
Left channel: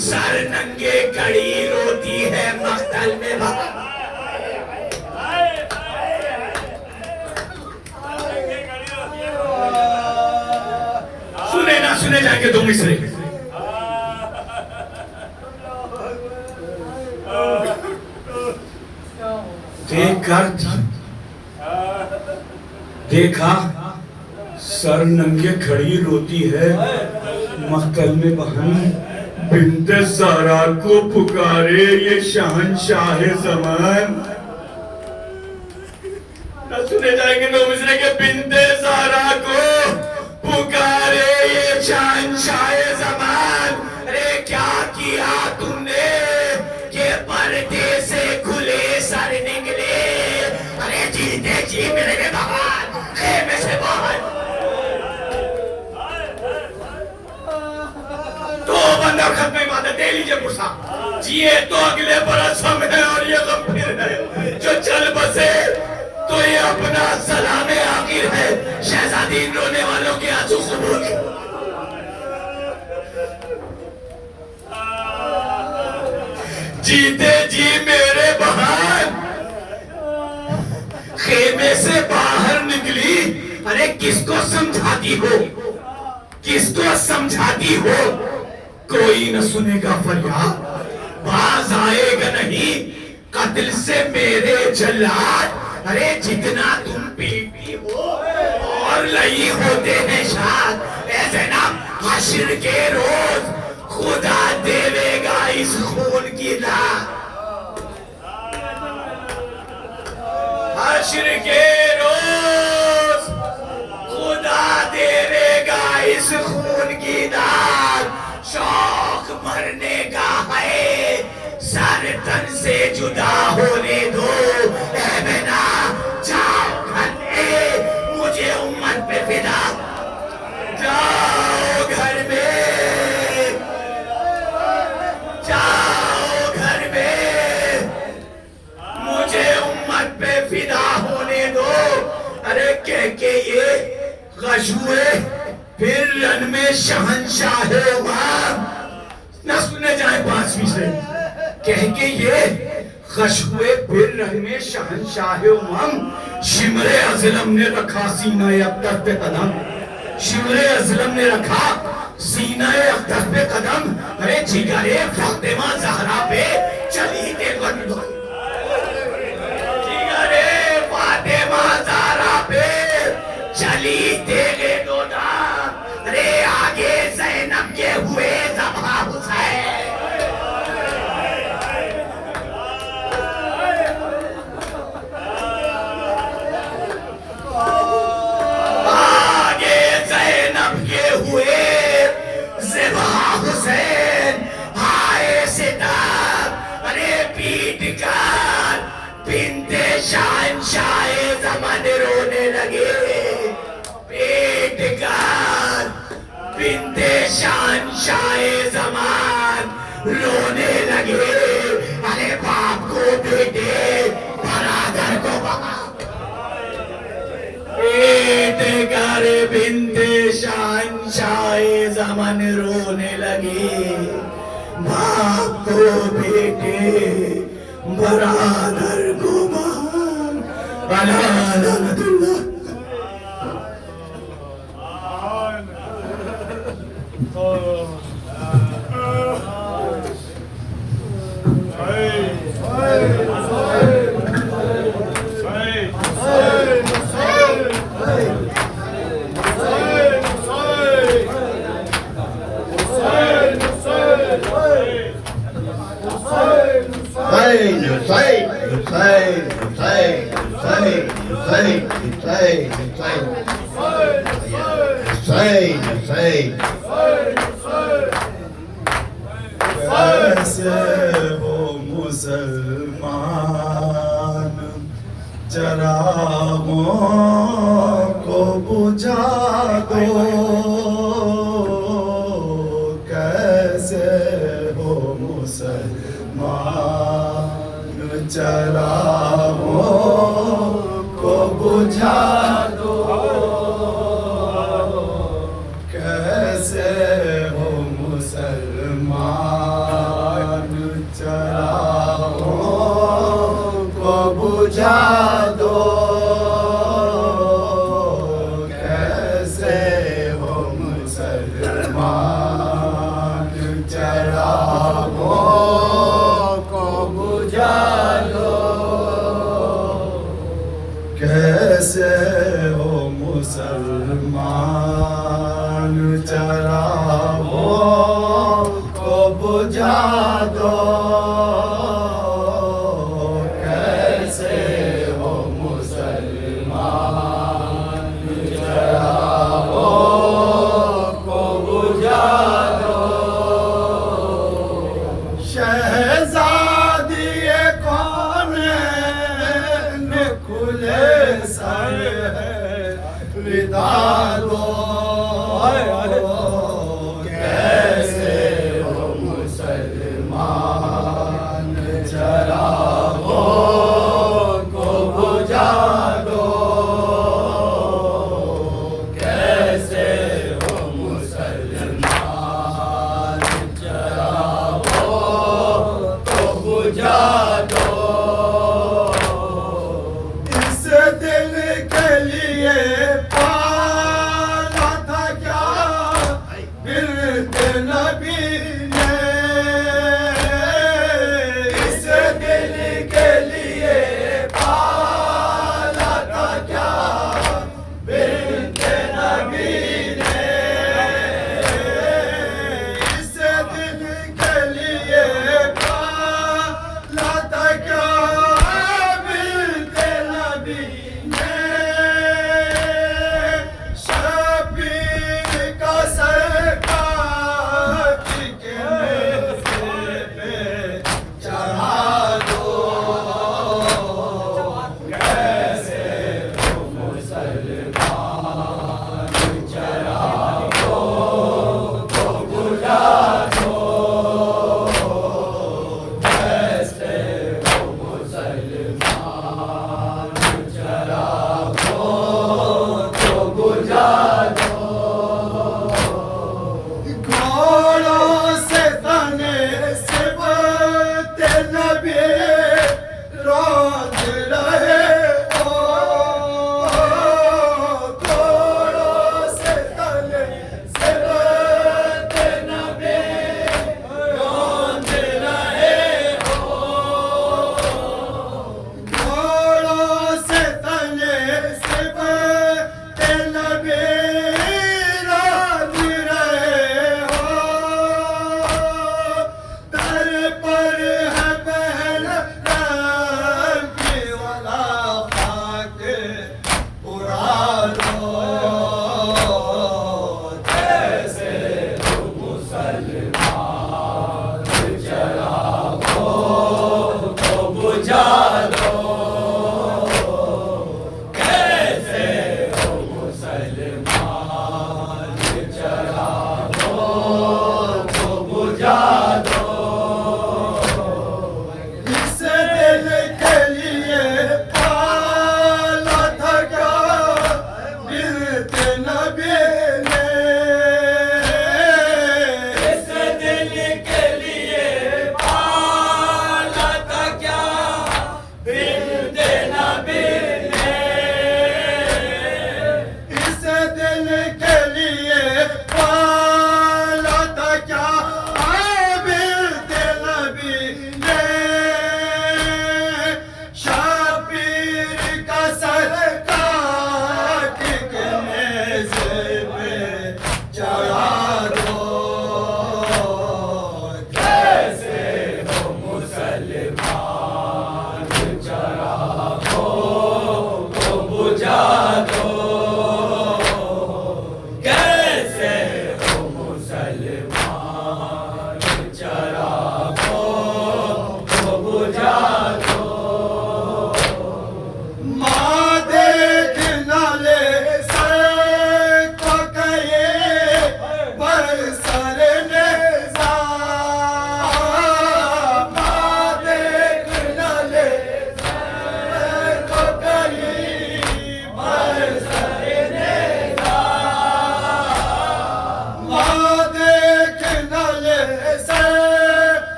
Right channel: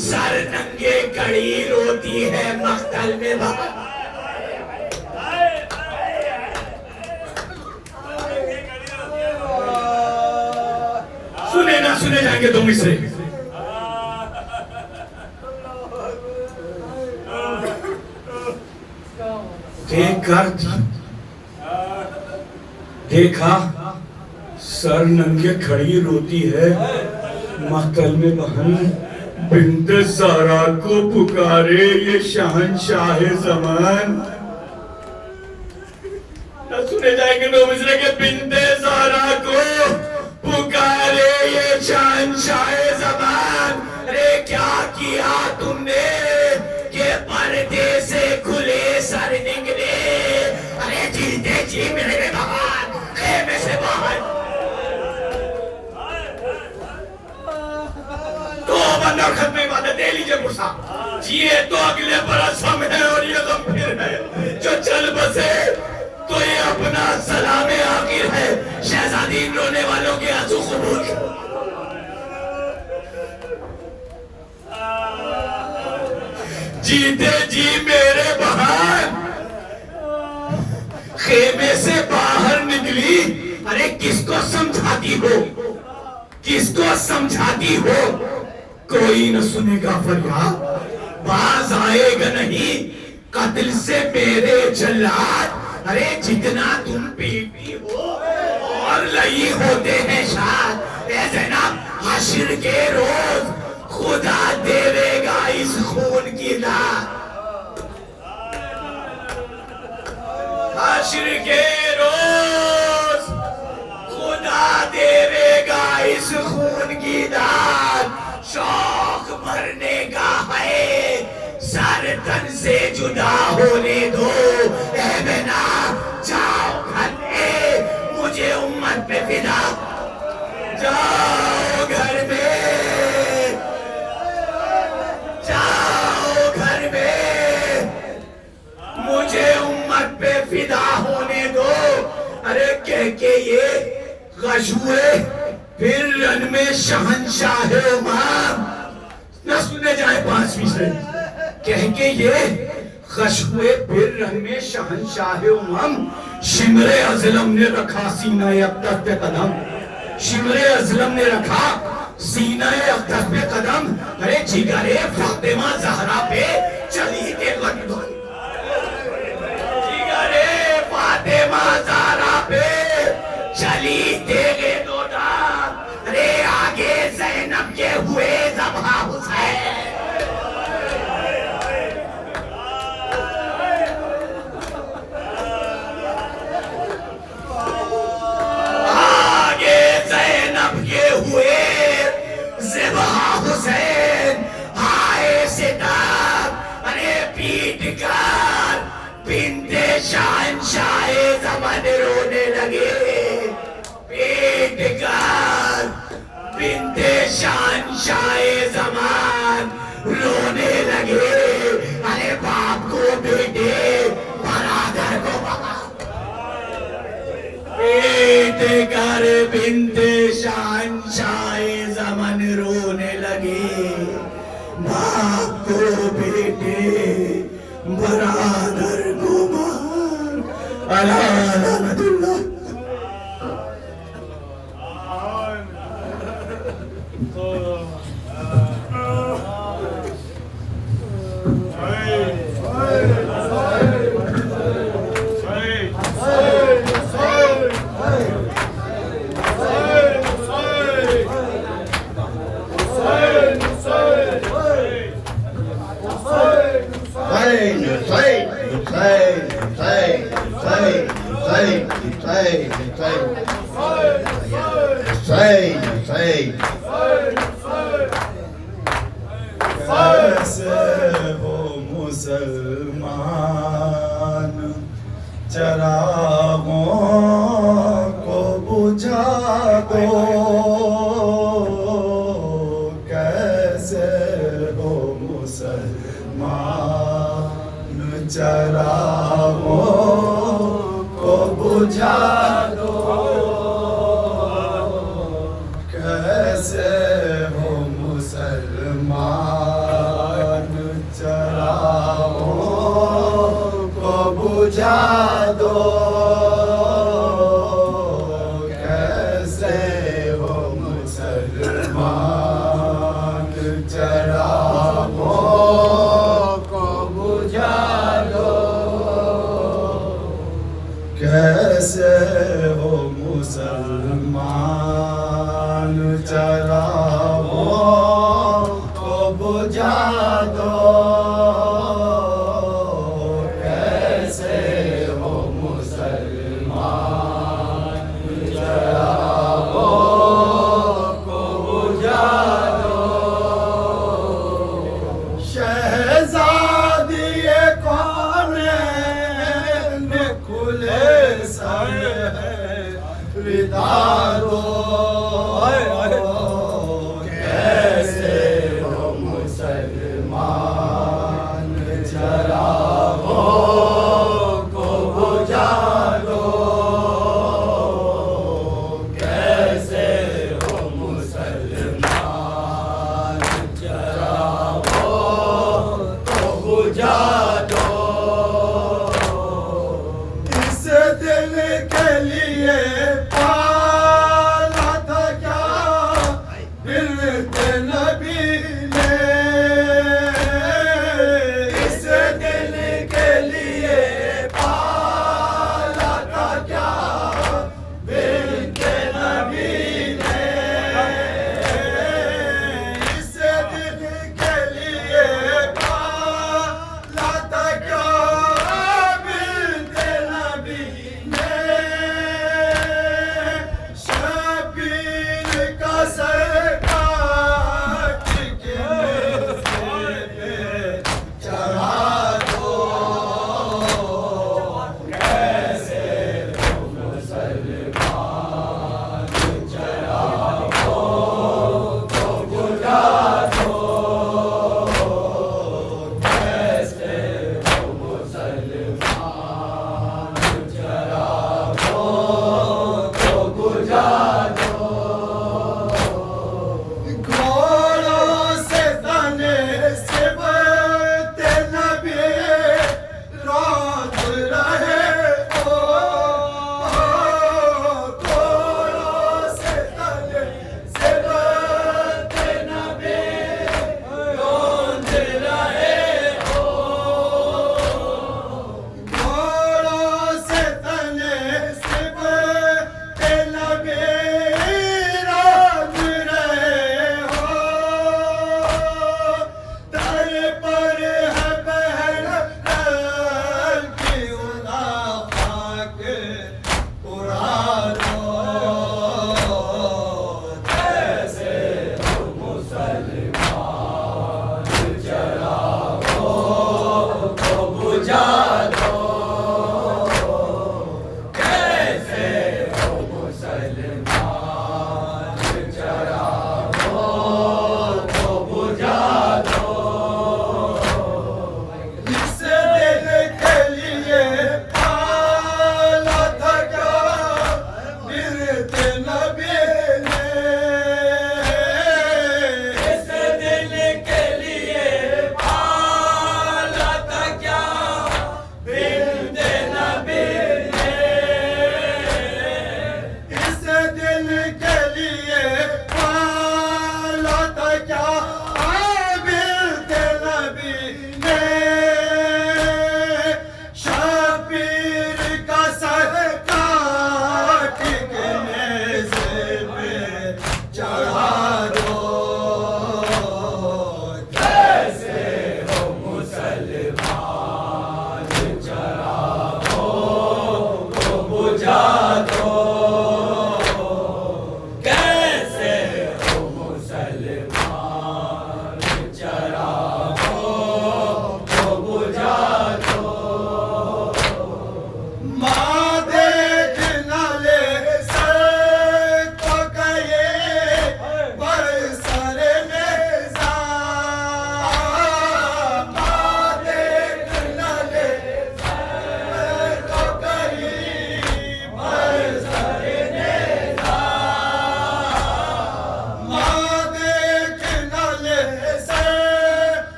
सर नंगे कड़ी रोती है मख्तल में सुने ना सुने जाएंगे दो मिसरे। देखकर देखा सर नंगे खड़ी रोती है मख्तल में बहन, बिन्ते ज़हरा को पुकारे ये शहंशाह ज़मान। न सुने जाएंगे दो मिसरे के बिन्ते ज़हरा को पुकारे ये शहंशाह ज़मान। अरे क्या किया तुमने के पर्दे से खुले सर निकले, अरे जीते जी मेरे भगवान खेमे से बाहर। तो बंदा खत्म इबादत दे लीजिए मुर्सा, जिए तो अगले बरस हम है और ये गम फिर है जो चल बसे तो ये अपना सलामे आखिर है। शहजादी रोने वालों के आंसू कबूल जीते जी मेरे बहन खेमे से बाहर निकली। अरे किसको समझाती हो, किसको समझाती हो, कोई न सुनेगा फरियाद, बाज आएगा नहीं कत्ल से मेरे जल्लाद। अरे जितना तुम पीती हो और लई होते हैं शाद, ऐसे ना हश्र के रोज खुदा देवेगा इस खून की दाद। हश्र के रोज खुदा देवेगा इस खून की दाद। शौक मरने का है सर तन से जुदा होने दो, ऐ बना जाओ घर में मुझे उम्मत पे फिदा, जाओ घर में, जाओ घर में मुझे उम्मत पे फिदा होने दो। अरे कह के ये गश हुए फिर रन में शहंशाह न सुने जाए 5 मिसरे, कह के ये गश हुए फिर रन में शहंशाह शिमरे अज़लम ने रखा सीना-ए अक़दस पे कदम, शिमरे अज़लम ने रखा सीना-ए अक़दस पे कदम। अरे जिगरे फातिमा ज़हरा पे चली देखो जिगरे फातिमा ज़हरा पे चली देगे दो दाम। अरे आगे ज़ैनब के हुए ज़बा हुसैन, आगे ज़ैनब के हुए ज़बा हुसैन। हाय सितार अरे पीट कर बिन्ते शहंशाह ज़मान रोने लगे, पीट कर बिन्ते शहंशाह ज़मान रोने लगे। अरे बाप को बेटे बरादर को बाप, पीट कर बिन्ते शहंशाह ज़मान रोने लगे। बाप को बेटे बरादर को बाप, अला लानतुल्लाह। कैसे हो मुसलमान चरागों को बुझा दो, कैसे हो मुसलमान चरागों को बुझा दो, कैसे हो मुसलमान चरागों को बुझा दो, कैसे हो मुसलमान चरागों को बुझा दो, कैसे हो मुसलमान चरागों को बुझा दो, कैसे हो मुसलमान चरागों को बुझा दो, शहजादिए कौन खुले सर है विदा दो, कैसे हो मुसलमान चरागों को बुझा दो, कैसे हो मुसलमान चरागों को बुझा दो, इस दिल के लिए पाला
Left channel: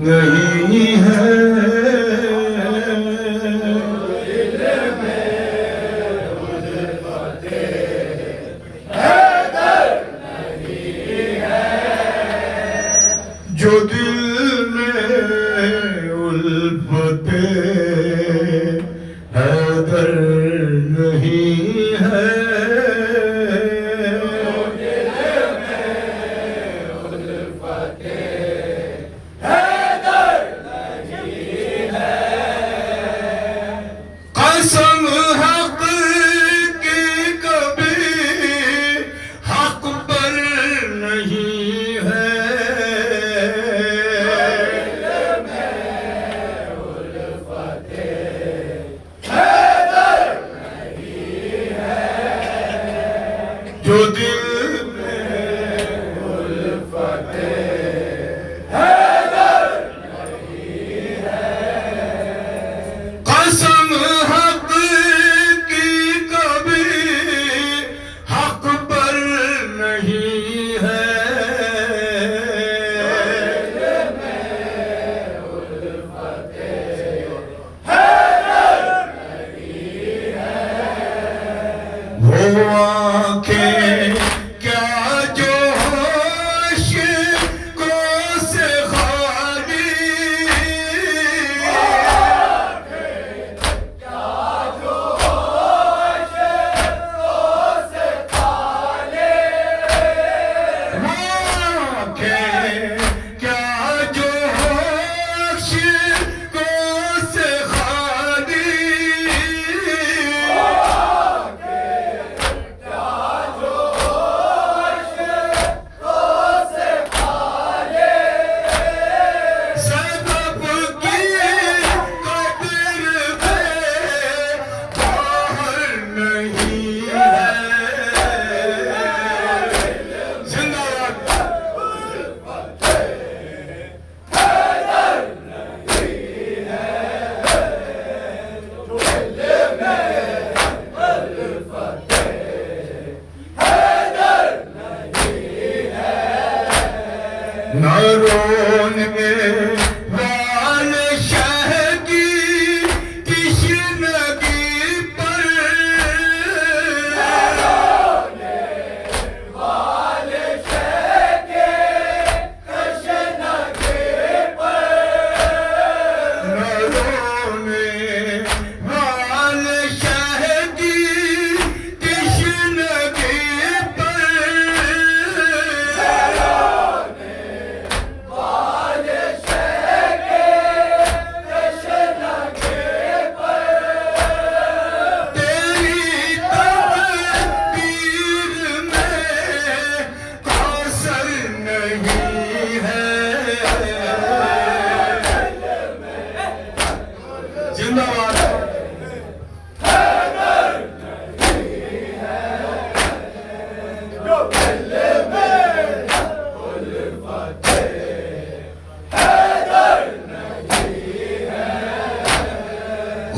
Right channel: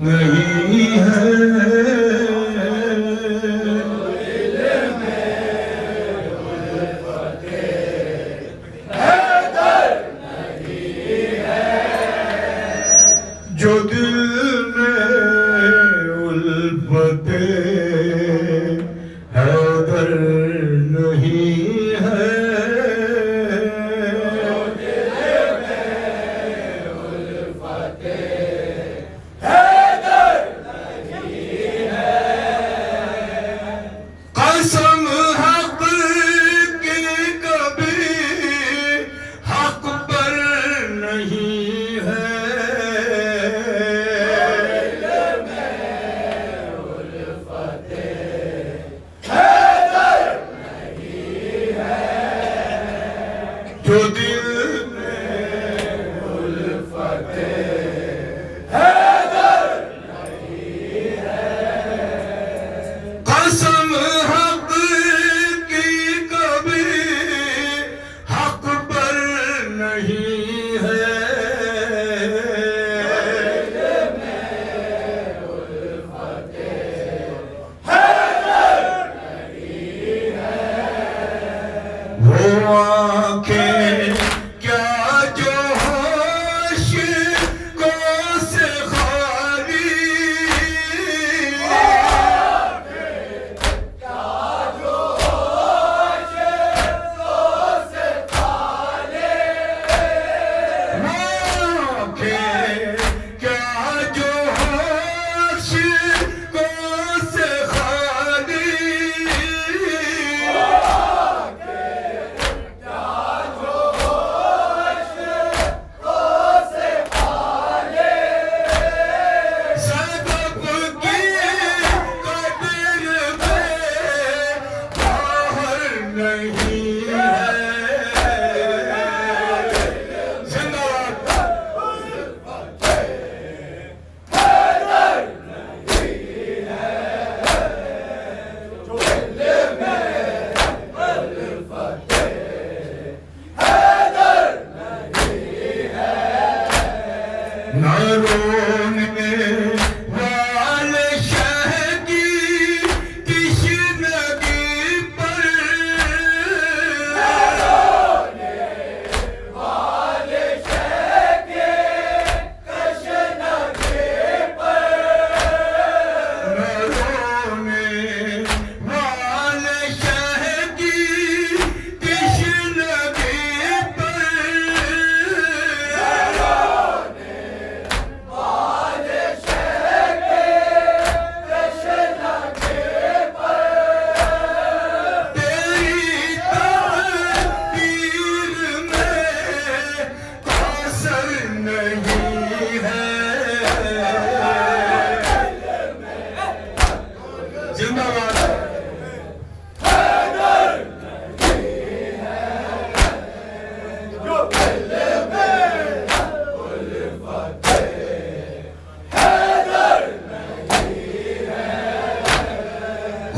नहीं है। जो दिल में उल्फते हैदर नहीं है। कसम हक की कभी हक पर नहीं है। जो दिल में उल्फते हैदर नहीं है। कसम हक की कभी हक पर नहीं है। वो आंखें क्या जो होश को से खाली। क्या जो होश को से खाली। सबब की कदर में बाहर नहीं है। जिंदाबाद। न रोने वाले शह की तश्नगी पर। न रोने वाले शह की तश्नगी पर। तेरी तकदीर में असर नहीं है। जिंदाबाद।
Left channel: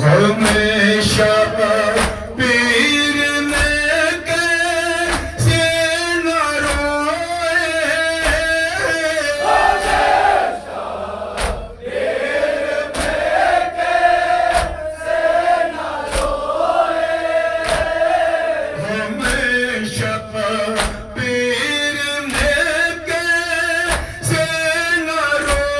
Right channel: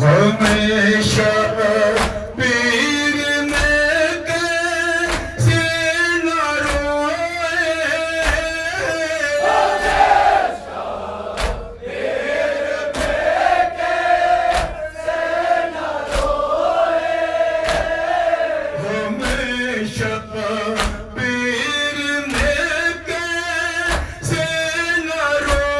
हमेशा पीर में कैसे न रोए। हमेशा पीर में कैसे न रोए।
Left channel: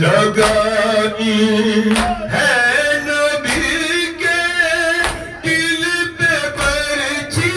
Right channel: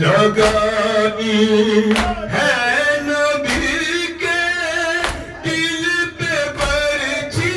लगाई है नबी के दिल पे पर्ची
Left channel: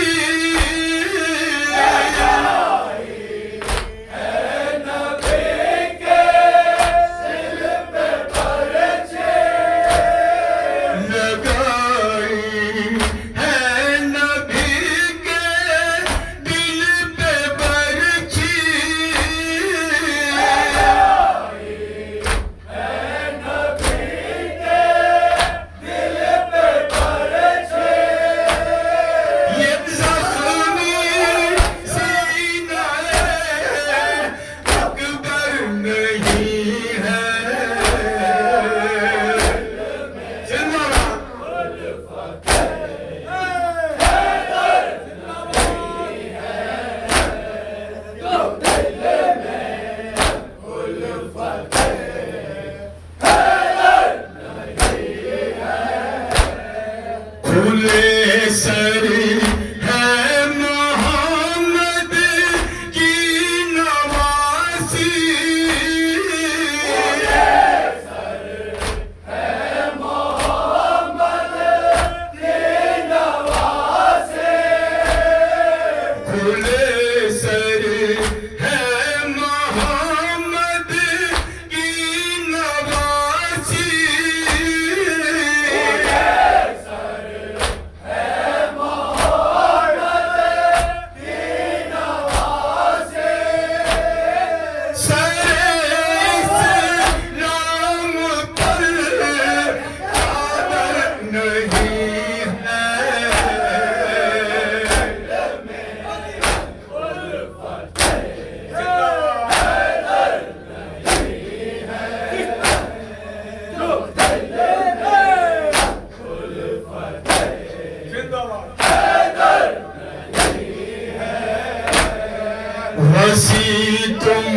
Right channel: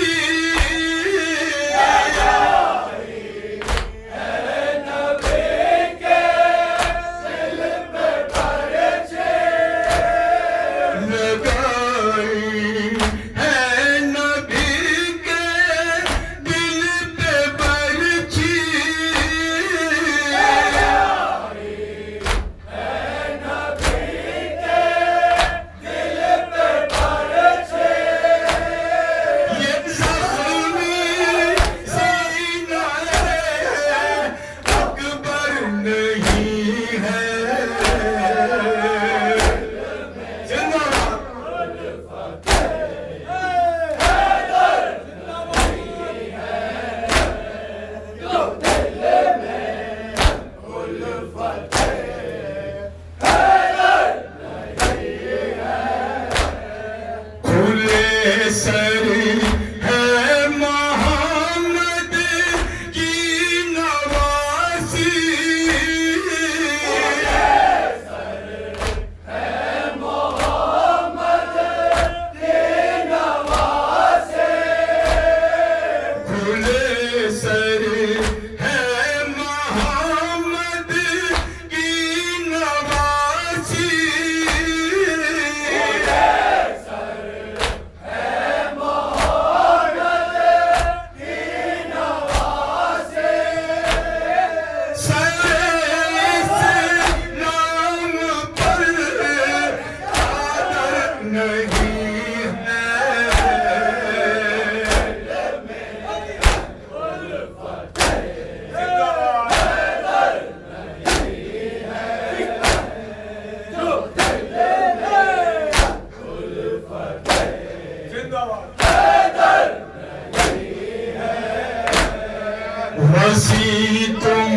वसी तुम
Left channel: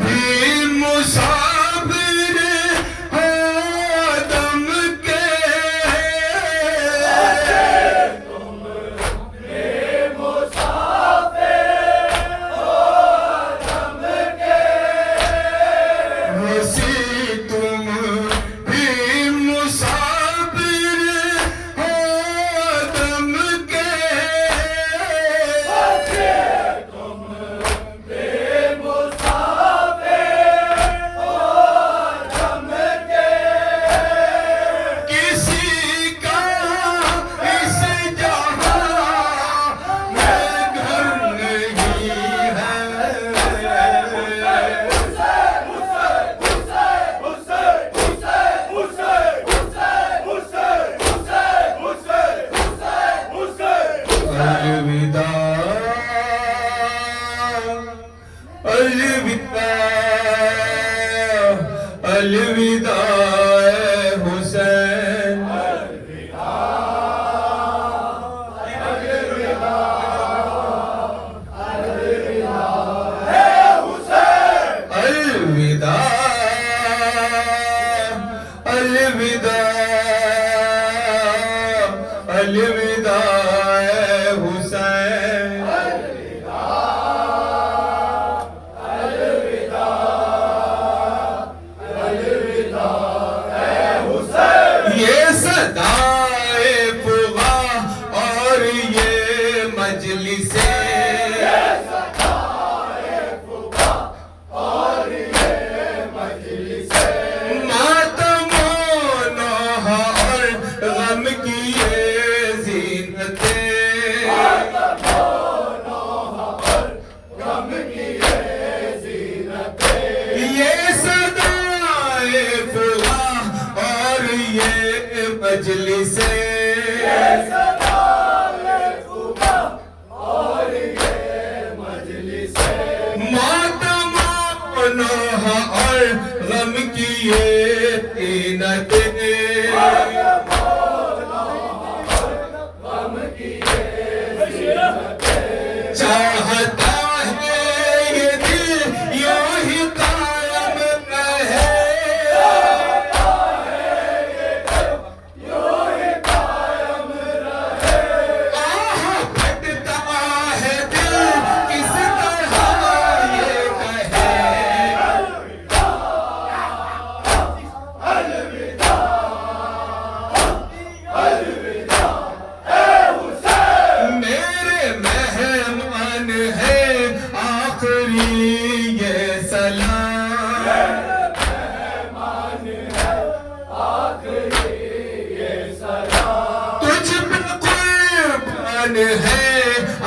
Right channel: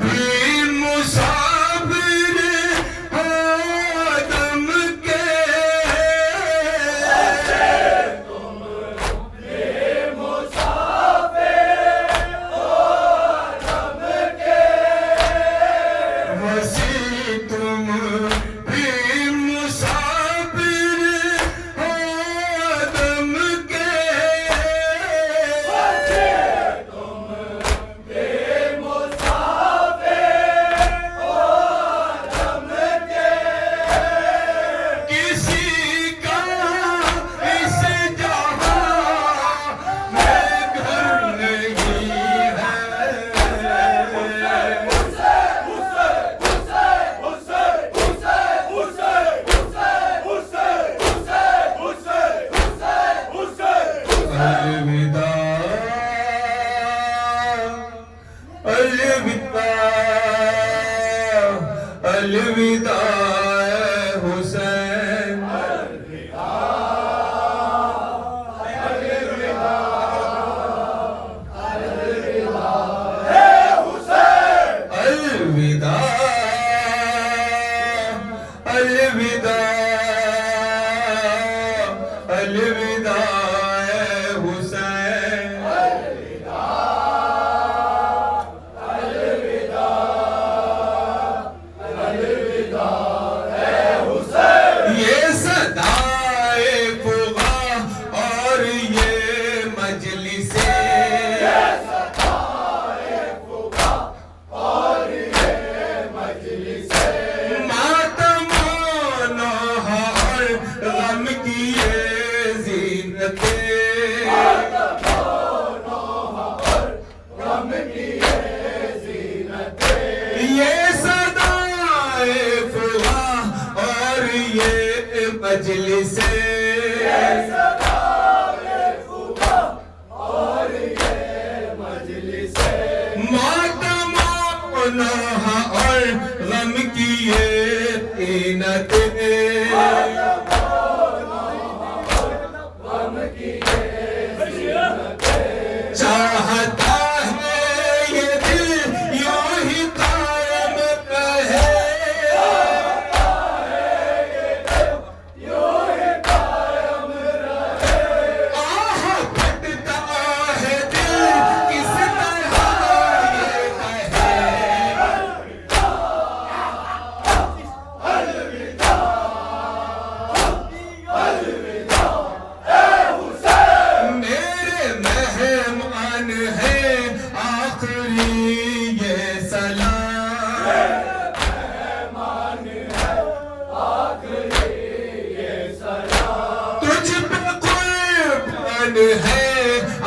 भी मुसाफिर हो दम के वसी तुम भी मुसाफिर हो दम के किसी का इस जहां में घर नहीं अलविदा अलविदा अलविदा हुसैन अलविदा अलविदा अलविदा हुसैन ये सदाए फुगा और ये मजलिसे मातम नौहा और गम की ये ज़ीनतें ये सदाए फुगा और ये मजलिसे मातम नौहा और गम की ये तीनतें चाहता है ये दिल यूं ही कायम रहे आह फटता है दिल किस तरह ये कहे तुझ पे कुर्बान है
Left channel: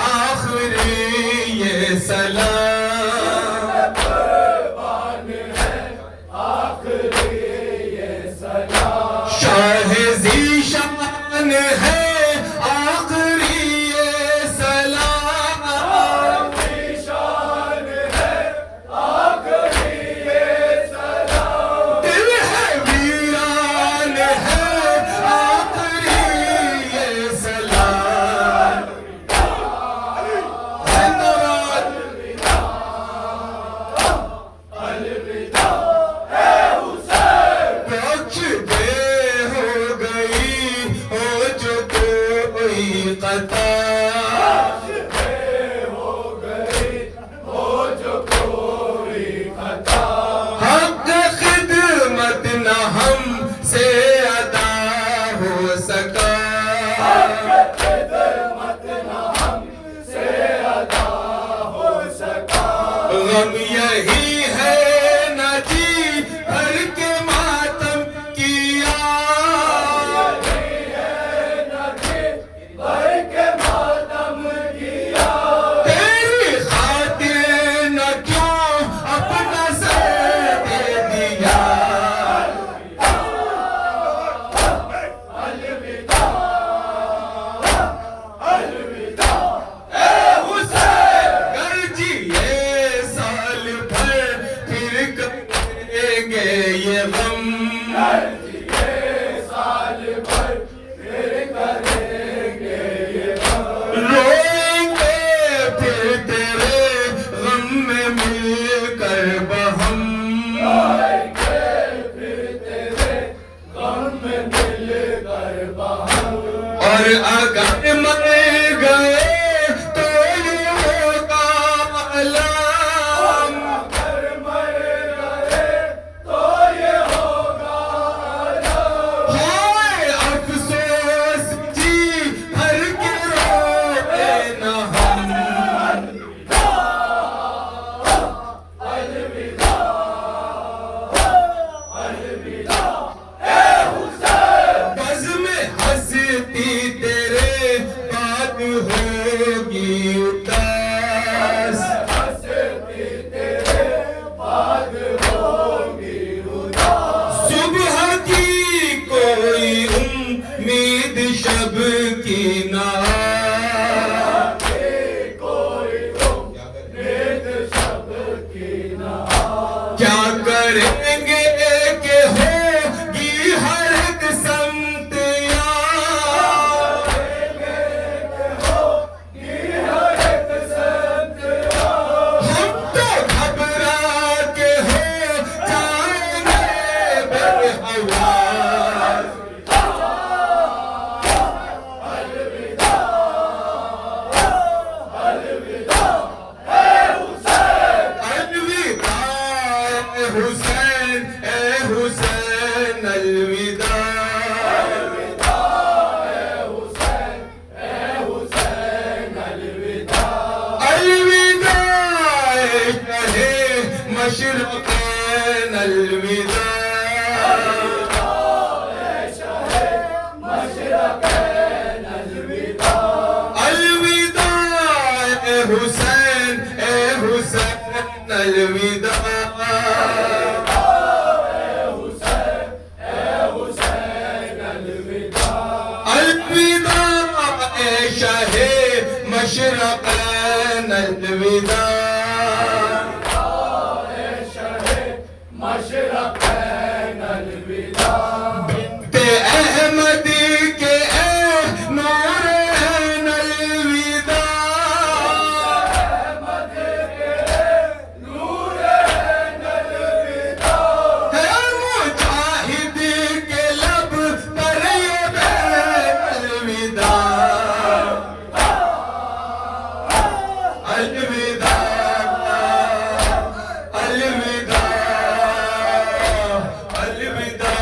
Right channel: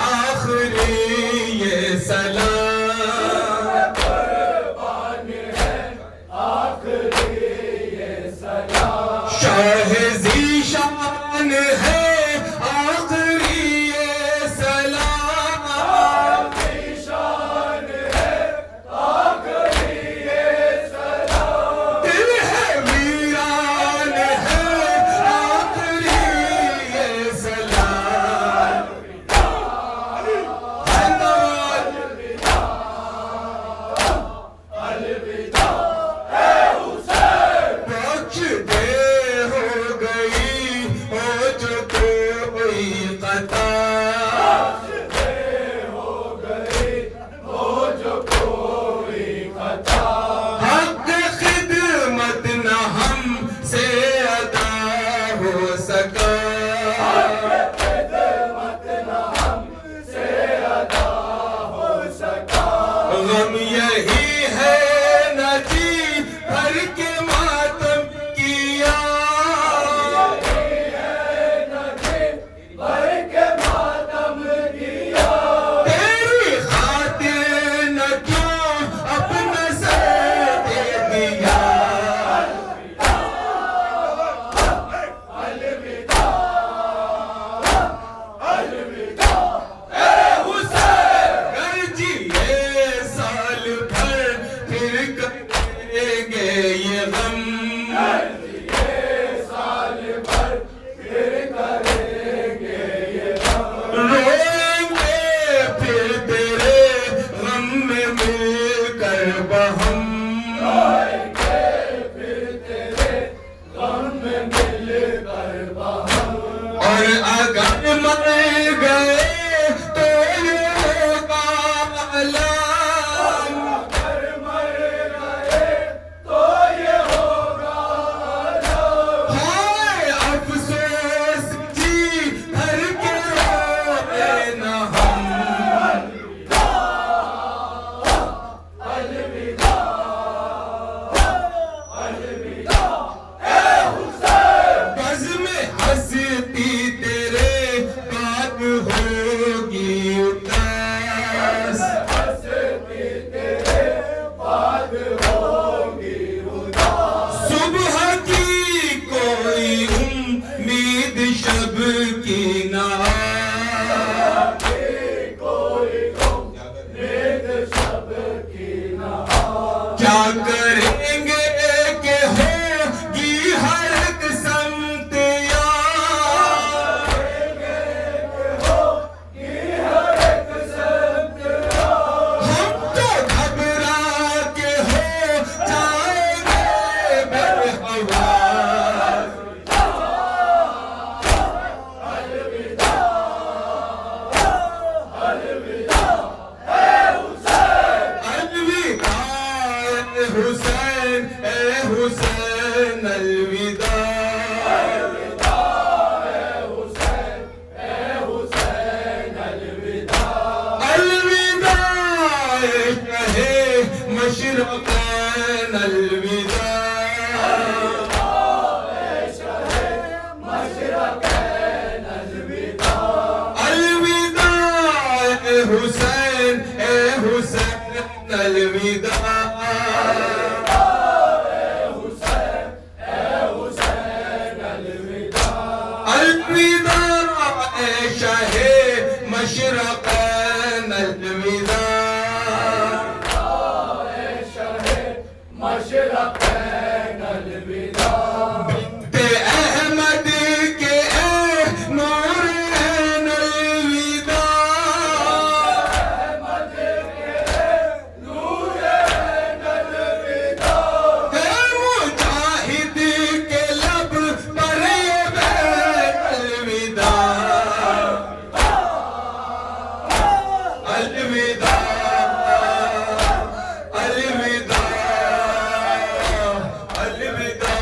आखिरी ये सलाम। शाह ज़ीशान है आखिरी ये सलाम। दिल है वीरान है आखिरी ये सलाम। कुछ देर हो गई हो जो कोई कता। हक खिदमत न हमसे अदा हो सका। गम यही है न जी भर के मातम किया। तेरी खातिर न क्यों अपना सर दे दिया। गर्जिए साल भर फिर करेंगे ये गम। रोएंगे फिर तेरे गम में मिलकर बहम। और अगर मर गए तो ये होगा अलाम। हाय अफसोस जी भर के रोए न हम। बज़्म में हंसती तेरे बात होगी उदास। सुबह की कोई उम्मीद शब की ना। क्या करेंगे कि होगी हर एक समत यार। हम तो घबरा के हो जाएंगे बेहवास। अलविदा ए हुसैन अलविदा। अलविदा ए शहे मशरक़ैन अलविदा। अलविदा ए हुसैन अलविदा। अलविदा ए शहे मशरक़ैन अलविदा। बिन्ते अहमद के ए नूरैन अलविदा। है मुजाहिद के लब पर ये बैत अलविदा। अलविदा अलविदा अलविदा।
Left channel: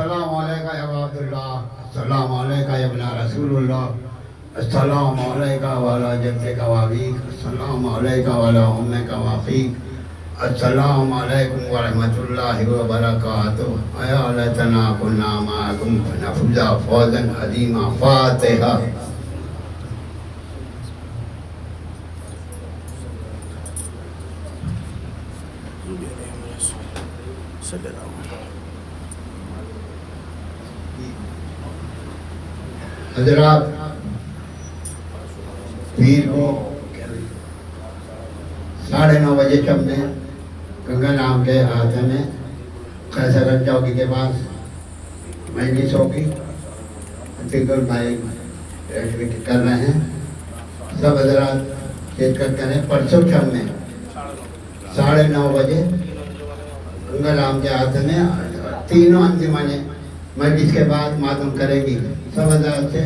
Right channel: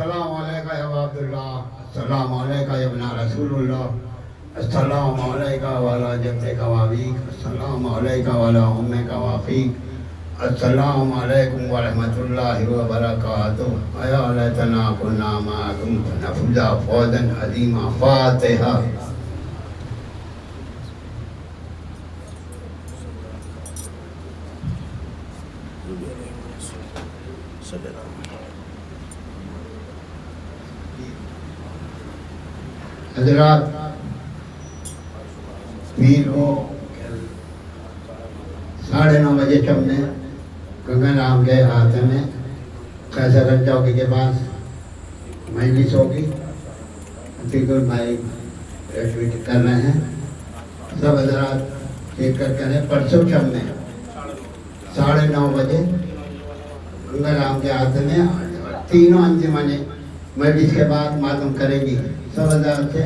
अस्सलाम अलैका या अब्दुल्लाह, अस्सलाम अलैका या इब्न रसूलुल्लाह, अस्सलाम अलैका वाला जद्दका व अबीक, अस्सलाम अलैका वाला उम्मका व अखीक, अस्सलाम अलैकुम व रहमतुल्लाहि व बरकातुहू। या लैतना कुन्ना मअकुम फनफुज़ा फौज़न अज़ीमा। फातिहा। हजरात, पीर को 9:30 बजे शब में गंगा नाम के हाथ में कैसरगंज चौकी के पास मजलिस होगी। फिक्र भाई कर रहे हैं, सब हजरात शिरकत करें। परसों शब में 9:30 बजे गंगा नाम के हाथ में तीनों अंजुमनें मजलिस के बाद मालूम करेगी। सब हजरात से